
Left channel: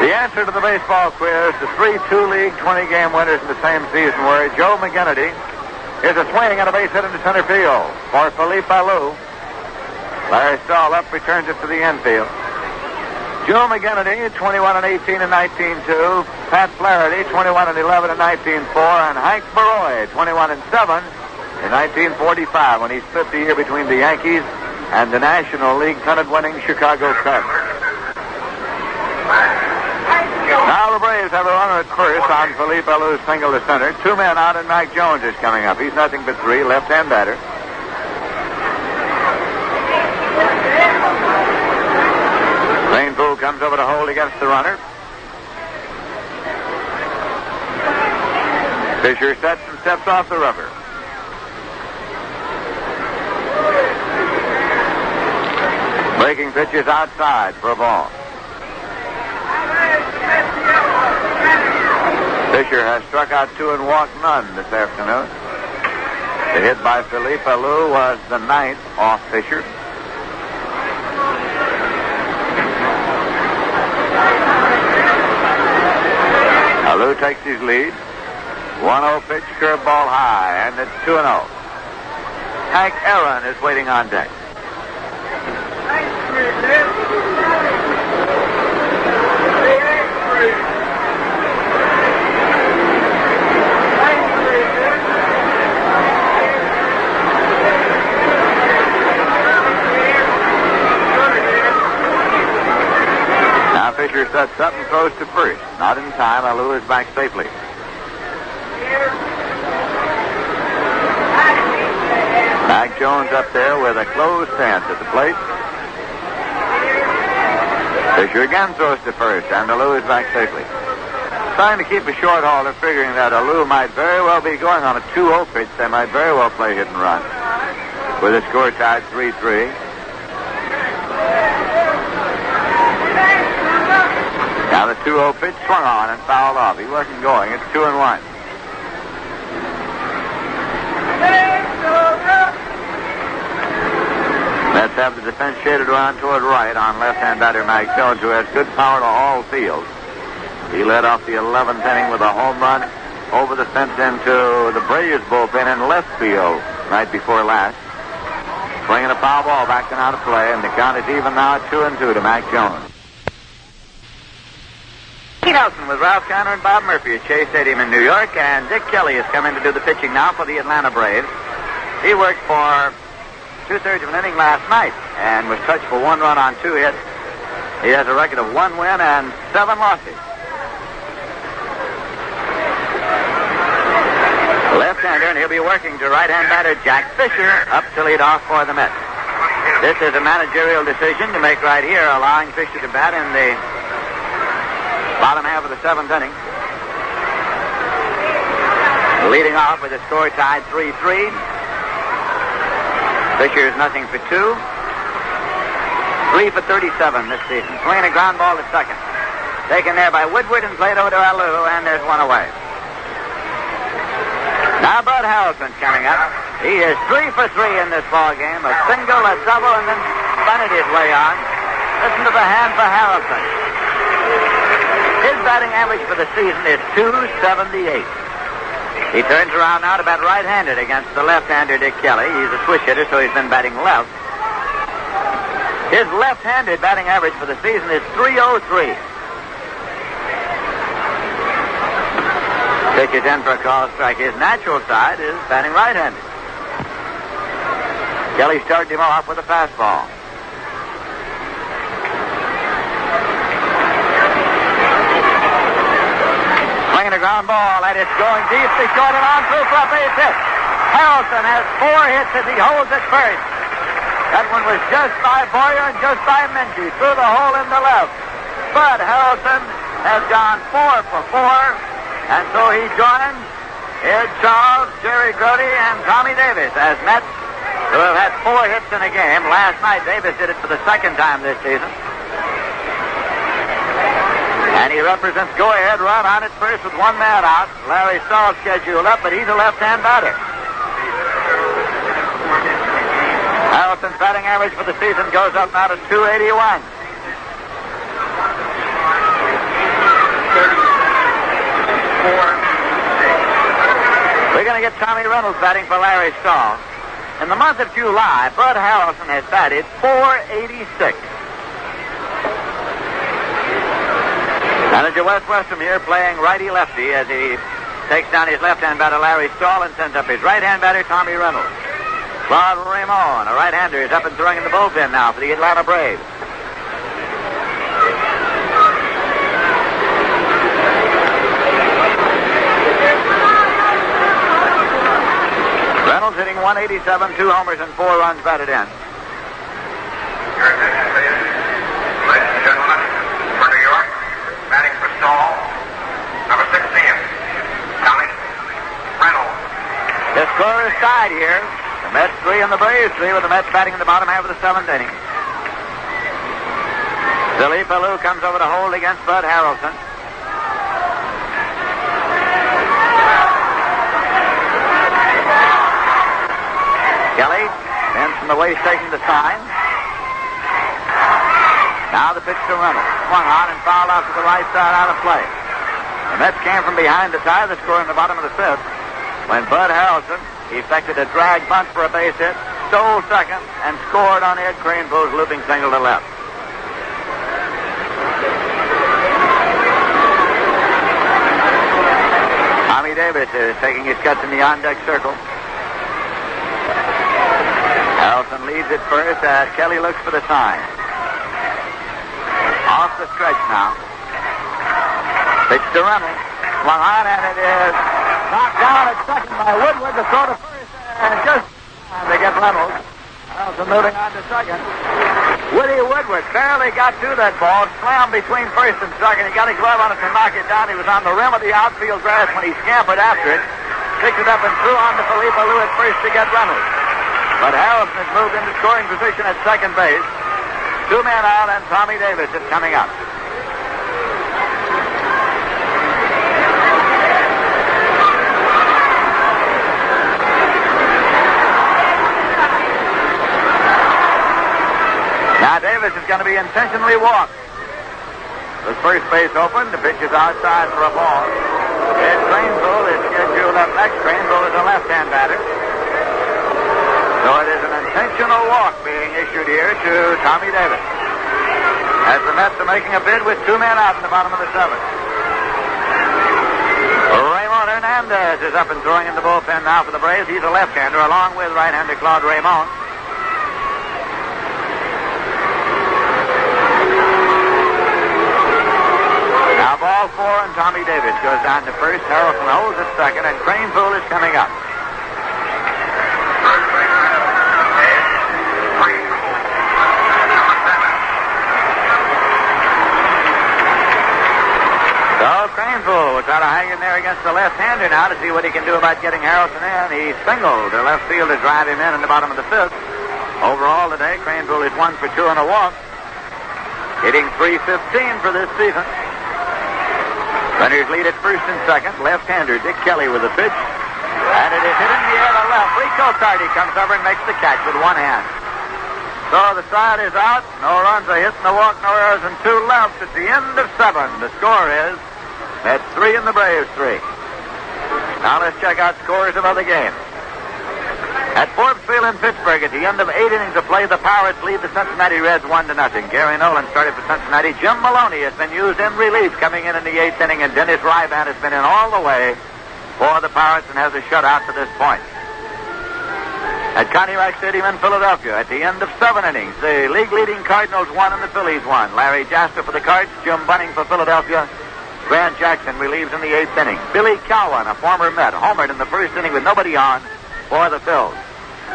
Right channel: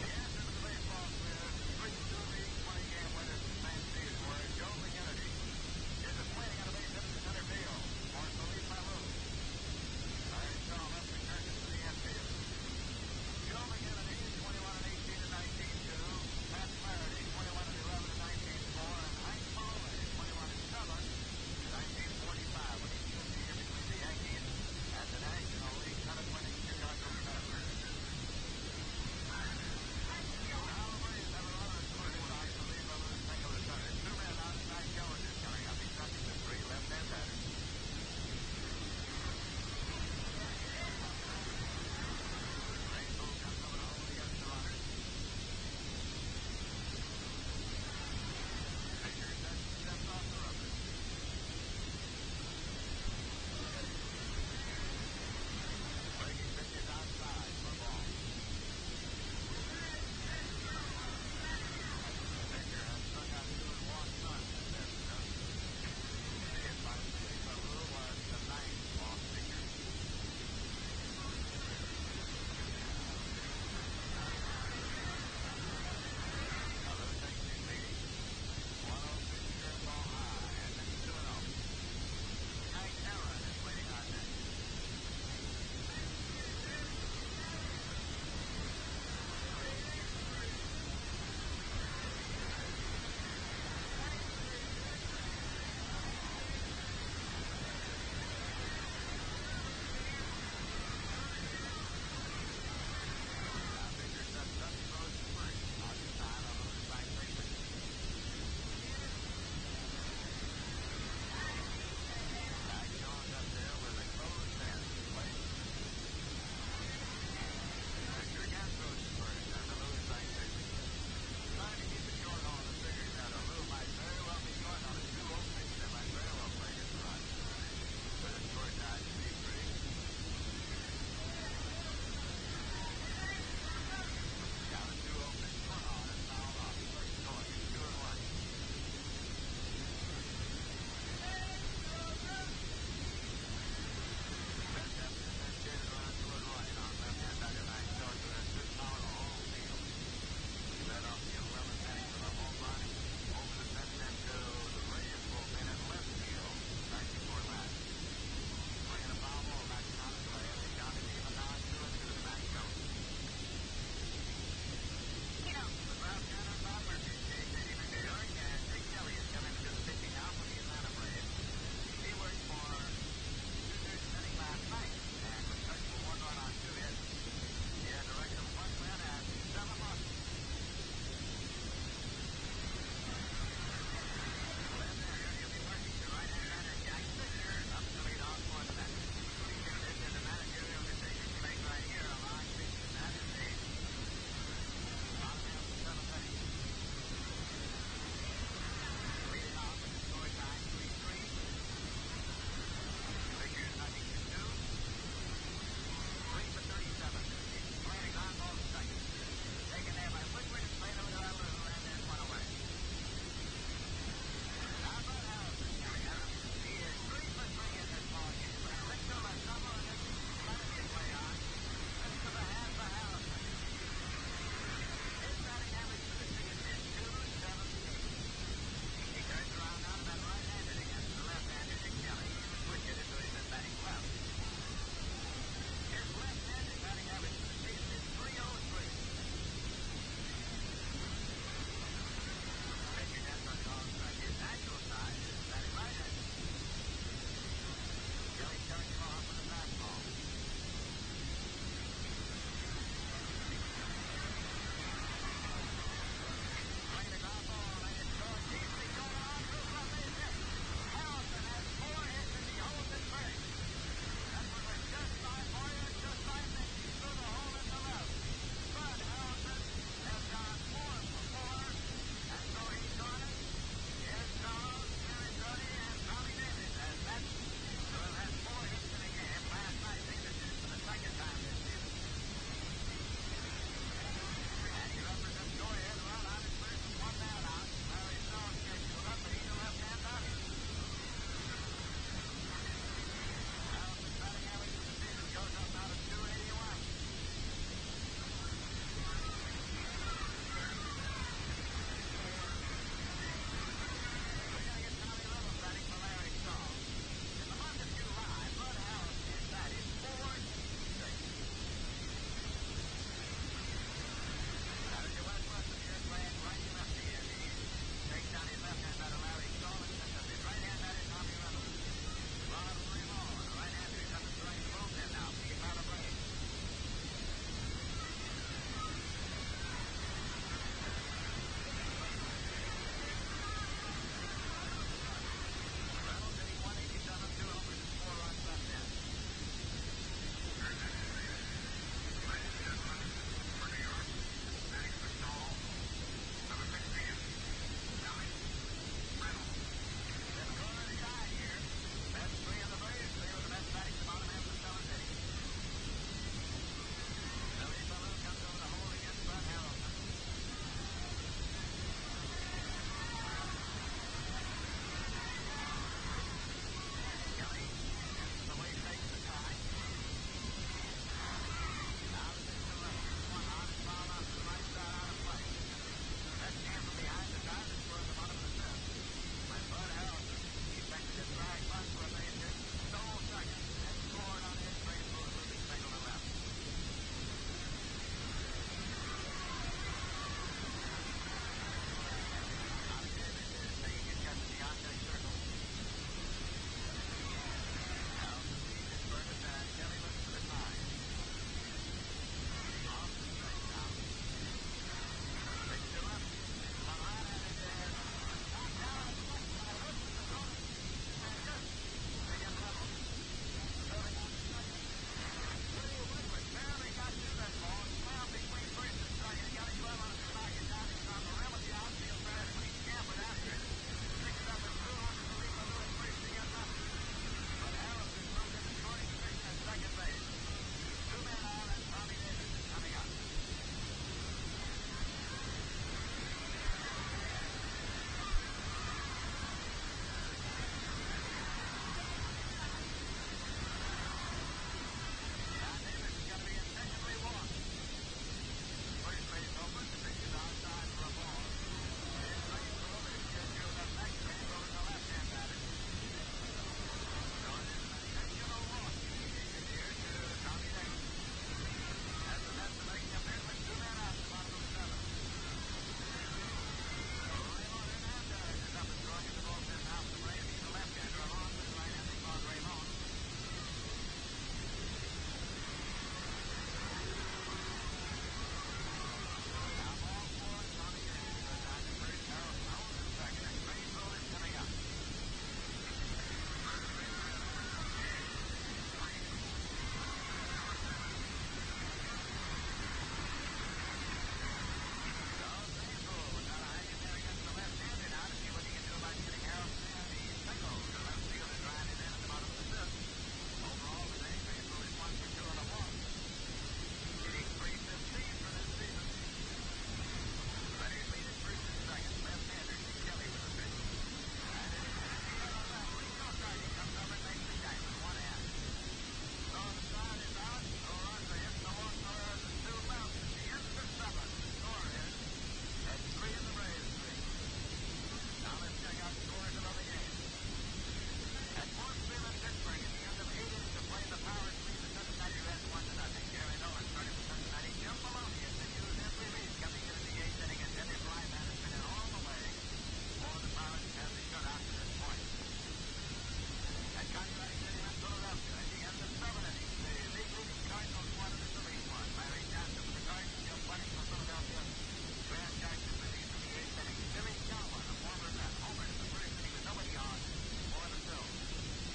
The answer to the baseball quiz, the 3-2 league 20-game winners in the same season were Joe McGinnity. Here's a swing and a base hit into center field for Philippe Alou. Larry Stahl up, returns it to the infield. Joe McGinnity, 21-18 in 1902. Pat Flaherty, 21-11 in 1904. And Hank Baroy, 21-7 in 1945, when he split the year between the Yankees and the National League pennant-winning Chicago Cubs. Now the Braves have a runner at first on Philippe Alou's single to center. 2 men out, and Mac Jones is coming up. He's nothing but 3, left-hand batter. Rainpool comes over to hold against the runner. Fisher sets and steps off the rubber. Breaking pitches outside for a ball. Fisher has struck out 2 and walked none this afternoon. The hit by Philippe Alou was the 9th off Fisher. Alou takes his lead. 1-0 pitch, curveball high, and it's 2-0. Hank Aaron is waiting on deck. Fisher sets up and throws to first. Not in time. Alou is back safely. Mac Jones up there with a closed stance at the plate. Fisher again throws to first, and Alou is back safely. Trying to keep a short haulder, figuring that Alou might very well be going on a 2-0 pitch. They might very well play hit and run. With the score tied 3-3. Now the 2-0 pitch swung on and fouled off. He wasn't going. It's 2-1. Mets have the defense shaded around toward right on left-hand batter Mac Jones, who has good power to all fields. He led off the 11th inning with a home run over the fence into the Braves bullpen in left field night before last. Swinging a foul ball back and out of play, and the count is even now at 2-2 to Mac Jones. Pete Nelson with Ralph Conner and Bob Murphy at Shea Stadium in New York, and Dick Kelly has come in to do the pitching now for the Atlanta Braves. He worked for 2/3 of an inning last night and was touched for 1 run on 2 hits. He has a record of 1 win and 7 losses. Left-hander, and he'll be working to right-hand batter Jack Fisher up to lead off for the Mets. This is a managerial decision to make right here, allowing Fisher to bat in the bottom half of the 7th inning. Leading off with a score tied 3-3. Fisher is nothing for 2. 3 for 37 this season. Swinging a ground ball to second. Taken there by Woodward and played over to Alou, and there's one away. Now Bud Harrelson's coming up. He is 3 for 3 in this ball game. A single, a double, and then bunted his way on. Listen to the hand for Harrelson. His batting average for the season is .278. He turns around now to bat right-handed against the left-hander Dick Kelly. He's a switch hitter, so he's been batting left. His left-handed batting average for the season is .303. Pitch is in for a call strike. His natural side is batting right-handed. Kelly started him off with a fastball. Swinging a ground ball, and it's going deep to short and on through for a base hit. Harrelson has 4 hits as he holds at first. That one was just by Boyer and just by Minchie through the hole in the left. But Harrelson has gone 4 for 4, and so he joins Ed Charles, Jerry Grody, and Tommy Davis as Mets, who have had 4 hits in a game. Last night, Davis did it for the 2nd time this season. And he represents go-ahead run on at first with 1 man out. Larry Stahl scheduled up, but he's a left-hand batter. Harrelson's batting average for the season goes up now to .281. We're going to get Tommy Reynolds batting for Larry Stahl. In the month of July, Bud Harrelson has batted .486. Manager Wes Westrom here playing righty-lefty as he takes down his left-hand batter Larry Stahl and sends up his right-hand batter Tommy Reynolds. Claude Raymond, a right-hander, is up and throwing in the bullpen now for the Atlanta Braves. Reynolds hitting .187, 2 homers and 4 runs batted in. Ladies and gentlemen, for New York, batting for Stahl, number 16, Tommy Reynolds. The score is tied here. The Mets 3 and the Braves 3, with the Mets batting in the bottom half of the 7th inning. Philippe Alou comes over to hold against Bud Harrelson. Kelly, then from the waist taking the sign. Now the pitch to Reynolds. Swung on and fouled off to the right side out of play. The Mets came from behind to tie the score in the bottom of the 5th when Bud Harrelson effected a drag bunt for a base hit, stole second, and scored on Ed Cranepool's looping single to left. Tommy Davis is taking his cuts in the on-deck circle. Harrelson leads at first as Kelly looks for the sign. Off the stretch now. Pitch to Reynolds. Swung on, and it is knocked down at second by Woodward to throw to first, and just they get Reynolds. Harrelson moving on to second. Woody Woodward barely got to that ball, slammed between first and second. He got a glove on it to knock it down. He was on the rim of the outfield grass when he scampered after it, picked it up and threw on to Philippe Alou at first to get Reynolds. But Harrelson has moved into scoring position at second base. 2 men out, and Tommy Davis is coming up. Now Davis is going to be intentionally walked. The first base open. The pitch is outside for a ball. Ed Cranepool is scheduled up next. Cranepool is a left-hand batter. So it is an intentional walk being issued here to Tommy Davis. As the Mets are making a bid with 2 men out in the bottom of the 7th. Raymond Hernandez is up and throwing in the bullpen now for the Braves. He's a left-hander along with right-hander Claude Raymond. Davis goes down to first. Harrelson holds at second, and Craneville is coming up. So Craneville will try to hang in there against the left-hander now to see what he can do about getting Harrelson in. He singled. The left fielder drive him in the bottom of the fifth. Overall today, Craneville is 1 for 2 and a walk. Hitting .315 for this season. Runners lead at first and second. Left-hander Dick Kelly with a pitch. And it is hit in the air to left. Rico Carty comes over and makes the catch with one hand. So the side is out. No runs, a hit, no walk, no errors, and 2 left at the end of 7. The score is at 3 and the Braves 3. Now let's check out scores of other games. At Forbes Field in Pittsburgh, at the end of 8 innings of play, the Pirates lead the Cincinnati Reds 1-0. Gary Nolan started for Cincinnati. Jim Maloney has been used in relief coming in the 8th inning, and Dennis Ryban has been in all the way for the Pirates and has a shutout to this point. At Connie Rice Stadium in Philadelphia, at the end of 7 innings, the league-leading Cardinals won and the Phillies won. Larry Jasper for the Cards, Jim Bunning for Philadelphia. Grant Jackson relieves in the 8th inning. Billy Cowan, a former Met, homered in the first inning with nobody on for the Phils.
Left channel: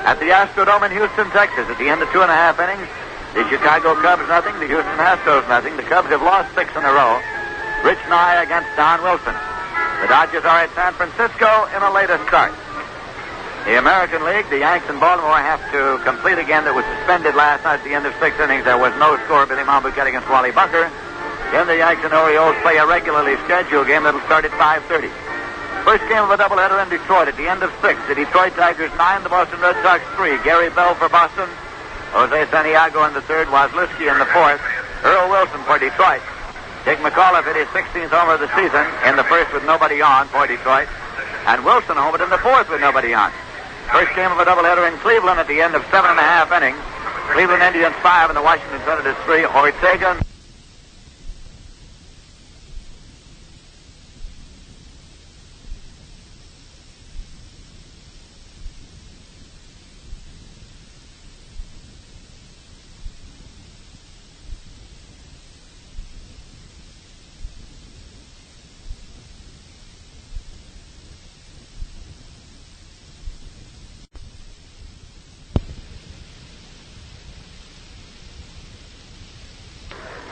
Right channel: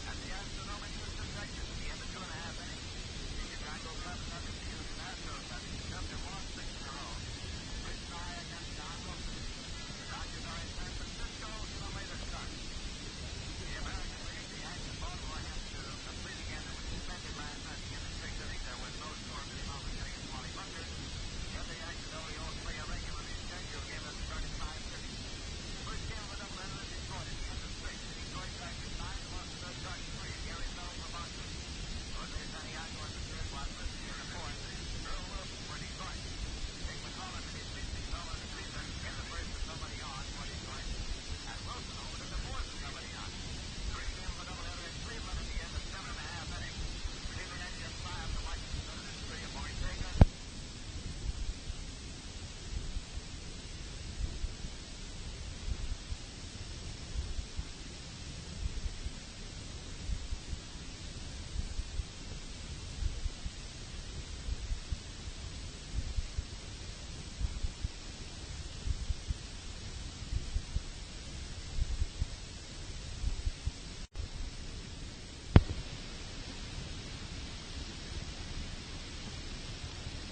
At the Astrodome in Houston, Texas, at the end of 2.5 innings, the Chicago Cubs nothing, the Houston Astros nothing. The Cubs have lost 6 in a row. Rich Nye against Don Wilson. The Dodgers are at San Francisco in a later start. The American League, the Yanks in Baltimore have to complete a game that was suspended last night at the end of 6 innings. There was no score. Billy Monbouquet against Wally Bunker. Then the Yanks and Orioles play a regularly scheduled game that will start at 5:30. First game of a doubleheader in Detroit at the end of 6. The Detroit Tigers 9, the Boston Red Sox 3. Gary Bell for Boston. Jose Santiago in the 3rd. Wozliski in the 4th. Earl Wilson for Detroit. Dick McAuliffe hit his 16th homer of the season in the 1st with nobody on for Detroit. And Wilson homered in the 4th with nobody on. First game of a doubleheader in Cleveland at the end of 7.5 innings. Cleveland Indians 5 and the Washington Senators 3. Ortega.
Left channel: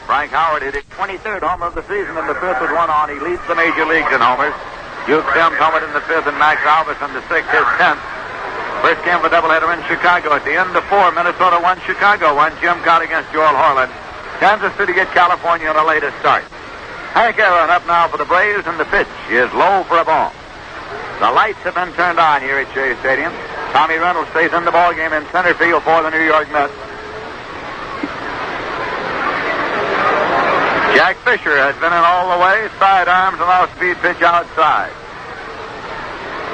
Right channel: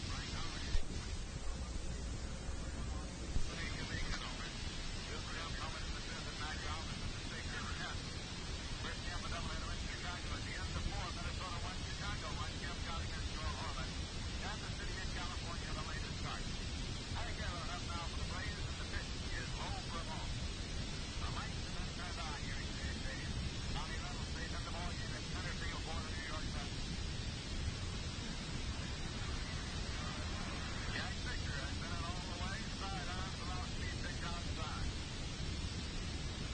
Frank Howard hit his 23rd homer of the season in the 5th with one on. He leads the major leagues in homers. Duke Sims homered in the 5th and Max Alvis in the 6th, his 10th. First game of a doubleheader in Chicago. At the end of 4, Minnesota won, Chicago won. Jim Cott against Joel Horland. Kansas City get California in a later start. Hank Aaron up now for the Braves, and the pitch is low for a ball. The lights have been turned on here at Shea Stadium. Tommy Reynolds stays in the ballgame in center field for the New York Mets. Jack Fisher has been in all the way, sidearms and off-speed pitch outside.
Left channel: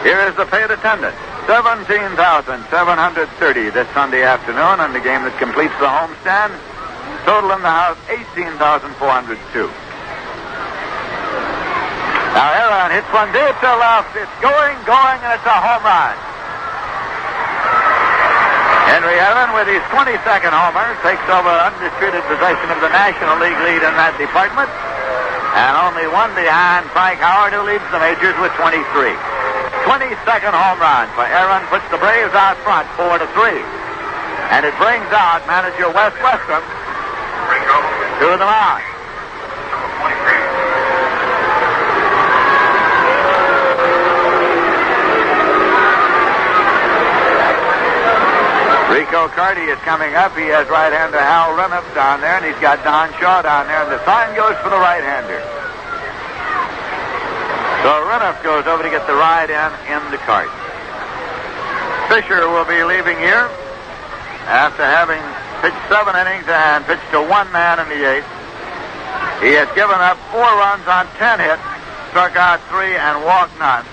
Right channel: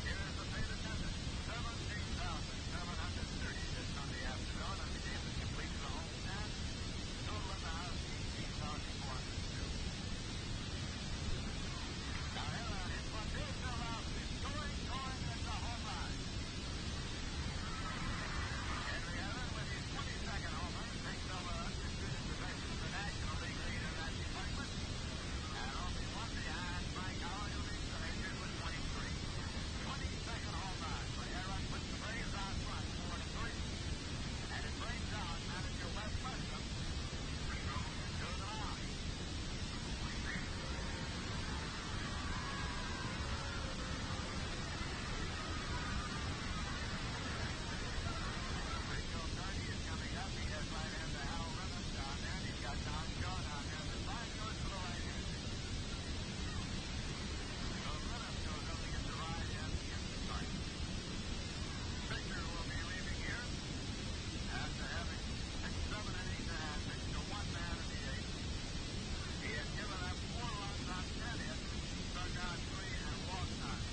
Here is the paid attendance, 17,730 this Sunday afternoon, and the game that completes the homestand. Total in the house, 18,402. Now Aaron hits one deep to left. It's going, and it's a home run. Henry Aaron, with his 22nd homer, takes over undisputed possession of the National League lead in that department. And only one behind Frank Howard, who leads the majors with 23. 22nd home run for Aaron puts the Braves out front 4-3. And it brings out manager Wes Westrum to the mound. Rico Carty is coming up. He has right-hander Hal Reniff down there, and he's got Don Shaw down there, and the sign goes for the right-hander. So Reniff goes over to get the ride in the cart. Fisher will be leaving here after having pitched 7 innings and pitched to one man in the 8th. He has given up 4 runs on 10 hits, struck out 3, and walked none.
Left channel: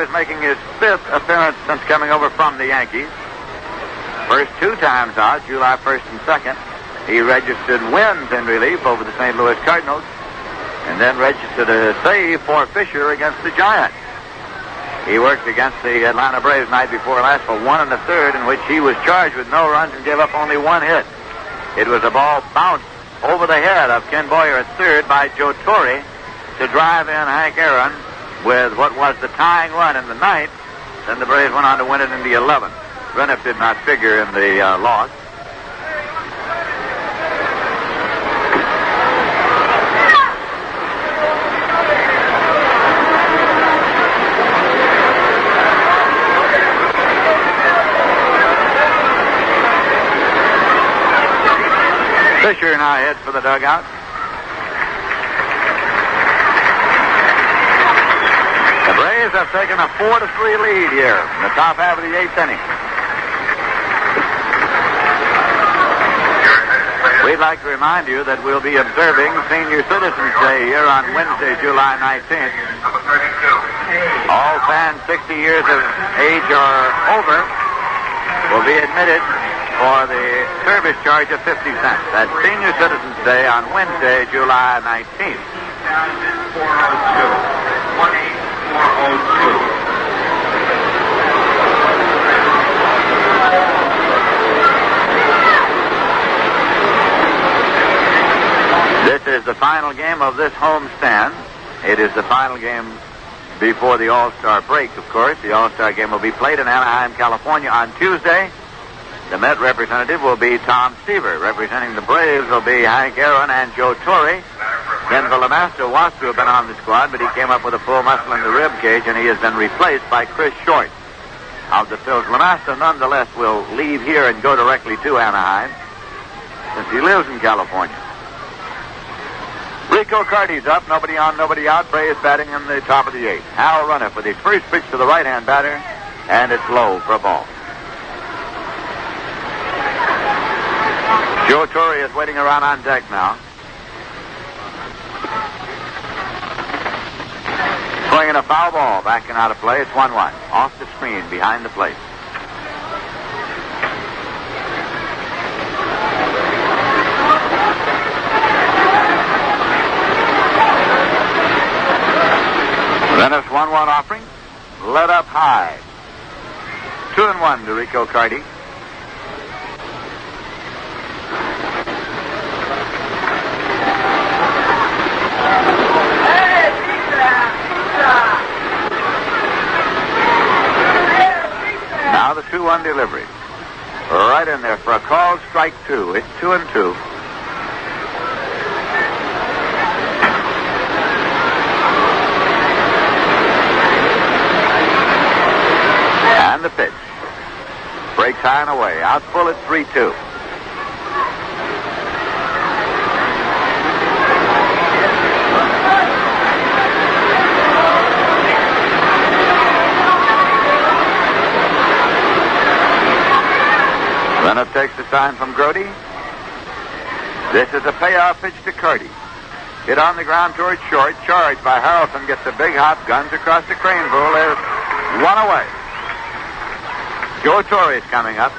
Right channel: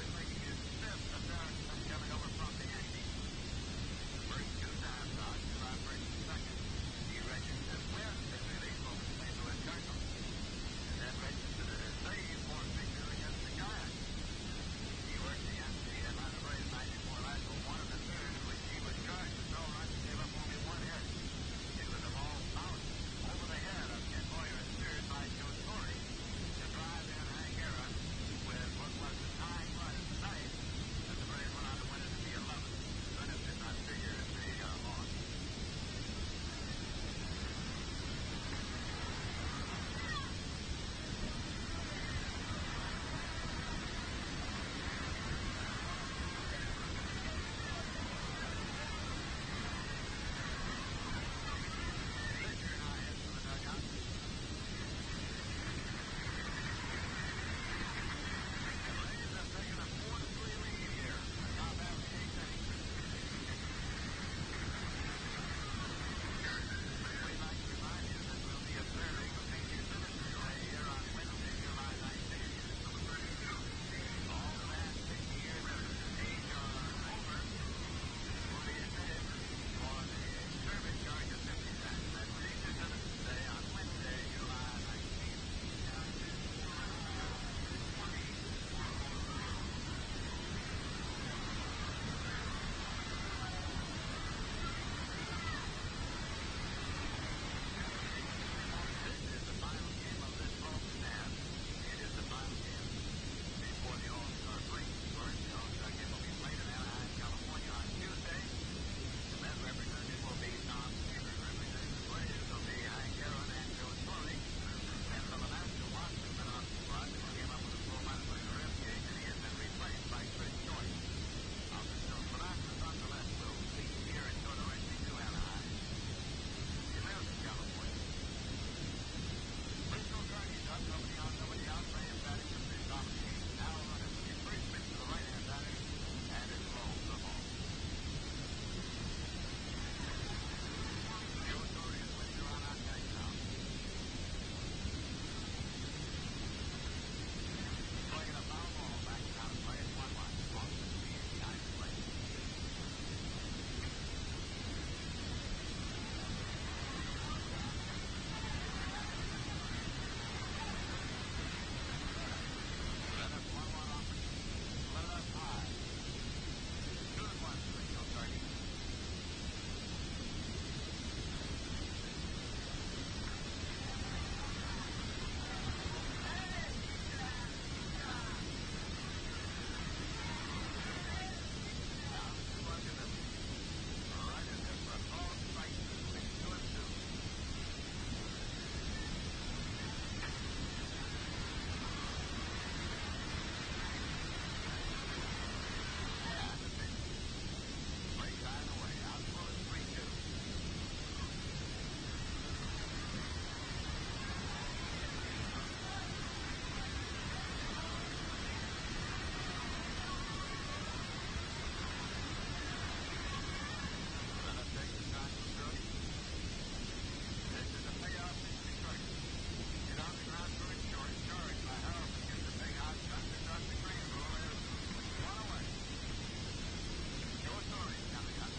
Is making his 5th appearance since coming over from the Yankees. First 2 times out, July 1st and 2nd. He registered wins in relief over the St. Louis Cardinals, and then registered a save for Fisher against the Giants. He worked against the Atlanta Braves night before last for 1 1/3, in which he was charged with no runs and gave up only 1 hit. It was a ball bounced over the head of Ken Boyer at third by Joe Torre to drive in Hank Aaron with what was the tying run in the ninth. Then the Braves went on to win it in the 11th. Renniff did not figure in the loss. Fisher now heads for the dugout. The Braves have taken a 4-3 lead here in the top half of the 8th inning. We'd like to remind you that we'll be observing Senior Citizens Day here on Wednesday, July 19th. All fans 60 years of age or over will be admitted for the service charge of 50 cents. That's Senior Citizens Day on Wednesday, July 19th. 18402. This is the final game of this homestand. It is the final game before the All-Star break, of course. The All-Star game will be played in Anaheim, California on Tuesday. The Met representative will be Tom Seaver. Representing the Braves will be Hank Aaron and Joe Torre. Denver LeMaster was to have been on the squad, but he came up with a full muscle in the rib cage, and he has been replaced by Chris Short. Of the Phils, LeMaster nonetheless will leave here and go directly to Anaheim, since he lives in California. Rico Carty's up, nobody on, nobody out. Braves batting in the top of the 8th. Hal Runniff with his first pitch to the right-hand batter, and it's low for a ball. Joe Torre is waiting around on deck now. Swinging a foul ball, backing out of play. It's 1-1. Off the screen, behind the plate. Renniff's 1-1 offering. Let up high. 2-1 to Rico Carty. Now the 2-1 delivery. Right in there for a called strike 2. It's 2-2. And the pitch. Breaks high and away. Out full at 3-2. Renniff takes the sign from Grody. This is a payoff pitch to Carty. Hit on the ground towards short. Charged by Harrelson. Gets a big hop. Guns across the crane pool. There's one away. Joe Torre is coming up.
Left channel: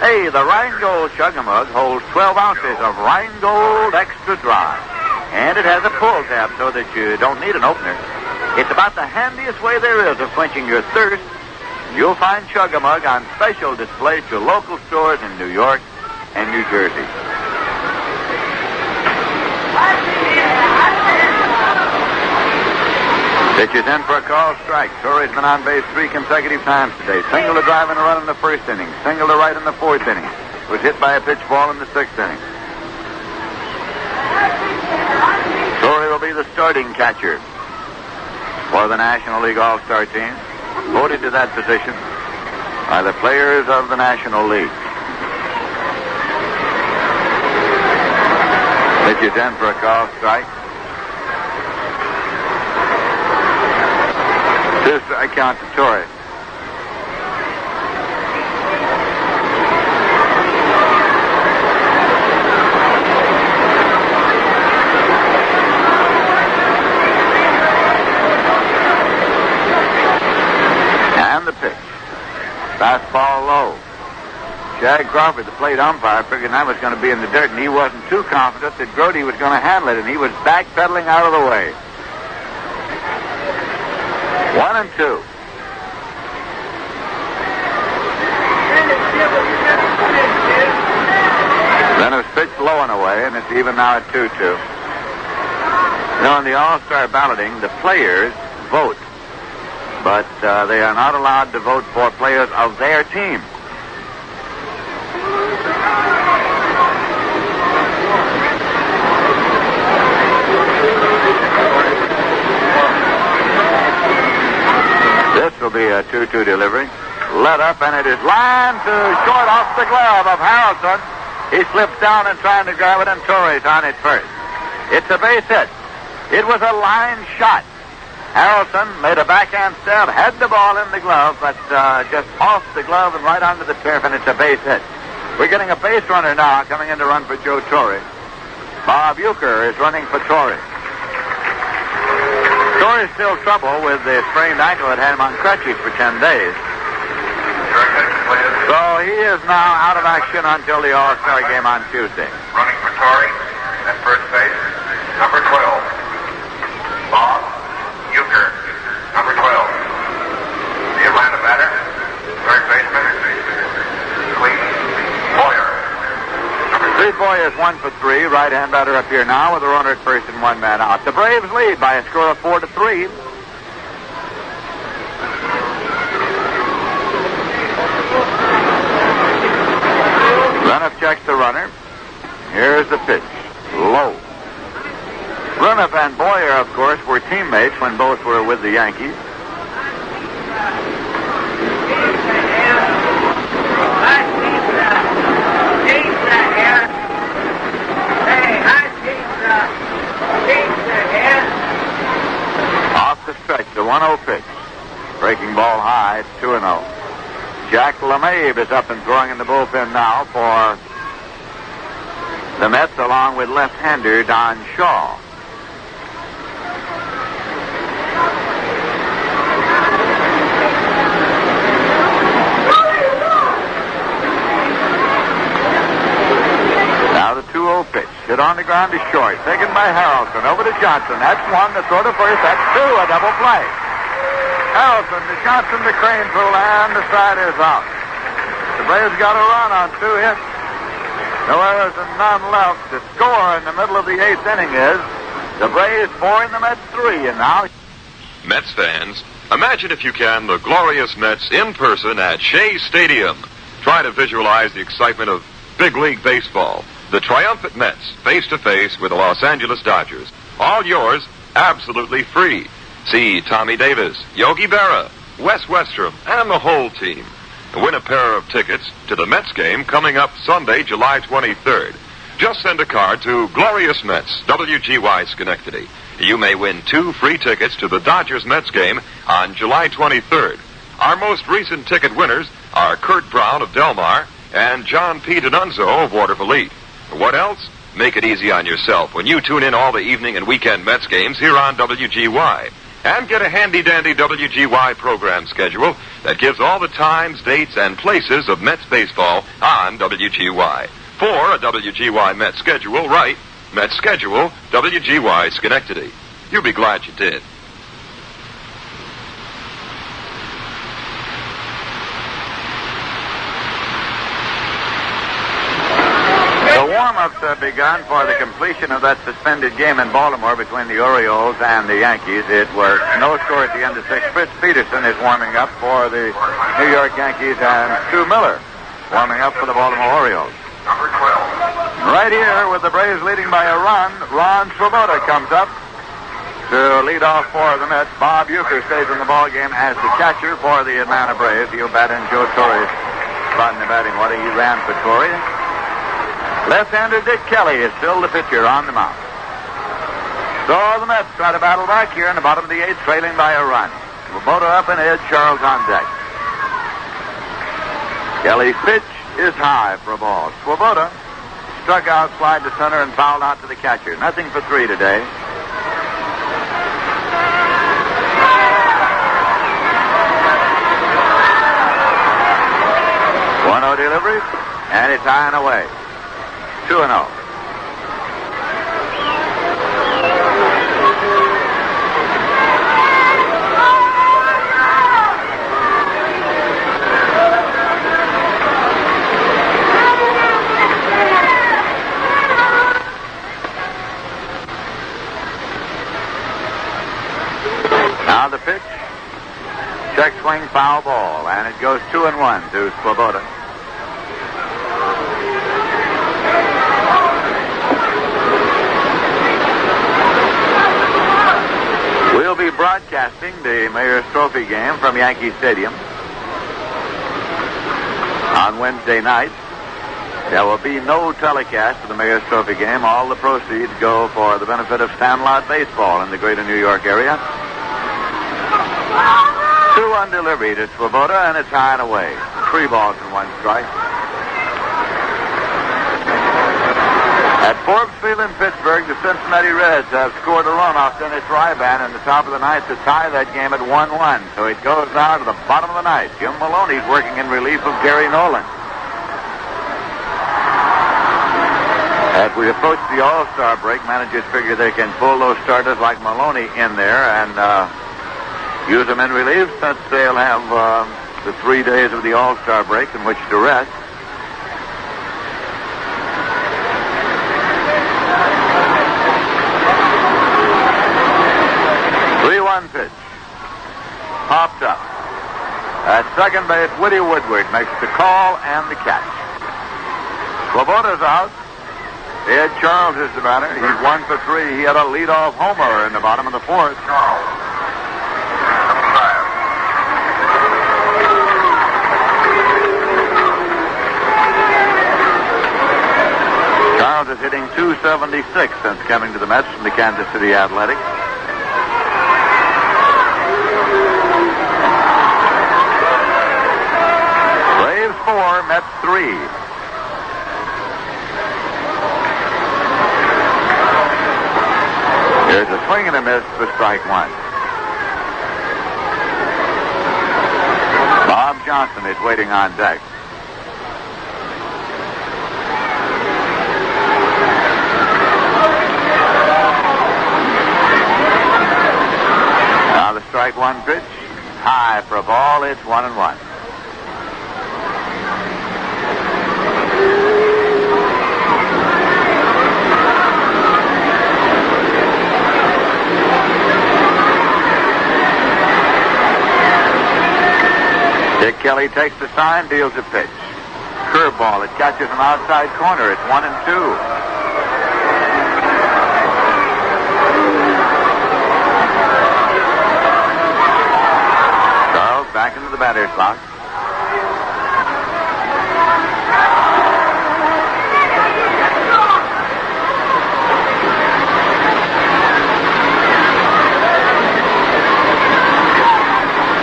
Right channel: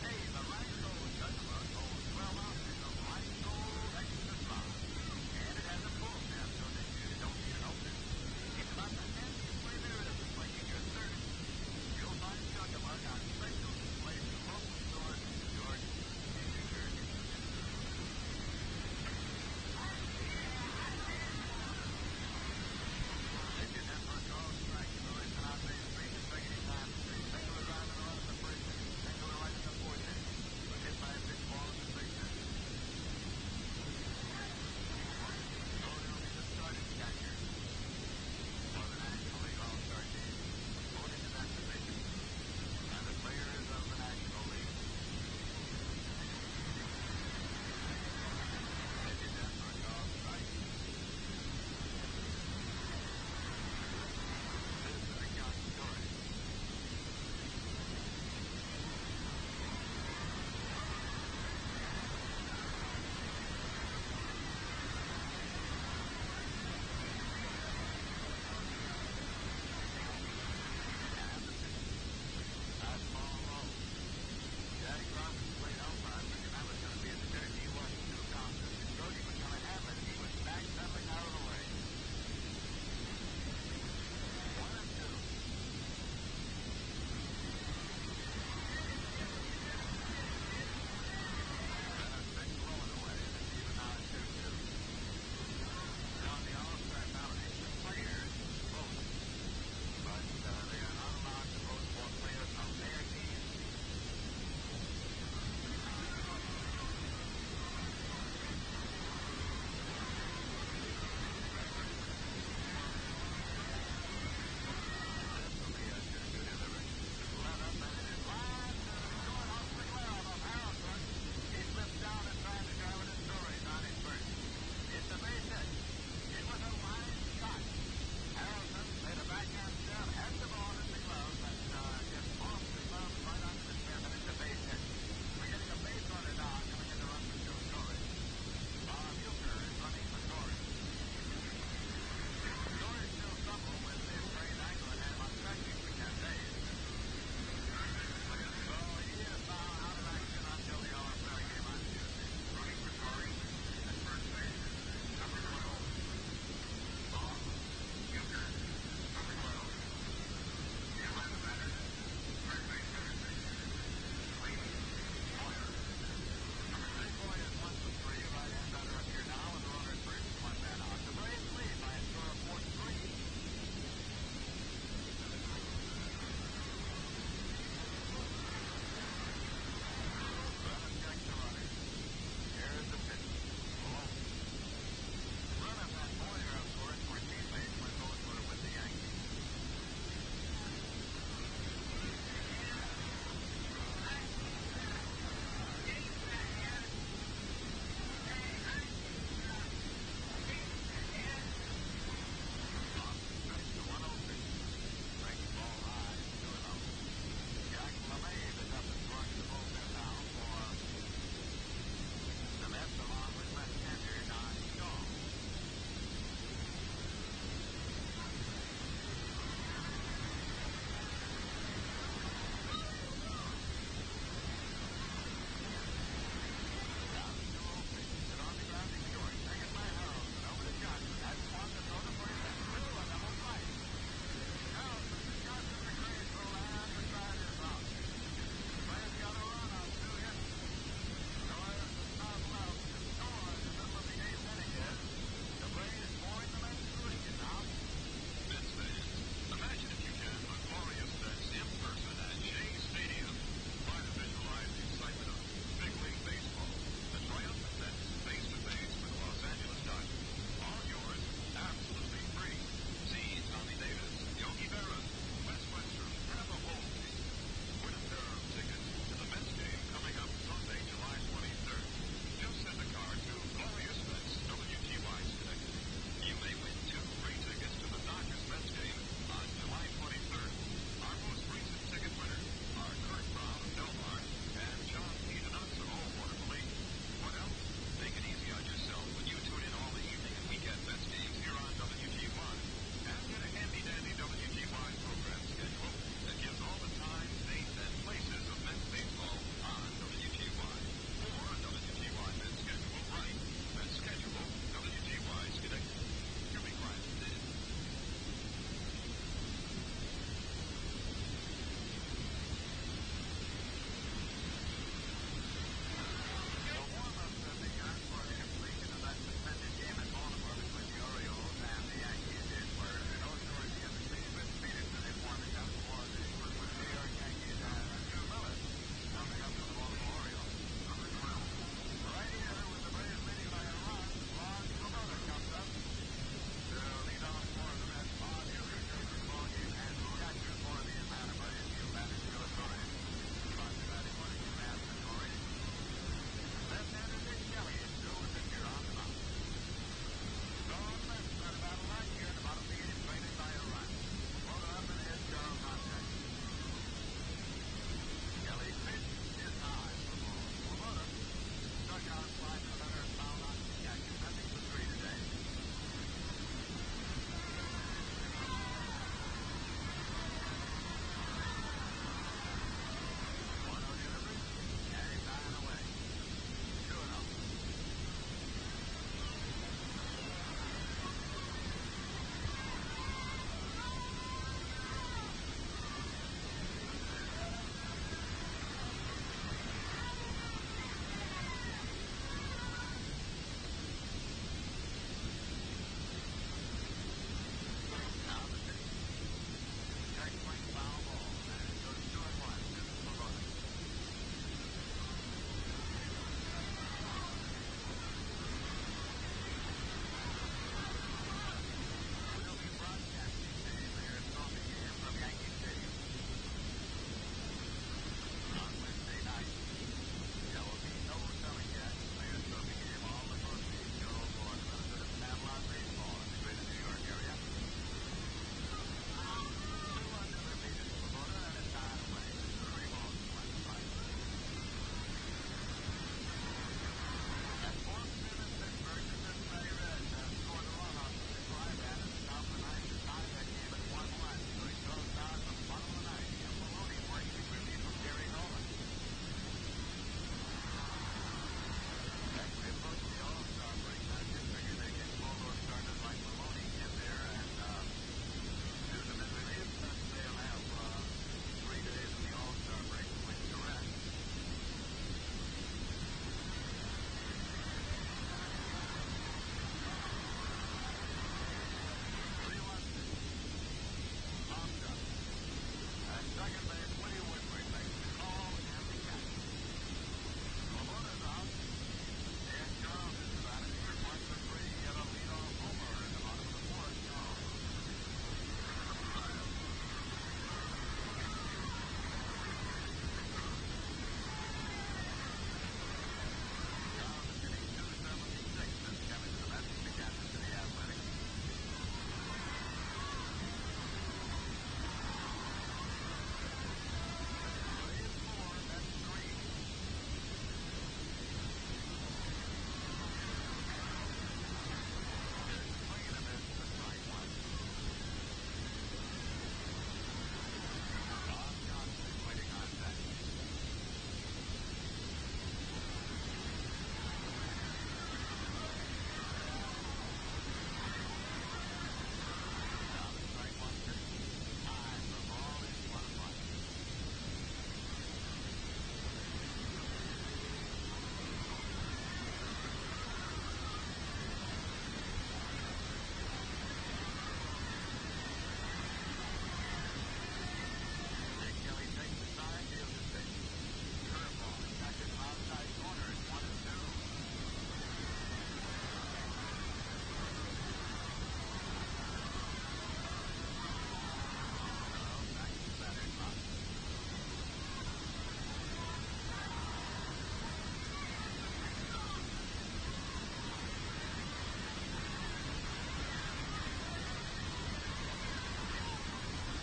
Hey, the Rheingold Chug-a-Mug holds 12 ounces of Rheingold Extra Dry. And it has a pull tab so that you don't need an opener. It's about the handiest way there is of quenching your thirst. You'll find Chug-a-Mug on special display to local stores in New York and New Jersey. Pitches in for a call strike. Torrey's been on base 3 consecutive times today. Single to drive and a run in the first inning. Single to right in the 4th inning. Was hit by a pitch ball in the 6th inning. Torrey will be the starting catcher for the National League All-Star team. Voted to that position by the players of the National League. Pitches in for a call strike. 2-strike count to Torrey. And the pitch. Fastball low. Jag Crawford, the plate umpire, figured that was going to be in the dirt, and he wasn't too confident that Grody was going to handle it, and he was backpedaling out of the way. 1-2. Renniff's pitch even now at 2-2. You know, in the All-Star balloting, the players vote, but they are not allowed to vote for players of their team. This will be a 2-2 delivery. Let up, and it is lined to short off the glove of Harrelson. He slips down and trying to grab it, and Torres on it first. It's a base hit. It was a line shot. Harrelson made a backhand stab, had the ball in the glove, but just off the glove and right onto the turf, and it's a base hit. We're getting a base runner now coming in to run for Joe Torre. Bob Euchre is running for Torre. Torre's still trouble with the sprained ankle that had him on crutches for 10 days. So he is now out of action until the All-Star game on Tuesday. Running for Torre at first base, number 12. Bob Euchre, number 12. The Atlanta batter, third baseman, Cleve Boyer. Cleve Boyer is 1 for 3. Right-hand batter up here now with a runner at first and one man out. The Braves lead by a score of 4-3. Bruniff checks the runner. Here's the pitch. Low. Bruniff and Boyer, of course, were teammates when both were with the Yankees. Off the stretch, the 1-0 pitch. Breaking ball high, it's 2-0. Jack LeMahieu is up and throwing in the bullpen now for the Mets, along with left-hander Don Shaw. Now the 2-0 pitch. Hit on the ground to short. Taken by Harrelson. Over to Johnson. That's one. The throw to first. That's two. A double play. Harrelson to Johnson to Crane through, and the side is out. The Braves got a run on 2 hits. No errors and none left. The score in the middle of the 8th inning is the Braves 4 and the Mets 3. And now, Mets fans, imagine if you can the glorious Mets in person at Shea Stadium. Try to visualize the excitement of big league baseball. The triumphant Mets face-to-face with the Los Angeles Dodgers. All yours, absolutely free. See Tommy Davis, Yogi Berra, Wes Westrom, and the whole team. Win a pair of tickets to the Mets game coming up Sunday, July 23rd. Just send a card to Glorious Mets, WGY Schenectady. You may win 2 free tickets to the Dodgers-Mets game on July 23rd. Our most recent ticket winners are Kurt Brown of Del Mar and John P. D'Annunzio of Waterville Elite. What else? Make it easy on yourself when you tune in all the evening and weekend Mets games here on WGY. And get a handy-dandy WGY program schedule that gives all the times, dates, and places of Mets baseball on WGY. For a WGY Mets schedule, write Mets schedule, WGY Schenectady. You'll be glad you did. the warm-ups have begun for the completion of that suspended game in Baltimore between the Orioles and the Yankees. It was no score at the end of 6. Fritz Peterson is warming up for the New York Yankees, and Stu Miller warming up for the Baltimore Orioles. Number 12. Right here with the Braves leading by a run, Ron Swoboda comes up to lead off for the Mets. Bob Euchre stays in the ballgame as the catcher for the Atlanta Braves. He'll bat in Joe Torre's spot in the batting order. He ran for Torre. Left-hander Dick Kelly is still the pitcher on the mound. So the Mets try to battle back here in the bottom of the 8th, trailing by a run. Swoboda up and Ed Charles on deck. Kelly's pitch is high for a ball. Swoboda struck out, slide to center, and fouled out to the catcher. Nothing for 3 today. One-0 delivery, and it's high and away. 2-0. ball, and it goes 2-1 to Swoboda. We'll be broadcasting the Mayor's Trophy game from Yankee Stadium on Wednesday night. There will be no telecast of the Mayor's Trophy game. All the proceeds go for the benefit of Sandlot Baseball in the greater New York area. 2-1 delivery to Swoboda, and it's high and away. 3 balls and 1 strike. At Forbes Field in Pittsburgh, the Cincinnati Reds have scored a run off Dennis Ryban in the top of the ninth to tie that game at 1-1. So it goes now to the bottom of the ninth. Jim Maloney's working in relief of Gary Nolan. As we approach the All-Star break, managers figure they can pull those starters like Maloney in there and use them in relief since they'll have the 3 days of the All-Star break in which to rest. Pitch. Popped up. At second base, Woody Woodward makes the call and the catch. Swoboda's out. Ed Charles is the batter. He's 1 for 3. He had a leadoff homer in the bottom of the fourth. Charles is hitting .276 since coming to the Mets from the Kansas City Athletics. Braves 4, Mets 3. Here's a swing and a miss for strike 1. Bob Johnson is waiting on deck. Now the strike 1 pitch. High for a ball. It's 1-1. Dick Kelly takes the sign, deals a pitch. Curveball. It catches an outside corner. It's 1-2. Charles back into the batter's box.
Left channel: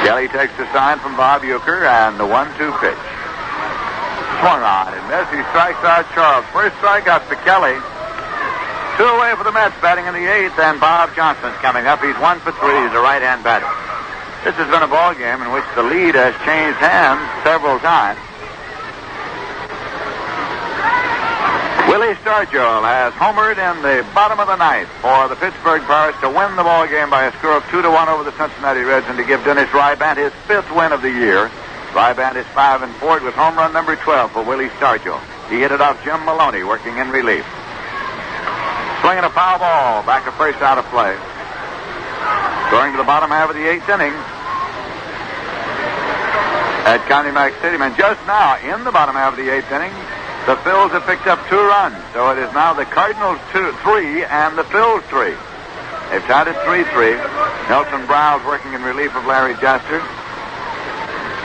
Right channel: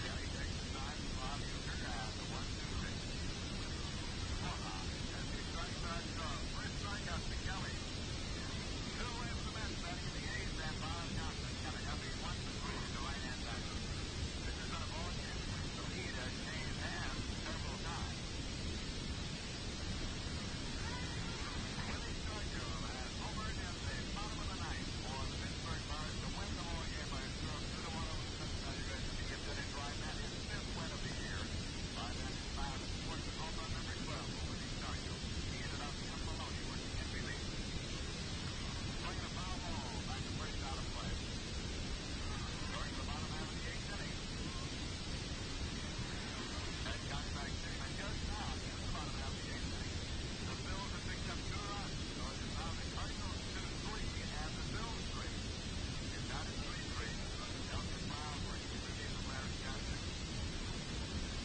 Kelly takes the sign from Bob Uecker, and the 1-2 pitch. Swung on and missed. He strikes out Charles. First strikeout for Kelly. 2 away for the Mets, batting in the 8th, and Bob Johnson's coming up. He's 1 for 3. He's a right-hand batter. This has been a ball game in which the lead has changed hands several times. Willie Stargell has homered in the bottom of the ninth for the Pittsburgh Pirates to win the ball game by a score of 2-1 over the Cincinnati Reds and to give Dennis Ryban his 5th win of the year. Ryban is 5-4. It was home run number 12 for Willie Stargell. He hit it off Jim Maloney, working in relief. Swinging a foul ball, back to first, out of play. Going to the bottom half of the 8th inning at County Mack Stadium. And just now, in the bottom half of the 8th inning, the Phils have picked up 2 runs. So it is now the Cardinals 3 and the Phils 3. They've tied it 3-3. Nelson Browse working in relief of Larry Jester.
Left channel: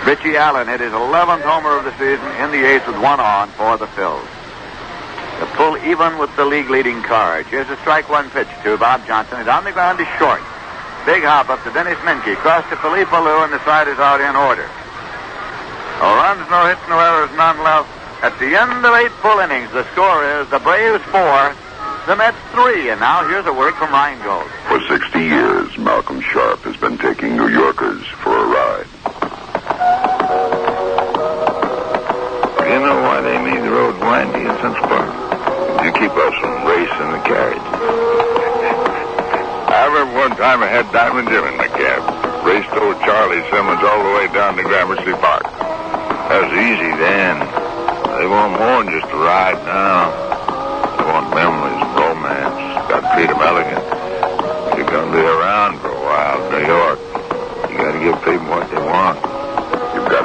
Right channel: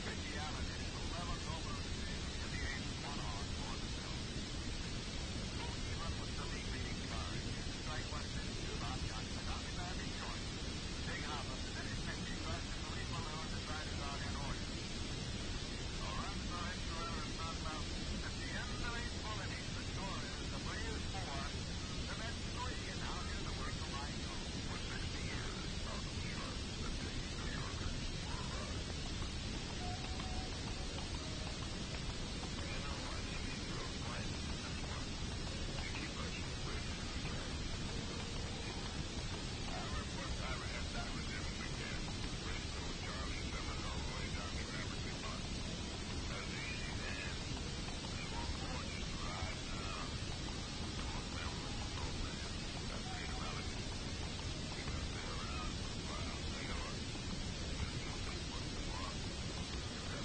Richie Allen hit his 11th homer of the season in the 8th with 1 on for the Phils. The pull even with the league-leading Cards. Here's a strike 1 pitch to Bob Johnson. It's on the ground to short. Big hop up to Dennis Menke. Cross to Philippe Alou, and the side is out in order. No runs, no hits, no errors, none left. At the end of 8 full innings, the score is the Braves 4, the Mets 3. And now here's a word from Rheingold. For 60 years, Malcolm Sharp has been taking New Yorkers for a ride. You know why they made the road windy in Central Park? To keep us from racing the carriage. I remember one time I had Diamond Jim in my cab. Raced old Charlie Simmons all the way down to Gramercy Park. That was easy then. They want more than just a ride now. They want memories and romance. Got to treat them elegant. If you're going to be around for a while in New York, you got to give people what they want. You've got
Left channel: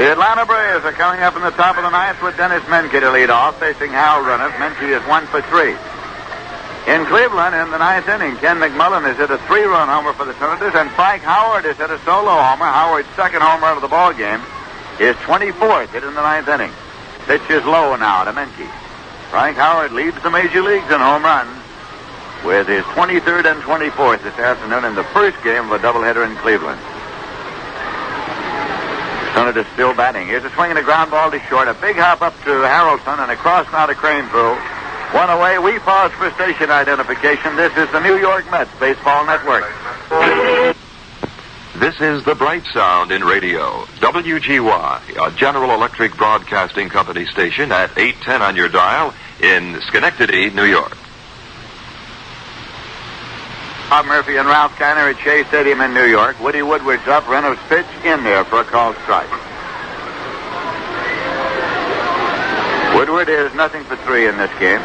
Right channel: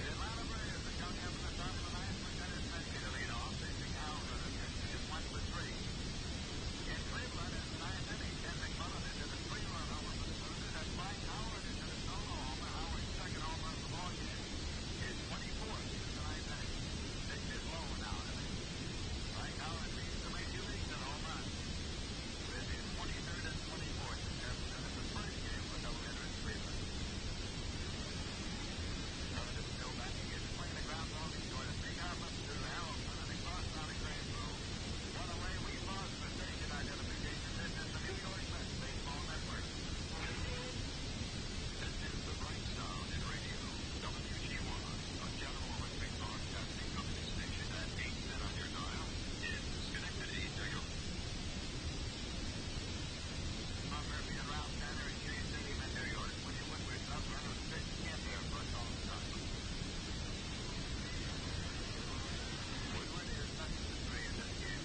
The Atlanta Braves are coming up in the top of the ninth with Dennis Menke to lead off, facing Hal Runneth. Menke is 1 for 3. In Cleveland, in the ninth inning, Ken McMullen has hit a 3-run homer for the Senators, and Frank Howard has hit a solo homer. Howard's second homer of the ball game, his 24th hit in the ninth inning. Pitch is low now to Menke. Frank Howard leads the major leagues in home runs with his 23rd and 24th this afternoon in the first game of a doubleheader in Cleveland. Senators still batting. Here's a swing and a ground ball to short. A big hop up to Harrelson and across now to Craneville. One away. We pause for station identification. This is the New York Mets Baseball Network. This is the Bright Sound in radio. WGY, a General Electric Broadcasting Company station at 810 on your dial in Schenectady, New York. Bob Murphy and Ralph Kiner at Shea Stadium in New York. Woody Woodward's up. Reynolds' pitch in there for a called strike. Woodward is 0 for 3 in this game.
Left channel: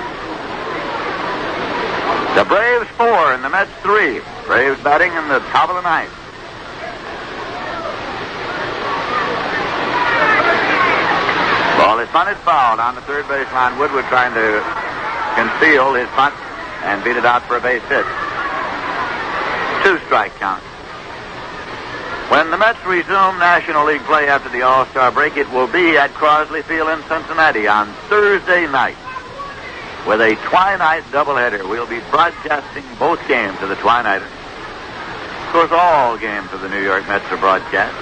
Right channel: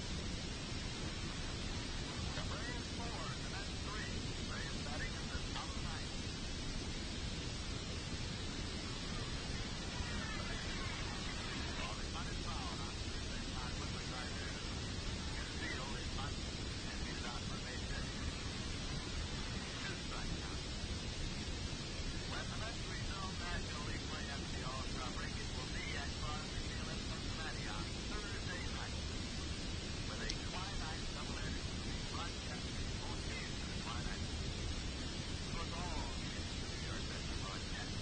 The Braves 4 and the Mets 3. Braves batting in the top of the ninth. Ball is bunted foul on the third base line. Woodward trying to conceal his bunt and beat it out for a base hit. 2-strike count. When the Mets resume National League play after the All-Star break, it will be at Crosley Field in Cincinnati on Thursday night with a twilight doubleheader. We'll be broadcasting both games of the twilight. Of course, all games of the New York Mets are broadcast.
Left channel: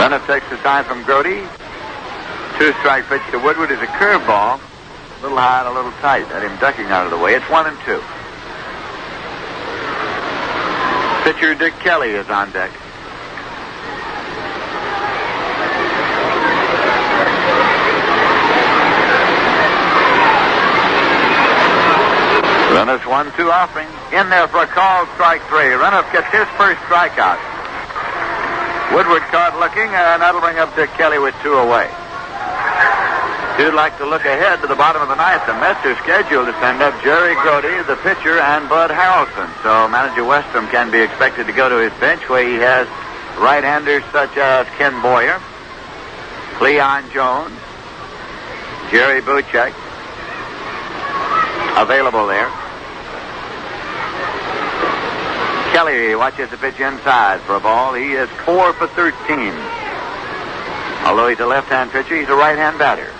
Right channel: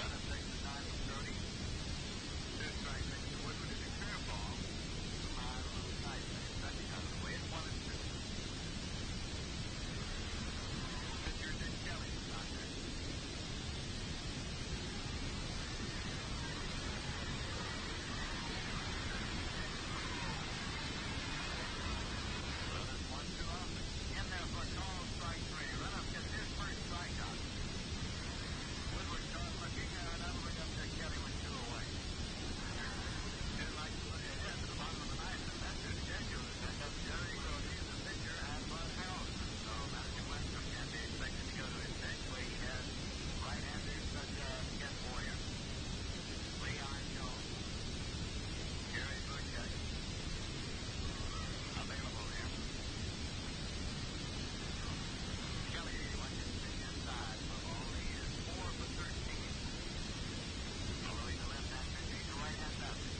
Runneth takes the sign from Grody. 2-strike pitch to Woodward is a curveball. A little high and a little tight. Had him ducking out of the way. It's 1-2. Pitcher Dick Kelly is on deck. Runneth 1-2 offering. In there for a called strike 3. Runneth gets his first strikeout. Woodward caught looking, and that'll bring up Dick Kelly with 2 away. You'd like to look ahead to the bottom of the ninth. The Mets are scheduled to send up Jerry Grody, the pitcher, and Bud Harrelson. So manager Westrom can be expected to go to his bench where he has right-handers such as Ken Boyer, Cleon Jones, Jerry Buchek available there. Kelly watches the pitch inside for a ball. He is 4 for 13. Although he's a left-hand pitcher, he's a right-hand batter.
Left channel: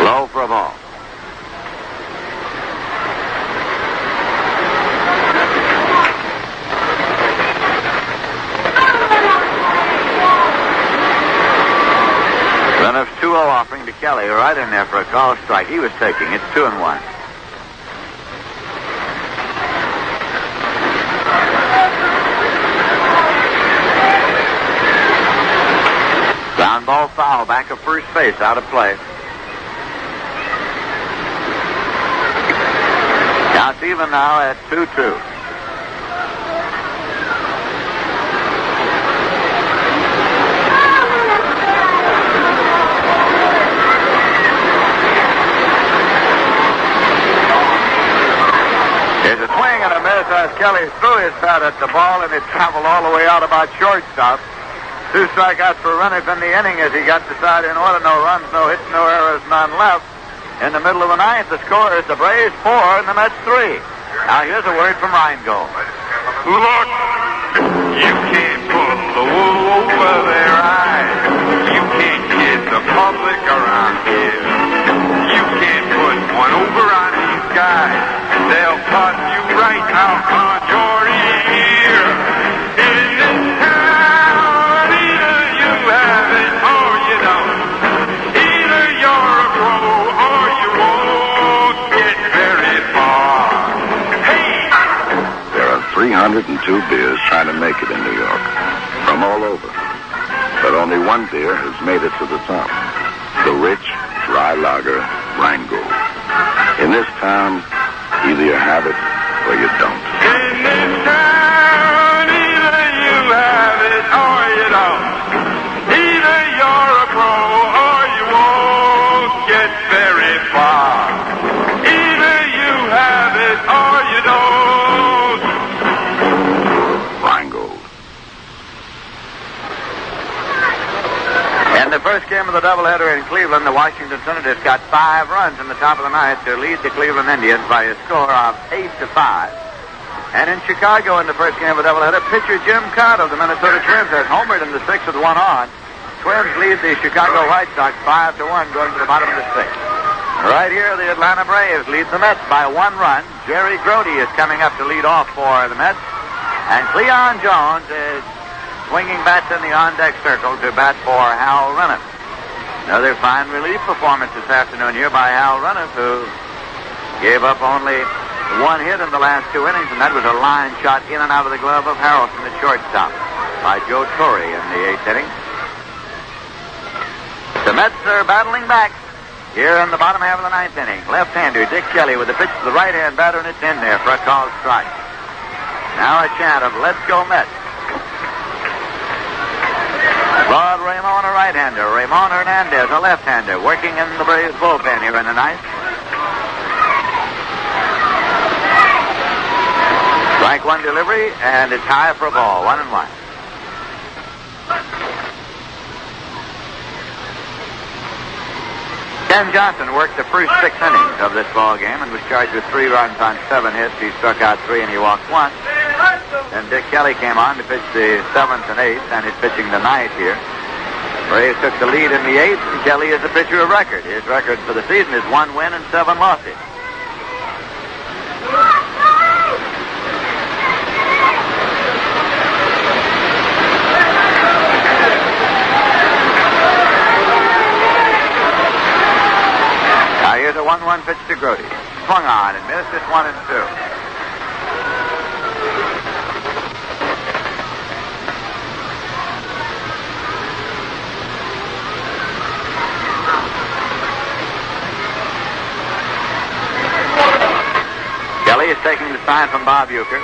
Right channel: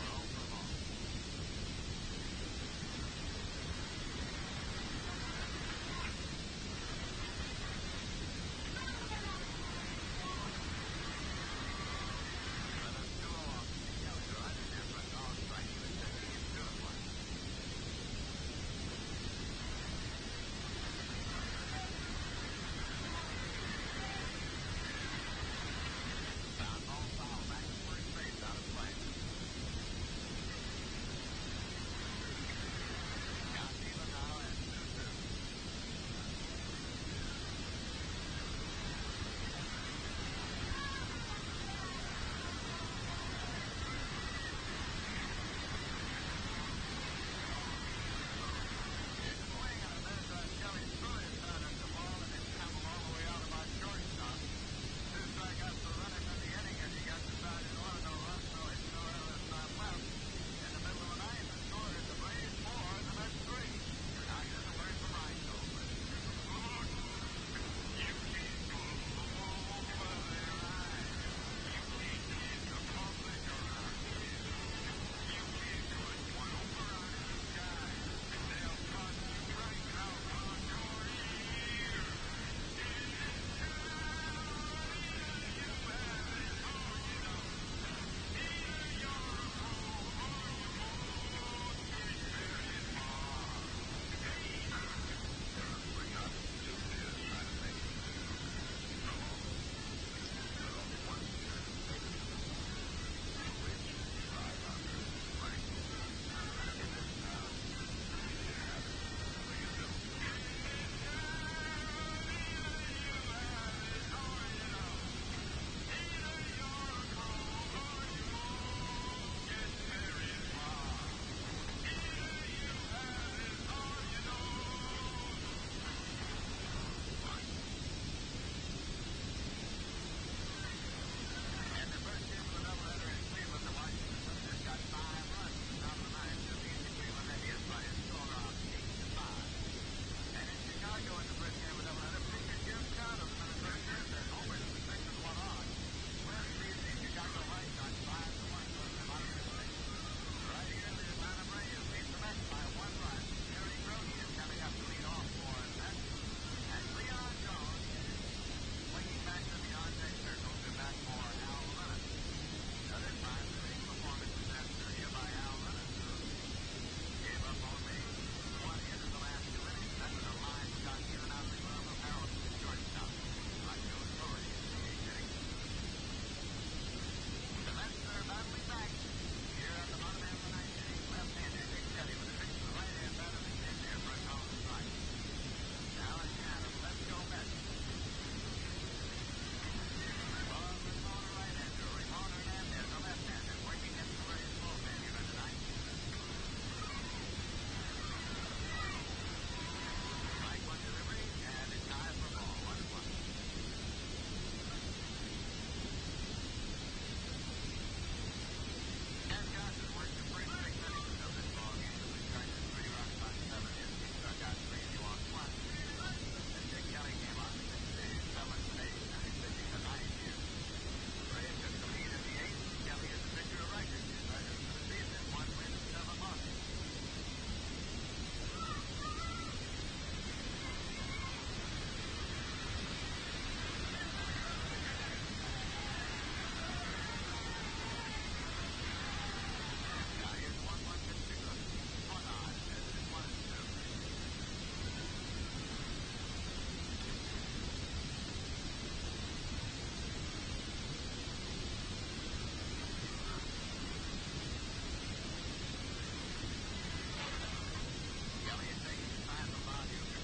Low for a ball. Runneth 2-0 offering to Kelly, right in there for a call strike. He was taking. It's 2-1. Ground ball foul, back of first base, out of play. Counts even now at 2-2. There's a swing and a miss as Kelly threw his bat at the ball, and it traveled all the way out about shortstop. 2 strikeouts for Runneth in the inning as he got the side in order. No runs, no hits, no errors, none left. In the middle of the ninth, the score is the Braves 4 and the Mets 3. Now here's a word from Reingold. Look, you can't pull the wool over their eyes. You can't kid the public around here. You can't put one over on these guys. They'll toss you right out on your ear. In this town, either you have it or you don't. Either you're a pro or you won't get very far. Hey! There are 302 beers trying to make it in New York, from all over. But only one beer has made it to the top. The rich, dry lager, Rheingold. In this town, either you have it or you don't. In this town, either you have it or you don't. Either you're a pro or you won't get very far. first game of the doubleheader in Cleveland, the Washington Senators got 5 runs in the top of the ninth to lead the Cleveland Indians by a score of 8-5. And in Chicago, in the first game of the doubleheader, pitcher Jim Cott of the Minnesota Twins has homered in the 6th with 1 on. Twins lead the Chicago White Sox 5-1 going to the bottom of the 6th. Right here, the Atlanta Braves lead the Mets by 1 run. Jerry Grody is coming up to lead off for the Mets. And Cleon Jones is swinging bats in the on-deck circle to bat for Hal Renniff. Another fine relief performance this afternoon here by Hal Renniff, who gave up only 1 hit in the last 2 innings, and that was a line shot in and out of the glove of Harrelson, the shortstop, by Joe Torre in the 8th inning. The Mets are battling back here in the bottom half of the 9th inning. Left-hander Dick Kelly with a pitch to the right-hand batter, and it's in there for a called strike. Now a chant of "Let's go Mets." Rod Ramon, a right-hander. Ramon Hernandez, a left-hander, working in the Braves bullpen here in the 9th. Strike 1 delivery, and it's high for a ball, 1-1. Ken Johnson worked the first 6 innings of this ball game and was charged with 3 runs on 7 hits. He struck out 3 and he walked 1. Then Dick Kelly came on to pitch the 7th and 8th, and is pitching tonight here. Braves took the lead in the 8th, and Kelly is a pitcher of record. His record for the season is 1 win and 7 losses. Now here's a 1-1 pitch to Grody. Swung on and missed. It's 1-2. Kelly is taking the sign from Bob Uecker.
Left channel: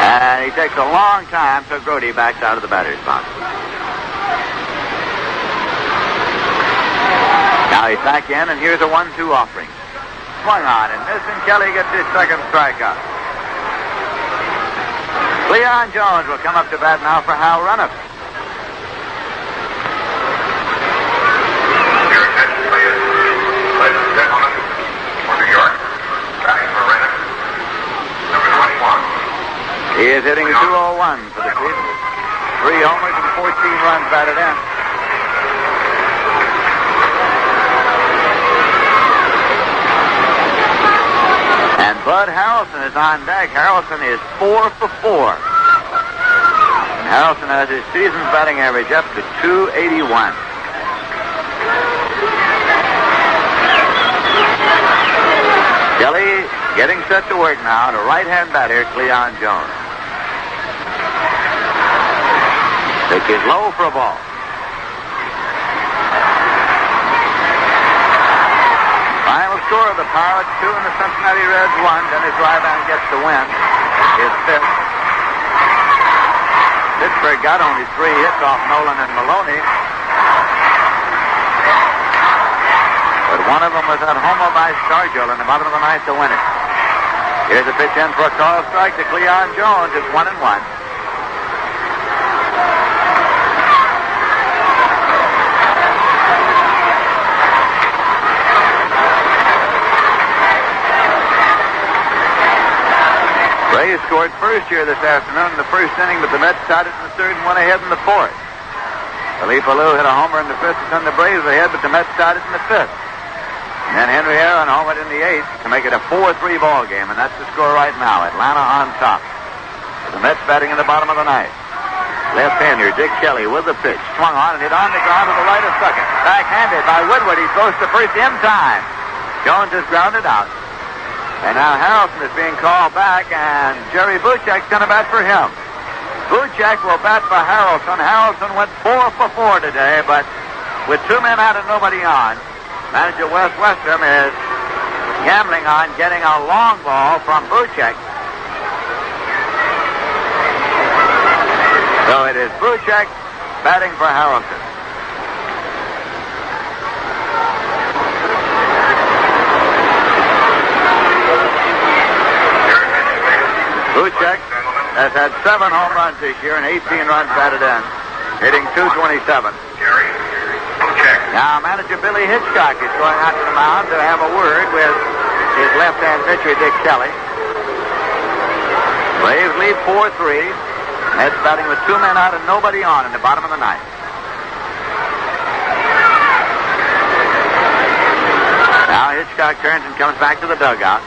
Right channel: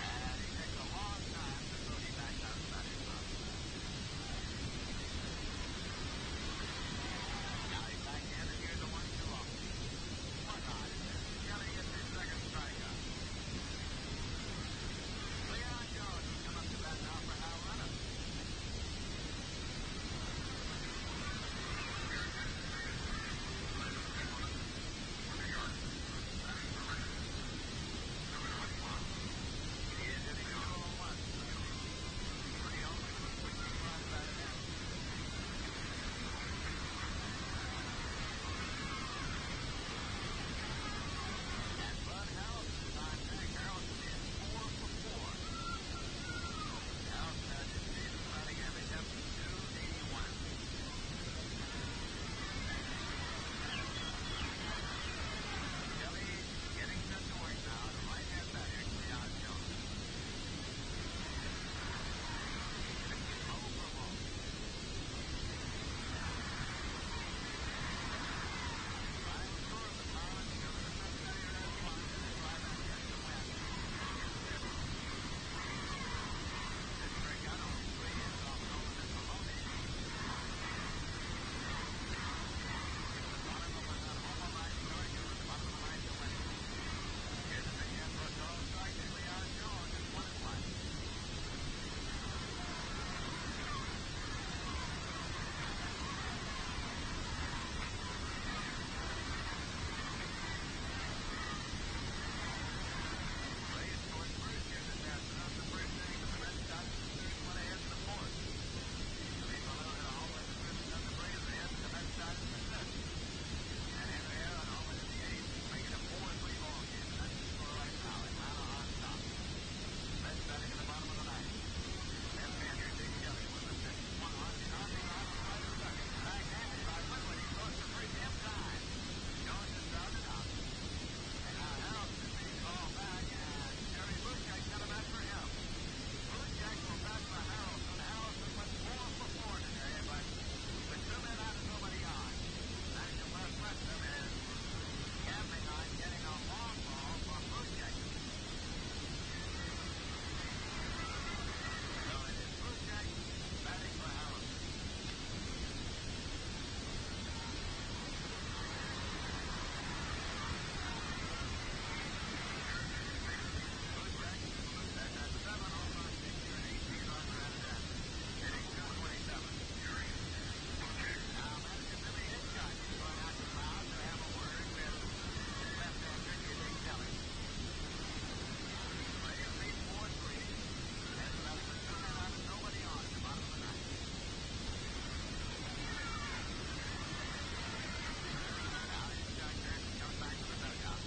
And he takes a long time, so Grody backs out of the batter's box. Now he's back in, and here's a 1-2 offering. Swung on and missed, and Kelly gets his 2nd strikeout. Cleon Jones will come up to bat now for Hal Renniff. He is hitting a 201 for the season. 3 homers and 14 runs batted in. And Bud Harrelson is on deck. Harrelson is 4 for 4. And Harrelson has his season's batting average up to 281. Kelly getting set to work now to right-hand batter Cleon Jones. Pitch is low for a ball. Final score of the Pirates 2 and the Cincinnati Reds 1. Dennis Ryban gets the win. His 5th. Pittsburgh got only 3 hits off Nolan and Maloney. But one of them was that homer by Stargell in the bottom of the 9th to win it. Here's a pitch in for a call strike to Cleon Jones. It's 1-1. Braves scored first here this afternoon in the 1st inning, but the Mets tied it in the 3rd and went ahead in the 4th. Felipe Alou hit a homer in the 5th to send the Braves ahead, but the Mets tied it in the 5th. And then Henry Aaron homered in the 8th to make it a 4-3 ball game, and that's the score right now. Atlanta on top. The Mets batting in the bottom of the 9th. Left-hander Dick Kelly with the pitch. Swung on and hit on the ground to the right of second. Backhanded by Woodward. He throws to first in time. Jones is grounded out. And now Harrelson is being called back, and Jerry Buchek's going to bat for him. Buchek will bat for Harrelson. Harrelson went 4 for 4 today, but with 2 men out and nobody on, manager Wes Westrom is gambling on getting a long ball from Buchek. So it is Buchek batting for Harrelson. Buchek has had 7 home runs this year and 18 runs batted in, hitting .227. Now, manager Billy Hitchcock is going out to the mound to have a word with his left-hand pitcher, Dick Kelly. Braves lead 4-3. Mets batting with 2 men out and nobody on in the bottom of the ninth. Now Hitchcock turns and comes back to the dugout.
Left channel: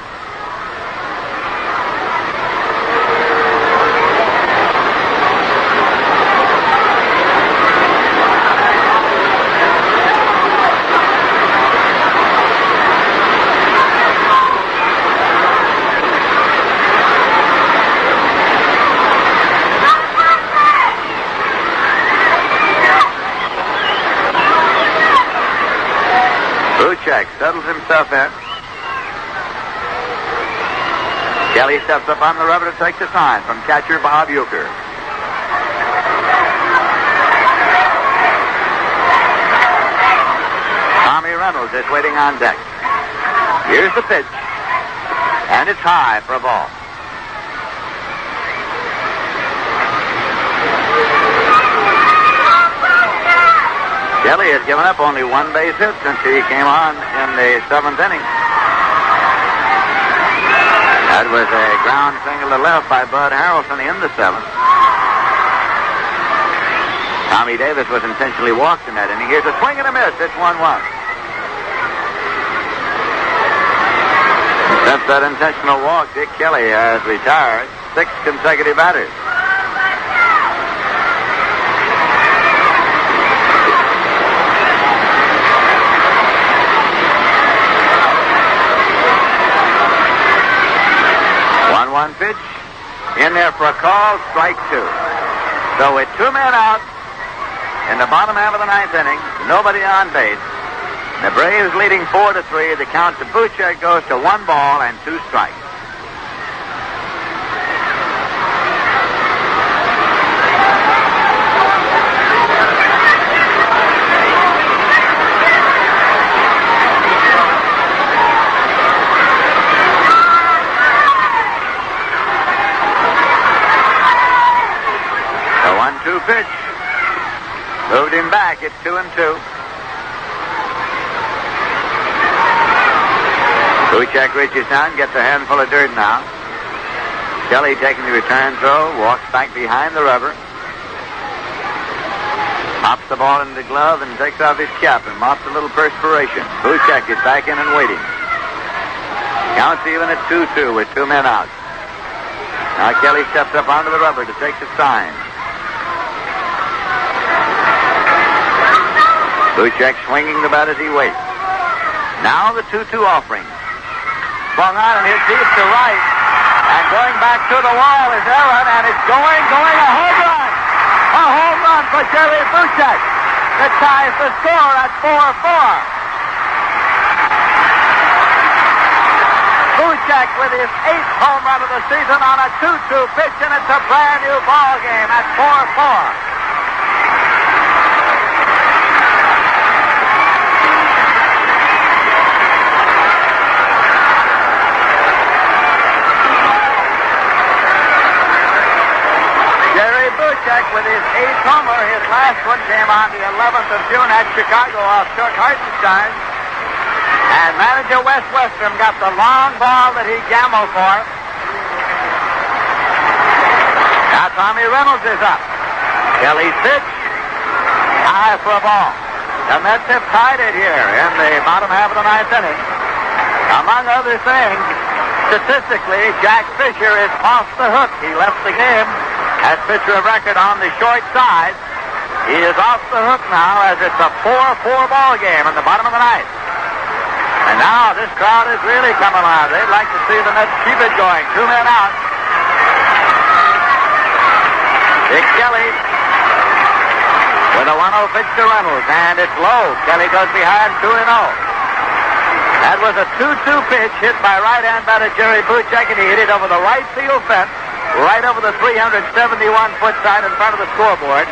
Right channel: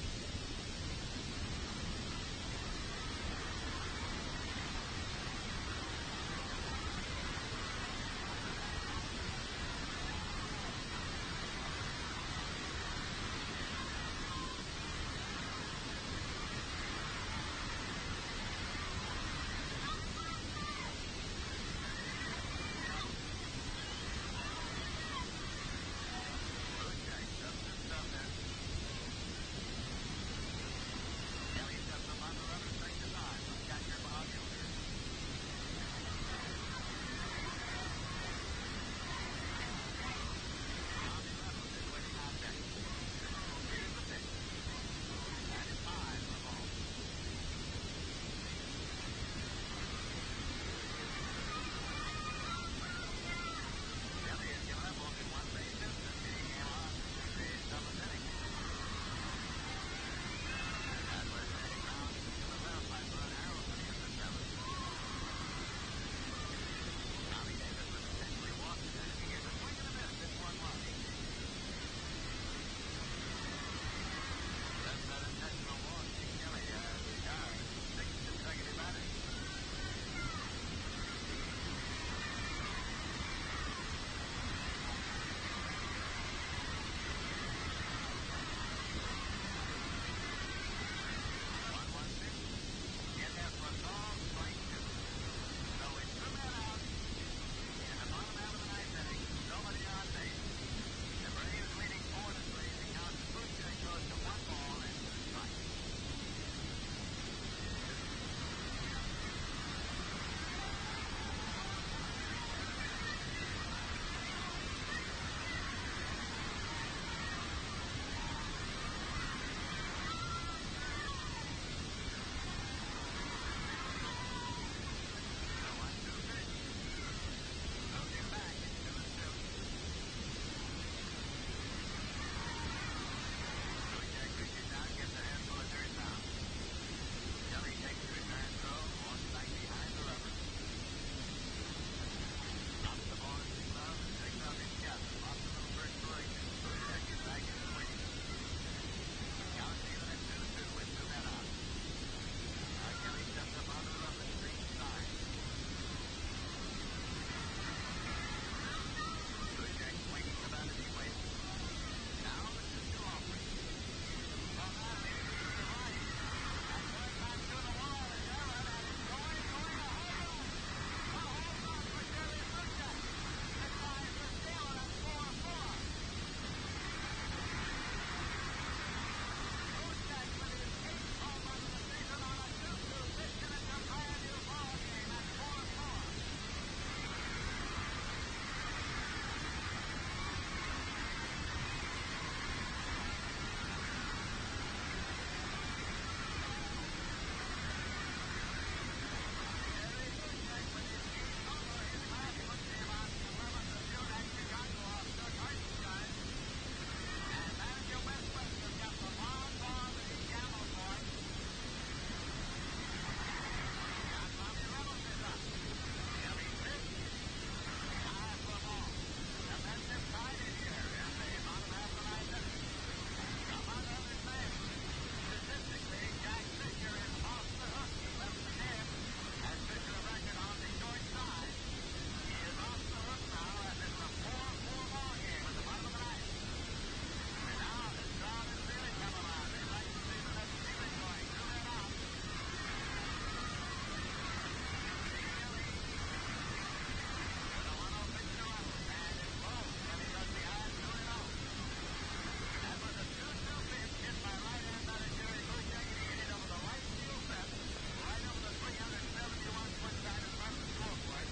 Settles himself in. Kelly steps up on the rubber to take the sign from catcher Bob Euchre. Tommy Reynolds is waiting on deck. Here's the pitch. And it's high for a ball. Kelly has given up only 1 base hit since he came on in the 7th inning. That was a ground single to left by Bud Harrelson in the 7th. Tommy Davis was intentionally walked in that inning. Here's a swing and a miss. It's 1-1. Since that intentional walk, Dick Kelly has retired 6 consecutive batters. Pitch in there for a call, strike 2. So with 2 men out in the bottom half of the 9th inning, nobody on base. The Braves leading 4-3. The count to Buchek goes to 1 ball and 2 strikes. Pitch. Moved him back. It's 2-2. Buchek reaches down, gets a handful of dirt now. Kelly taking the return throw, walks back behind the rubber. Pops the ball in the glove and takes off his cap and mops a little perspiration. Buchek is back in and waiting. Counts even at 2-2 with 2 men out. Now Kelly steps up onto the rubber to take the sign. Buchek swinging the bat as he waits. Now the 2-2 offering. Swung on and hit deep to right. And going back to the wall is Aaron, and it's going a home run. A home run for Jerry Buchek. That ties the score at 4-4. Buchek with his 8th home run of the season on a 2-2 pitch, and it's a brand new ball game at 4-4. With his 8th homer, his last one came on the 11th of June at Chicago off Chuck Hartenstein. And manager Wes Westrom got the long ball that he gambled for. Now Tommy Reynolds is up. Kelly's pitch, high for a ball. The Mets have tied it here in the bottom half of the 9th inning. Among other things, statistically, Jack Fisher is off the hook. He left the game as pitcher of record on the short side. He is off the hook now as it's a 4-4 ball game in the bottom of the 9th. And now this crowd is really coming alive. They'd like to see the Mets keep it going. 2 men out. Dick Kelly with a 1-0 pitch to Reynolds, and it's low. Kelly goes behind 2-0. That was a 2-2 pitch hit by right-hand batter Jerry Buchek, and he hit it over the right field fence, right over the 371-foot sign in front of the scoreboard.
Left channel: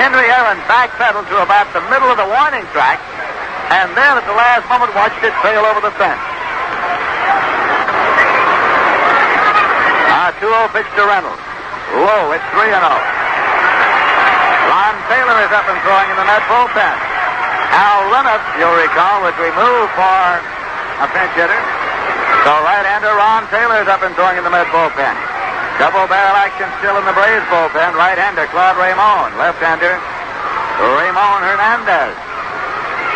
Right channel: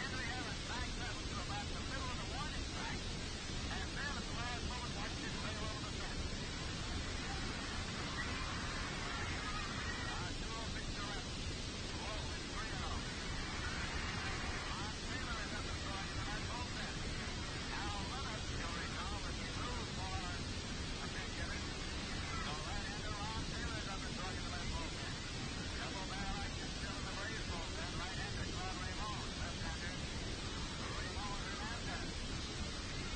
Henry Aaron backpedaled to about the middle of the warning track, and then at the last moment watched it sail over the fence. 2-0 pitch to Reynolds. low. It's 3-0. Ron Taylor is up and throwing in the net bullpen. Al Renniff, you'll recall, was removed for a pinch hitter. So right-hander Ron Taylor is up and throwing in the net bullpen. Double barrel action still in the Braves bullpen. Right-hander Claude Raymond. Left-hander Ramon Hernandez.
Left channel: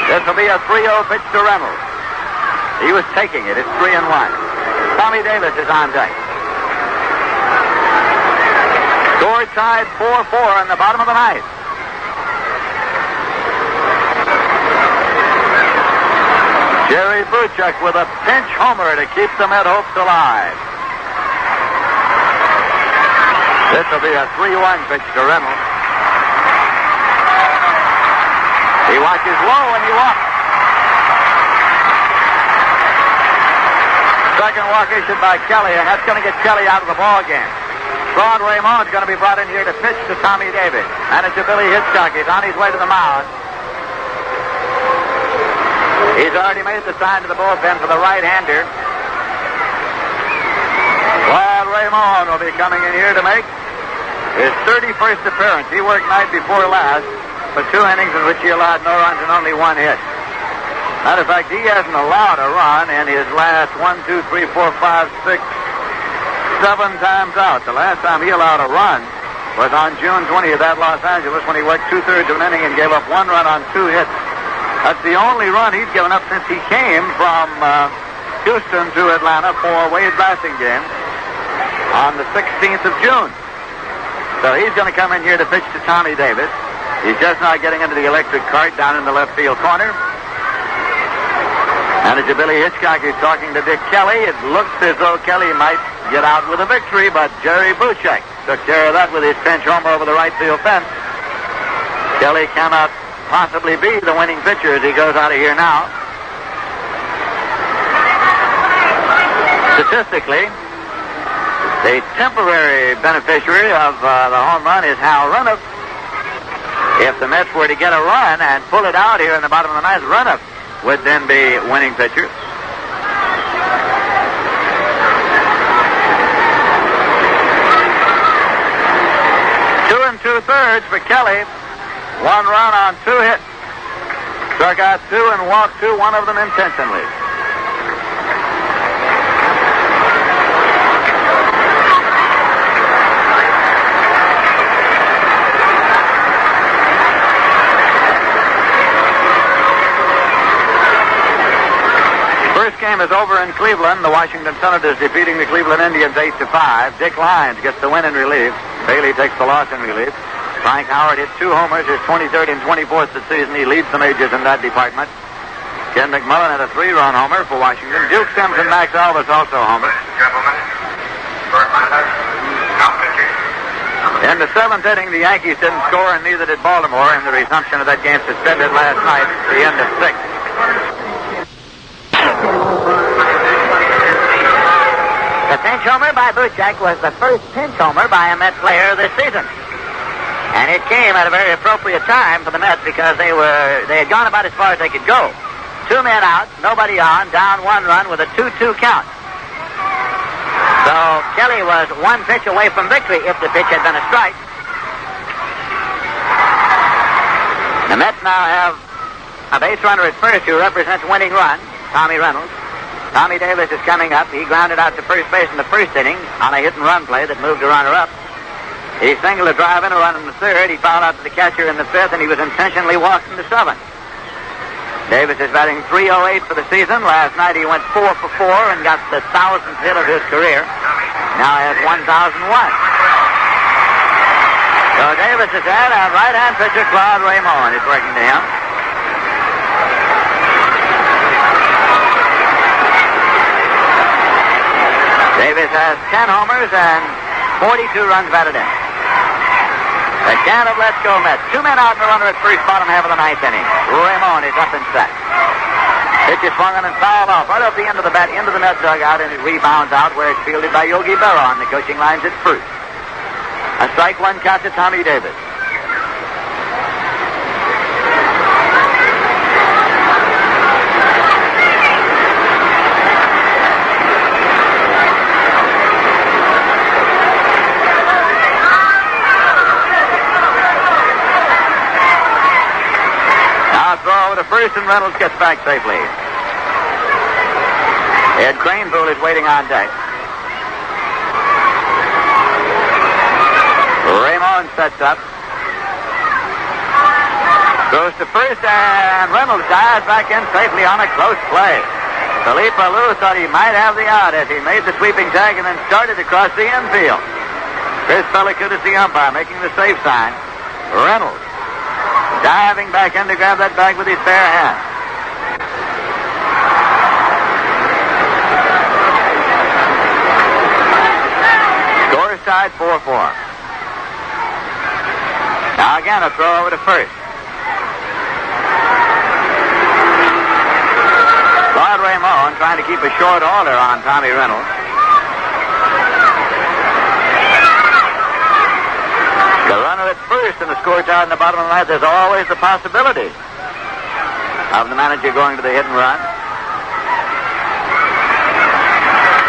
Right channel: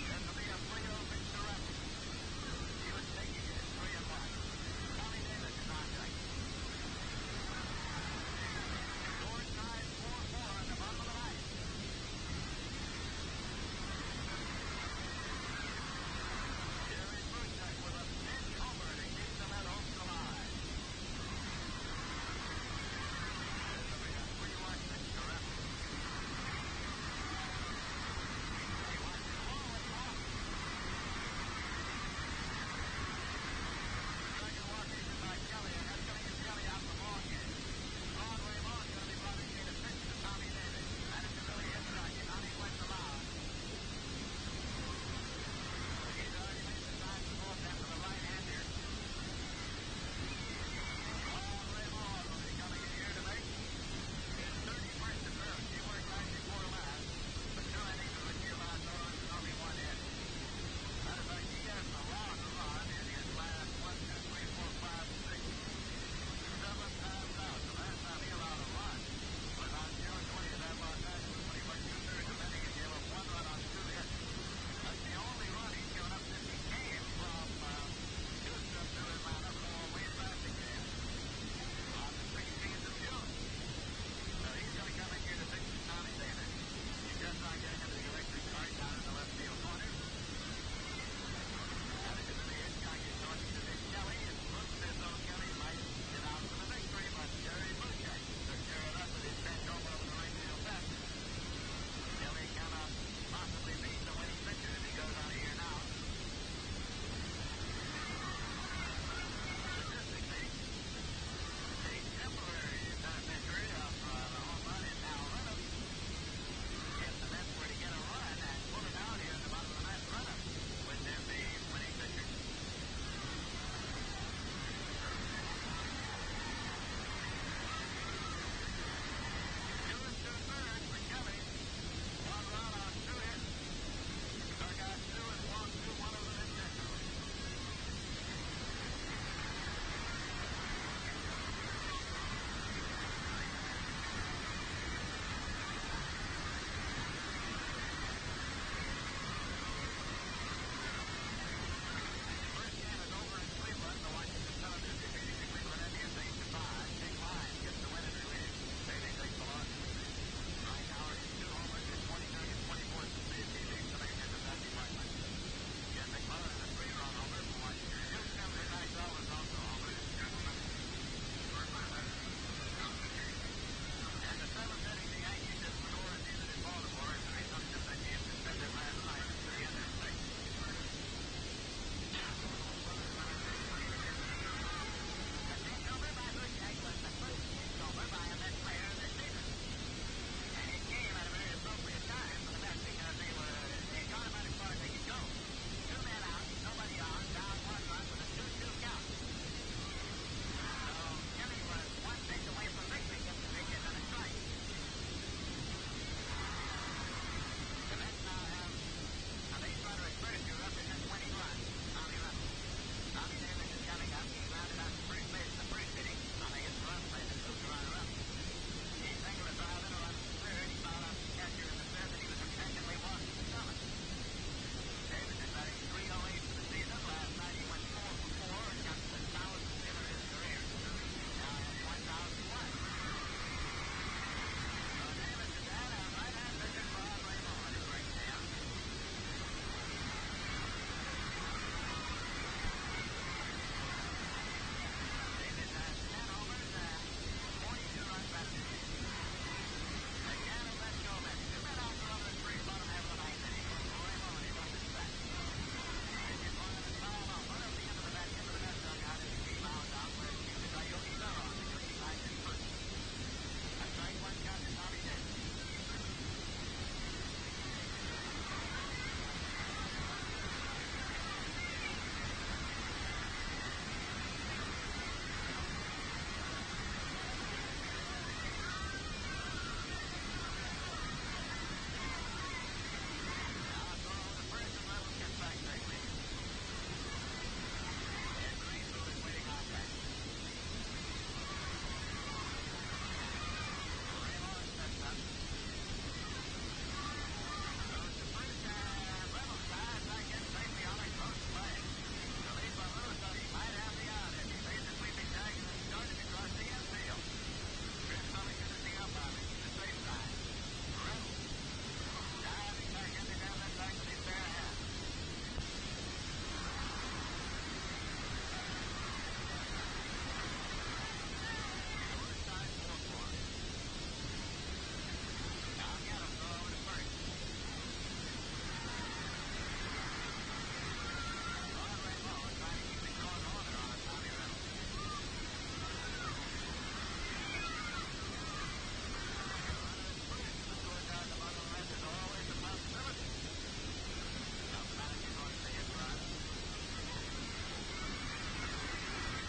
This will be a 3-0 pitch to Reynolds. He was taking it. It's 3-1. Tommy Davis is on deck. Score tied 4-4 in the bottom of the ninth. Jerry Buchek with a pinch homer to keep the Met hopes alive. This will be a 3-1 pitch to Reynolds. He watches low and he walks. Second walk issued by Kelly, and that's going to get Kelly out of the ball game. Claude Raymond's going to be brought in here to pitch to Tommy Davis. Manager Billy Hitchcock is on his way to the mound. He's already made the sign to the bullpen for the right-hander. Claude Raymond will be coming in here to make his 31st appearance. He worked night before last for 2 innings in which he allowed no runs and only 1 hit. Matter of fact, he hasn't allowed a run in his last 1, 2, 3, 4, 5, 6, 7 times out. The last time he allowed a run was on June 20th at Los Angeles when he worked 2/3 of an inning and gave up 1 run on 2 hits. That's the only run he's given up since he came from Houston to Atlanta for Wade Blasting game on the 16th of June. So he's going to come in here to pitch to Tommy Davis. He's just now getting into the electric cart down in the left field corner. Manager Billy Hitchcock is talking to Dick Kelly. It looks as though Kelly might get out with a victory, but Jerry Buchek took care of that with his pinch homer over the right field fence. Kelly cannot possibly be the winning pitcher as he goes out of here now. Statistically, the temporary beneficiary of the home run is Hal Renniff. If the Mets were to get a run and pull it out here in the bottom of the ninth, Renniff would then be winning pitcher. Two and 2/3 for Kelly. 1 run on 2 hits. Struck out 2 and walked 2, one of them intentionally. First game is over in Cleveland. The Washington Senators defeating the Cleveland Indians 8-5. Dick Lyons gets the win in relief. Bailey takes the loss in relief. Frank Howard hit 2 homers, his 23rd and 24th this season. He leads the majors in that department. Ken McMullen had a 3-run homer for Washington. Duke Sims and Max Alvis also homers. In the 7th inning, the Yankees didn't score, and neither did Baltimore in the resumption of that game suspended last night, the end of 6. The pinch homer by Buchek was the first pinch homer by a Met player this season. And it came at a very appropriate time for the Mets because they had gone about as far as they could go. 2 men out, nobody on, down 1 run with a 2-2 count. So Kelly was 1 pitch away from victory if the pitch had been a strike. The Mets now have a base runner at first who represents winning run, Tommy Reynolds. Tommy Davis is coming up. He grounded out to first base in the 1st inning on a hit-and-run play that moved a runner up. He singled a drive in, a run in the 3rd. He fouled out to the catcher in the 5th, and he was intentionally walked in the 7th. Davis is batting .308 for the season. Last night he went 4 for 4 and got the 1,000th hit of his career. Now he has 1,001. So Davis is at, and right-hand pitcher Claude Raymond is working to him. Davis has 10 homers and 42 runs batted in. The count of Let's Go Mets. 2 men out and a runner at first, bottom half of the 9th inning. Raymond is up and set. Pitch is swung on and fouled off right off the end of the bat into the Met dugout, and it rebounds out where it's fielded by Yogi Berra on the coaching lines at first. A strike 1 count to Tommy Davis. throw over to first, and Reynolds gets back safely. Ed Craneville is waiting on deck. Raymond sets up. Goes to first, and Reynolds dives back in safely on a close play. Philippe Alou thought he might have the out as he made the sweeping tag and then started across the infield. Chris Pellicott is the umpire, making the safe sign. Reynolds diving back in to grab that bag with his bare hand. Score tied 4-4. Now again, a throw over to first. Claude Raymond trying to keep a short order on Tommy Reynolds. The runner at first in the score tie in the bottom of the ninth. There's always the possibility of the manager going to the hit and run.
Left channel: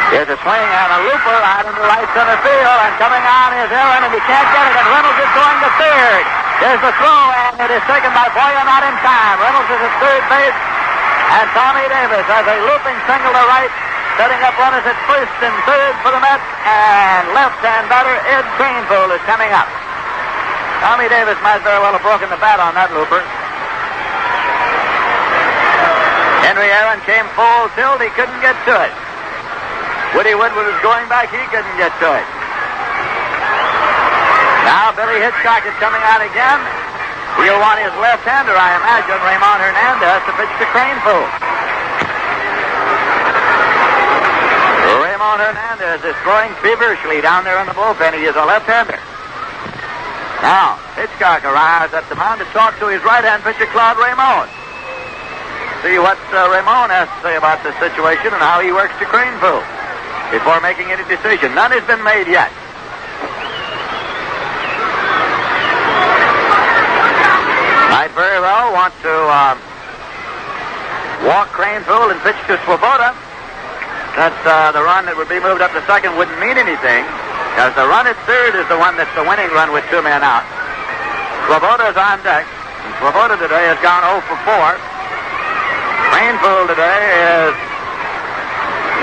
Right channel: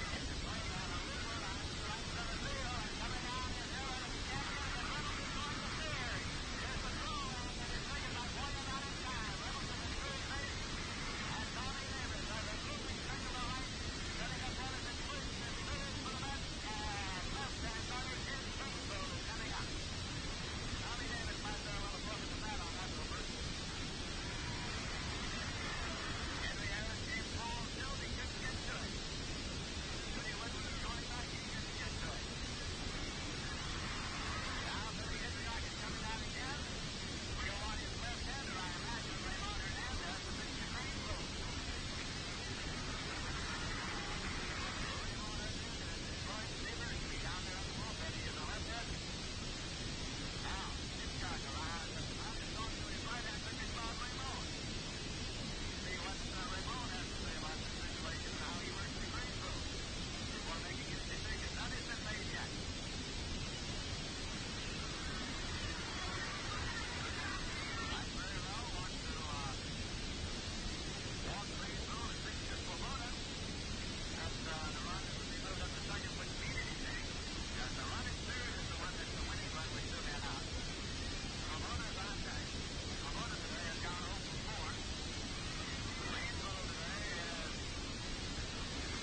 Here's a swing and a looper out in the right center field, and coming on is Aaron, and he can't get it, and Reynolds is going to third. There's the throw, and it is taken by Boyer, not in time. Reynolds is at third base, and Tommy Davis has a looping single to right, setting up runners at first and third for the Mets, and left-hand batter Ed Craneville is coming up. Tommy Davis might very well have broken the bat on that looper. Henry Aaron came full tilt. He couldn't get to it. Woody Woodward was going back. He couldn't get to it. Now Billy Hitchcock is coming out again. He'll want his left-hander, I imagine, Raymond Hernandez, to pitch to Craneville. Raymond Hernandez is throwing feverishly down there in the bullpen. He is a left-hander. Now, Hitchcock arrives at the mound to talk to his right-hand pitcher, Claude Raymond. See what Raymond has to say about the situation and how he works to Craneville before making any decision. None has been made yet. Might very well want to walk Craneville and pitch to Swoboda. That the run that would be moved up to second wouldn't mean anything, because the run at third is the one that's the winning run with two men out. Swoboda's on deck. And Swoboda today has gone 0 for 4. Craneville today is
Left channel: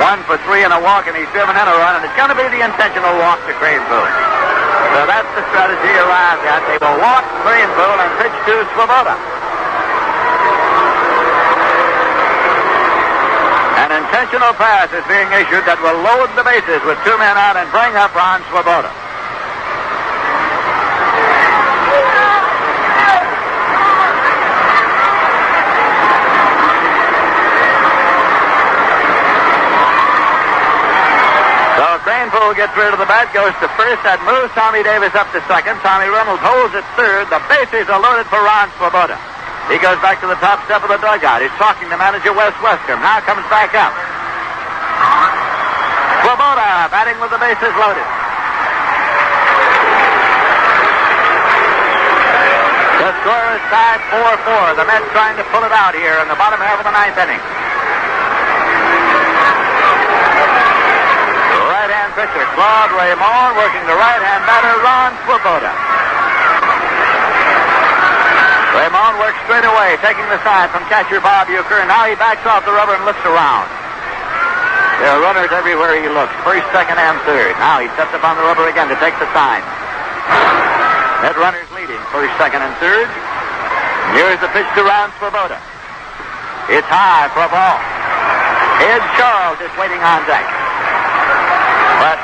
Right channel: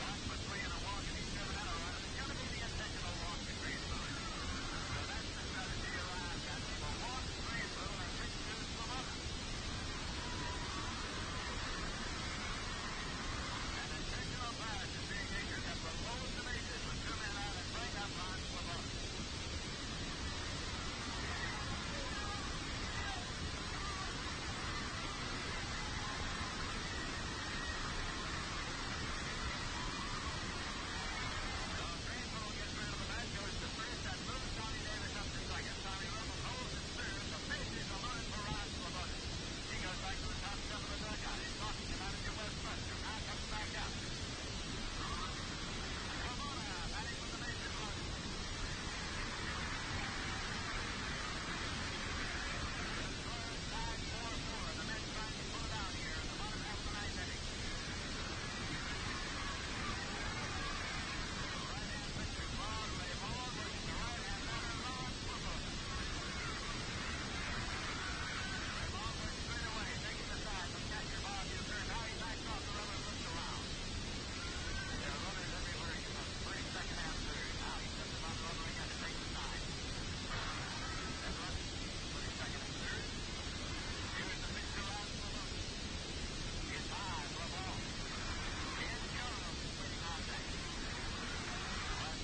1 for 3 in a walk, and he's driven in a run, and it's going to be the intentional walk to Craneville. So that's the strategy arrived at. They will walk Craneville and pitch to Swoboda. An intentional pass is being issued that will load the bases with two men out and bring up Ron Swoboda. Craneville gets rid of the bat, goes to first. That moves Tommy Davis up to second. Tommy Reynolds holds at third. The bases are loaded for Ron Swoboda. He goes back to the top step of the dugout. He's talking to manager Wes Westcomb. Now comes back up. Swoboda batting with the bases loaded. The score is tied 4-4. The Mets trying to pull it out here in the bottom half of the ninth inning. Pitcher Claude Raymond working the right-hand batter Ron Swoboda. Raymond works straight away, taking the side from catcher Bob Euchre, and now he backs off the rubber and looks around. There are runners everywhere he looks, first, second, and third. Now he steps up on the rubber again to take the sign. That runner's leading, first, second, and third. Here's the pitch to Ron Swoboda. It's high for a ball. Ed Charles is waiting on deck. But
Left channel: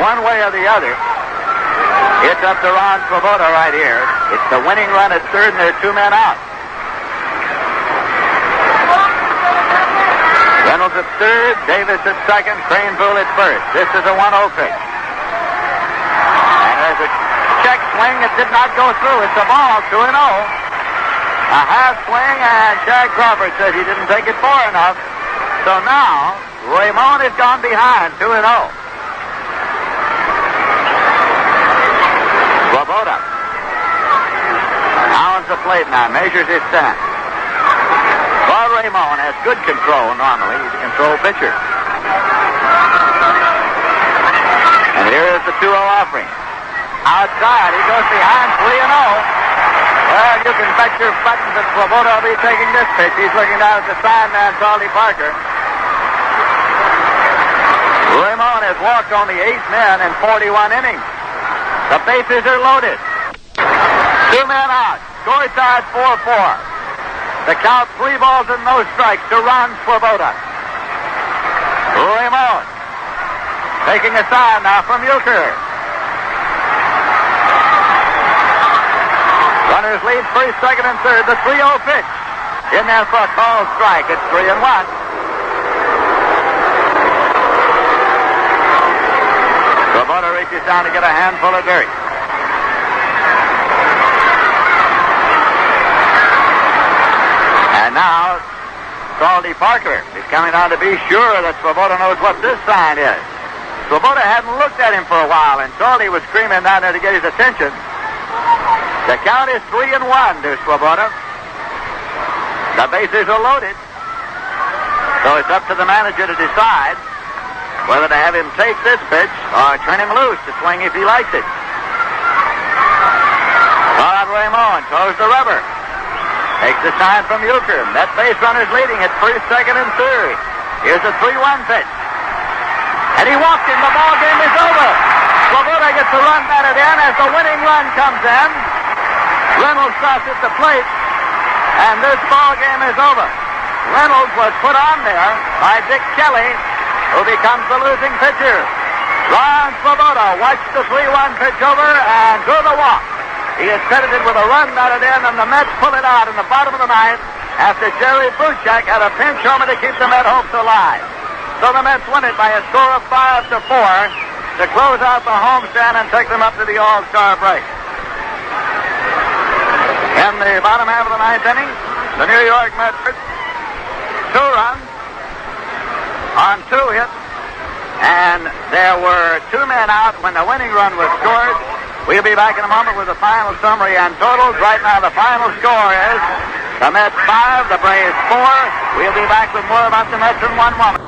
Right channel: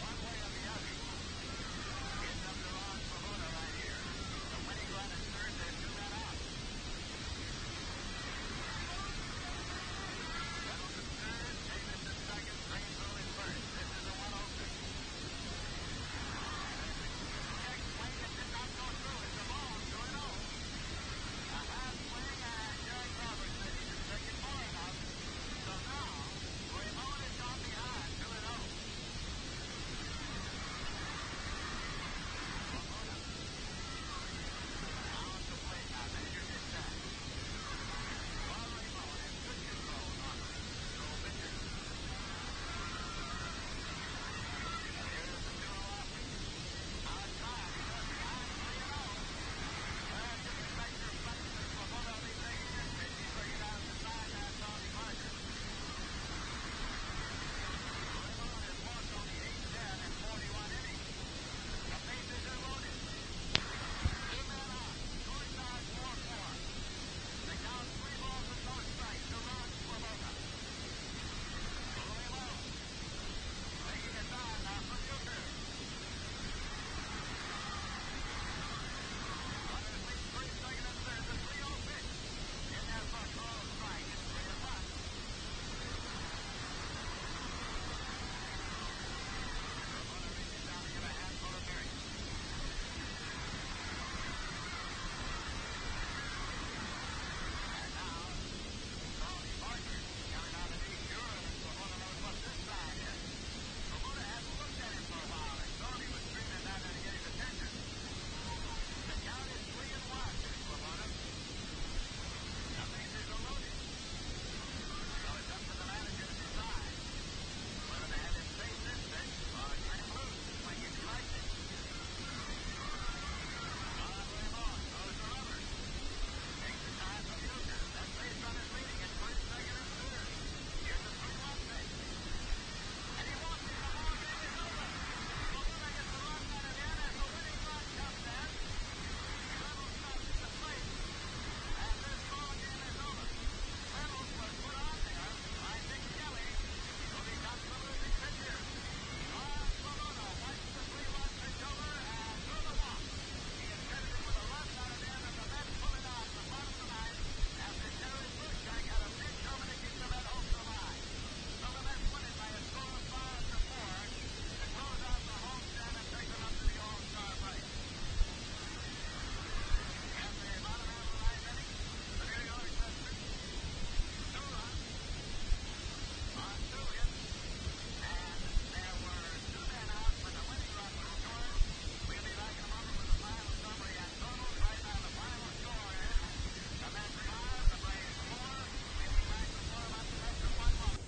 one way or the other, it's up to Ron Swoboda right here. It's the winning run at third, and there are two men out. Reynolds at third, Davis at second, Craneville at first. This is a 1-0 pitch. And there's a check swing that did not go through. It's a ball, 2-0. A half swing, and Jack Crawford says he didn't take it far enough. So now Raymond has gone behind, 2-0. Swoboda pounds the plate now, measures his stance. Claude Raymond has good control normally. He's a control pitcher. And here is the 2-0 offering. Outside, he goes behind, 3-0. Well, you can bet your buttons that Swoboda will be taking this pitch. He's looking down at the sign man, Salty Parker. Ramon has walked only 8 men in 41 innings. The bases are loaded. 2 men out. Score side 4-4. The count 3 balls and no strikes to Ron Swoboda. Ramon taking a sign now from Euchre. Runners lead first, second, and third. The 3-0 pitch. In there for a called strike. It's 3-1. Swoboda reaches down to get a handful of dirt. And now, Salty Parker is coming on to be sure that Swoboda knows what this sign is. Swoboda hadn't looked at him for a while, and Salty was screaming down there to get his attention. The count is 3-1 to Swoboda. The bases are loaded. So it's up to the manager to decide whether to have him take this pitch or turn him loose to swing if he likes it. Claude Ramon throws the rubber. Takes the sign from Euchre. That base runner's leading at first, second, and third. Here's a 3-1 pitch. And he walked him. The ball game is over. Swoboda gets a run batted in as the winning run comes in. Reynolds stops at the plate, and this ball game is over. Reynolds was put on there by Dick Kelly, who becomes the losing pitcher. Ron Swoboda watched the 3-1 pitch over and drew the walk. He is credited with a run batted in, and the Mets pull it out in the bottom of the ninth after Jerry Buchak had a pinch homer to keep the Met hopes alive. So the Mets win it by a score of 5-4 to close out the homestand and take them up to the All-Star break. In the bottom half of the ninth inning, the New York Mets 2 runs on 2 hits, and there were 2 men out when the winning run was scored. We'll be back in a moment with the final summary and totals. Right now, the final score is the Mets 5, the Braves 4. We'll be back with more about the Mets in 1 moment.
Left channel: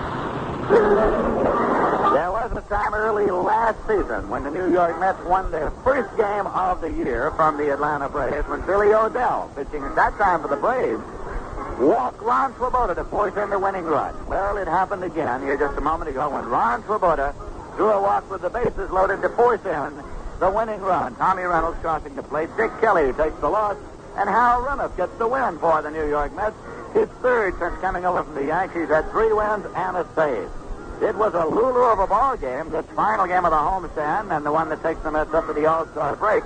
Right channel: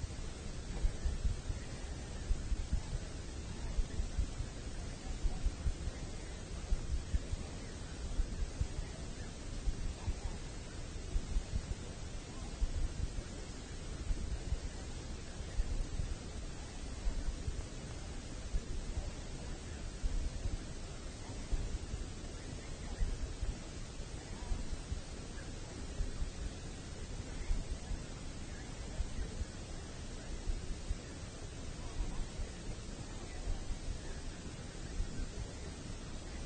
There was a time early last season when the New York Mets won their first game of the year from the Atlanta Braves when Billy O'Dell, pitching at that time for the Braves, walked Ron Swoboda to force in the winning run. Well, it happened again here just a moment ago when Ron Swoboda drew a walk with the bases loaded to force in the winning run. Tommy Reynolds crossing the plate. Dick Kelly takes the loss, and Hal Reniff gets the win for the New York Mets. His third since coming over from the Yankees, had 3 wins and a save. It was a Lulu of a ball game, this final game of the homestand, and the one that takes the Mets up to the All-Star break,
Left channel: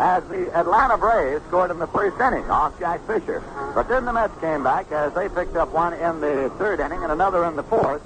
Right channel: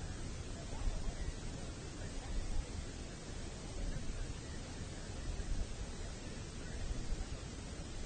as the Atlanta Braves scored in the first inning off Jack Fisher. But then the Mets came back as they picked up one in the third inning and another in the fourth.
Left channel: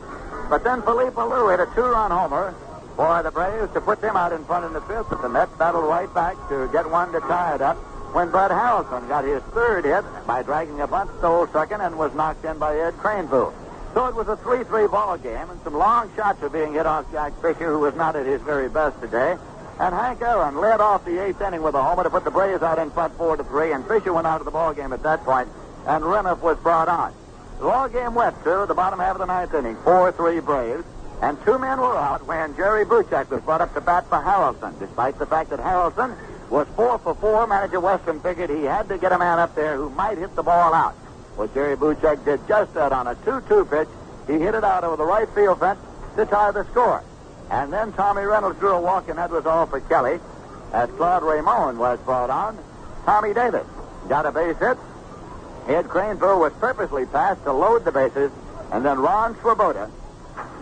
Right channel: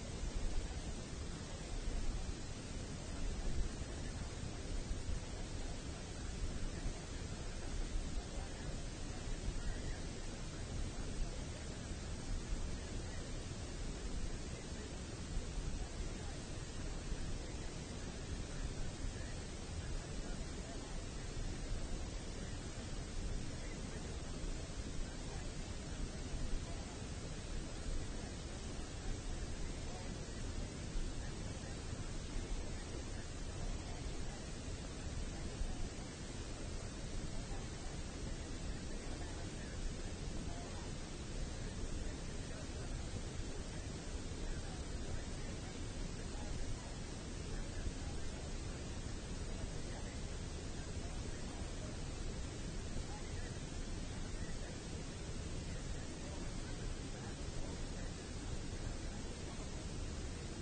But then Felipe Alou hit a 2-run homer for the Braves to put them out in front in the fifth. But the Mets battled right back to get one to tie it up when Bud Harrelson got his third hit by dragging a bunt, stole second, and was knocked in by Ed Craneville. So it was a 3-3 ball game, and some long shots were being hit off Jack Fisher, who was not at his very best today. And Hank Aaron led off the 8th inning with a homer to put the Braves out in front 4-3, and Fisher went out of the ball game at that point, and Reniff was brought on. The ball game went to the bottom half of the 9th inning, 4-3 Braves, and 2 men were out when Jerry Buchak was brought up to bat for Harrelson. Despite the fact that Harrelson was 4 for 4, manager Weston figured he had to get a man up there who might hit the ball out. Well, Jerry Buchak did just that on a 2-2 pitch. He hit it out over the right field fence to tie the score. And then Tommy Reynolds drew a walk, and that was all for Kelly. As Claude Ramon was brought on, Tommy Davis got a base hit. Ed Craneville was purposely passed to load the bases, and then Ron Swoboda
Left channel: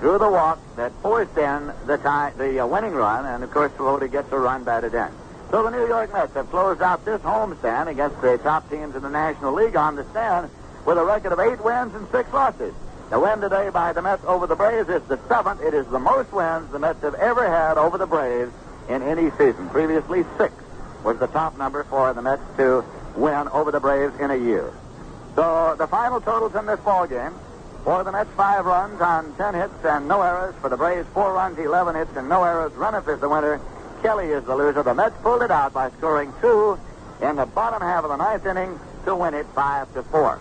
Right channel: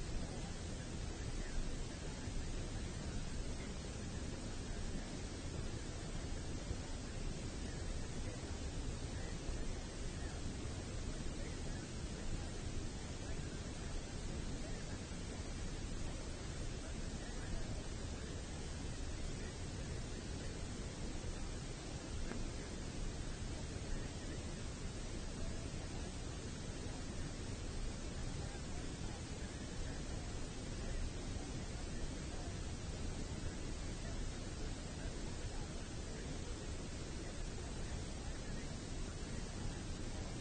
drew the walk that forced in the winning run, and of course Swoboda gets a run batted in. So the New York Mets have closed out this homestand against the top teams in the National League on the stand with a record of 8 wins and 6 losses. The win today by the Mets over the Braves is the 7th. It is the most wins the Mets have ever had over the Braves in any season. Previously, 6 was the top number for the Mets to win over the Braves in a year. So the final totals in this ball game: for the Mets, 5 runs on 10 hits and no errors. For the Braves, 4 runs, 11 hits and no errors. Reniff is the winner. Kelly is the loser. The Mets pulled it out by scoring 2 in the bottom half of the 9th inning to win it 5-4.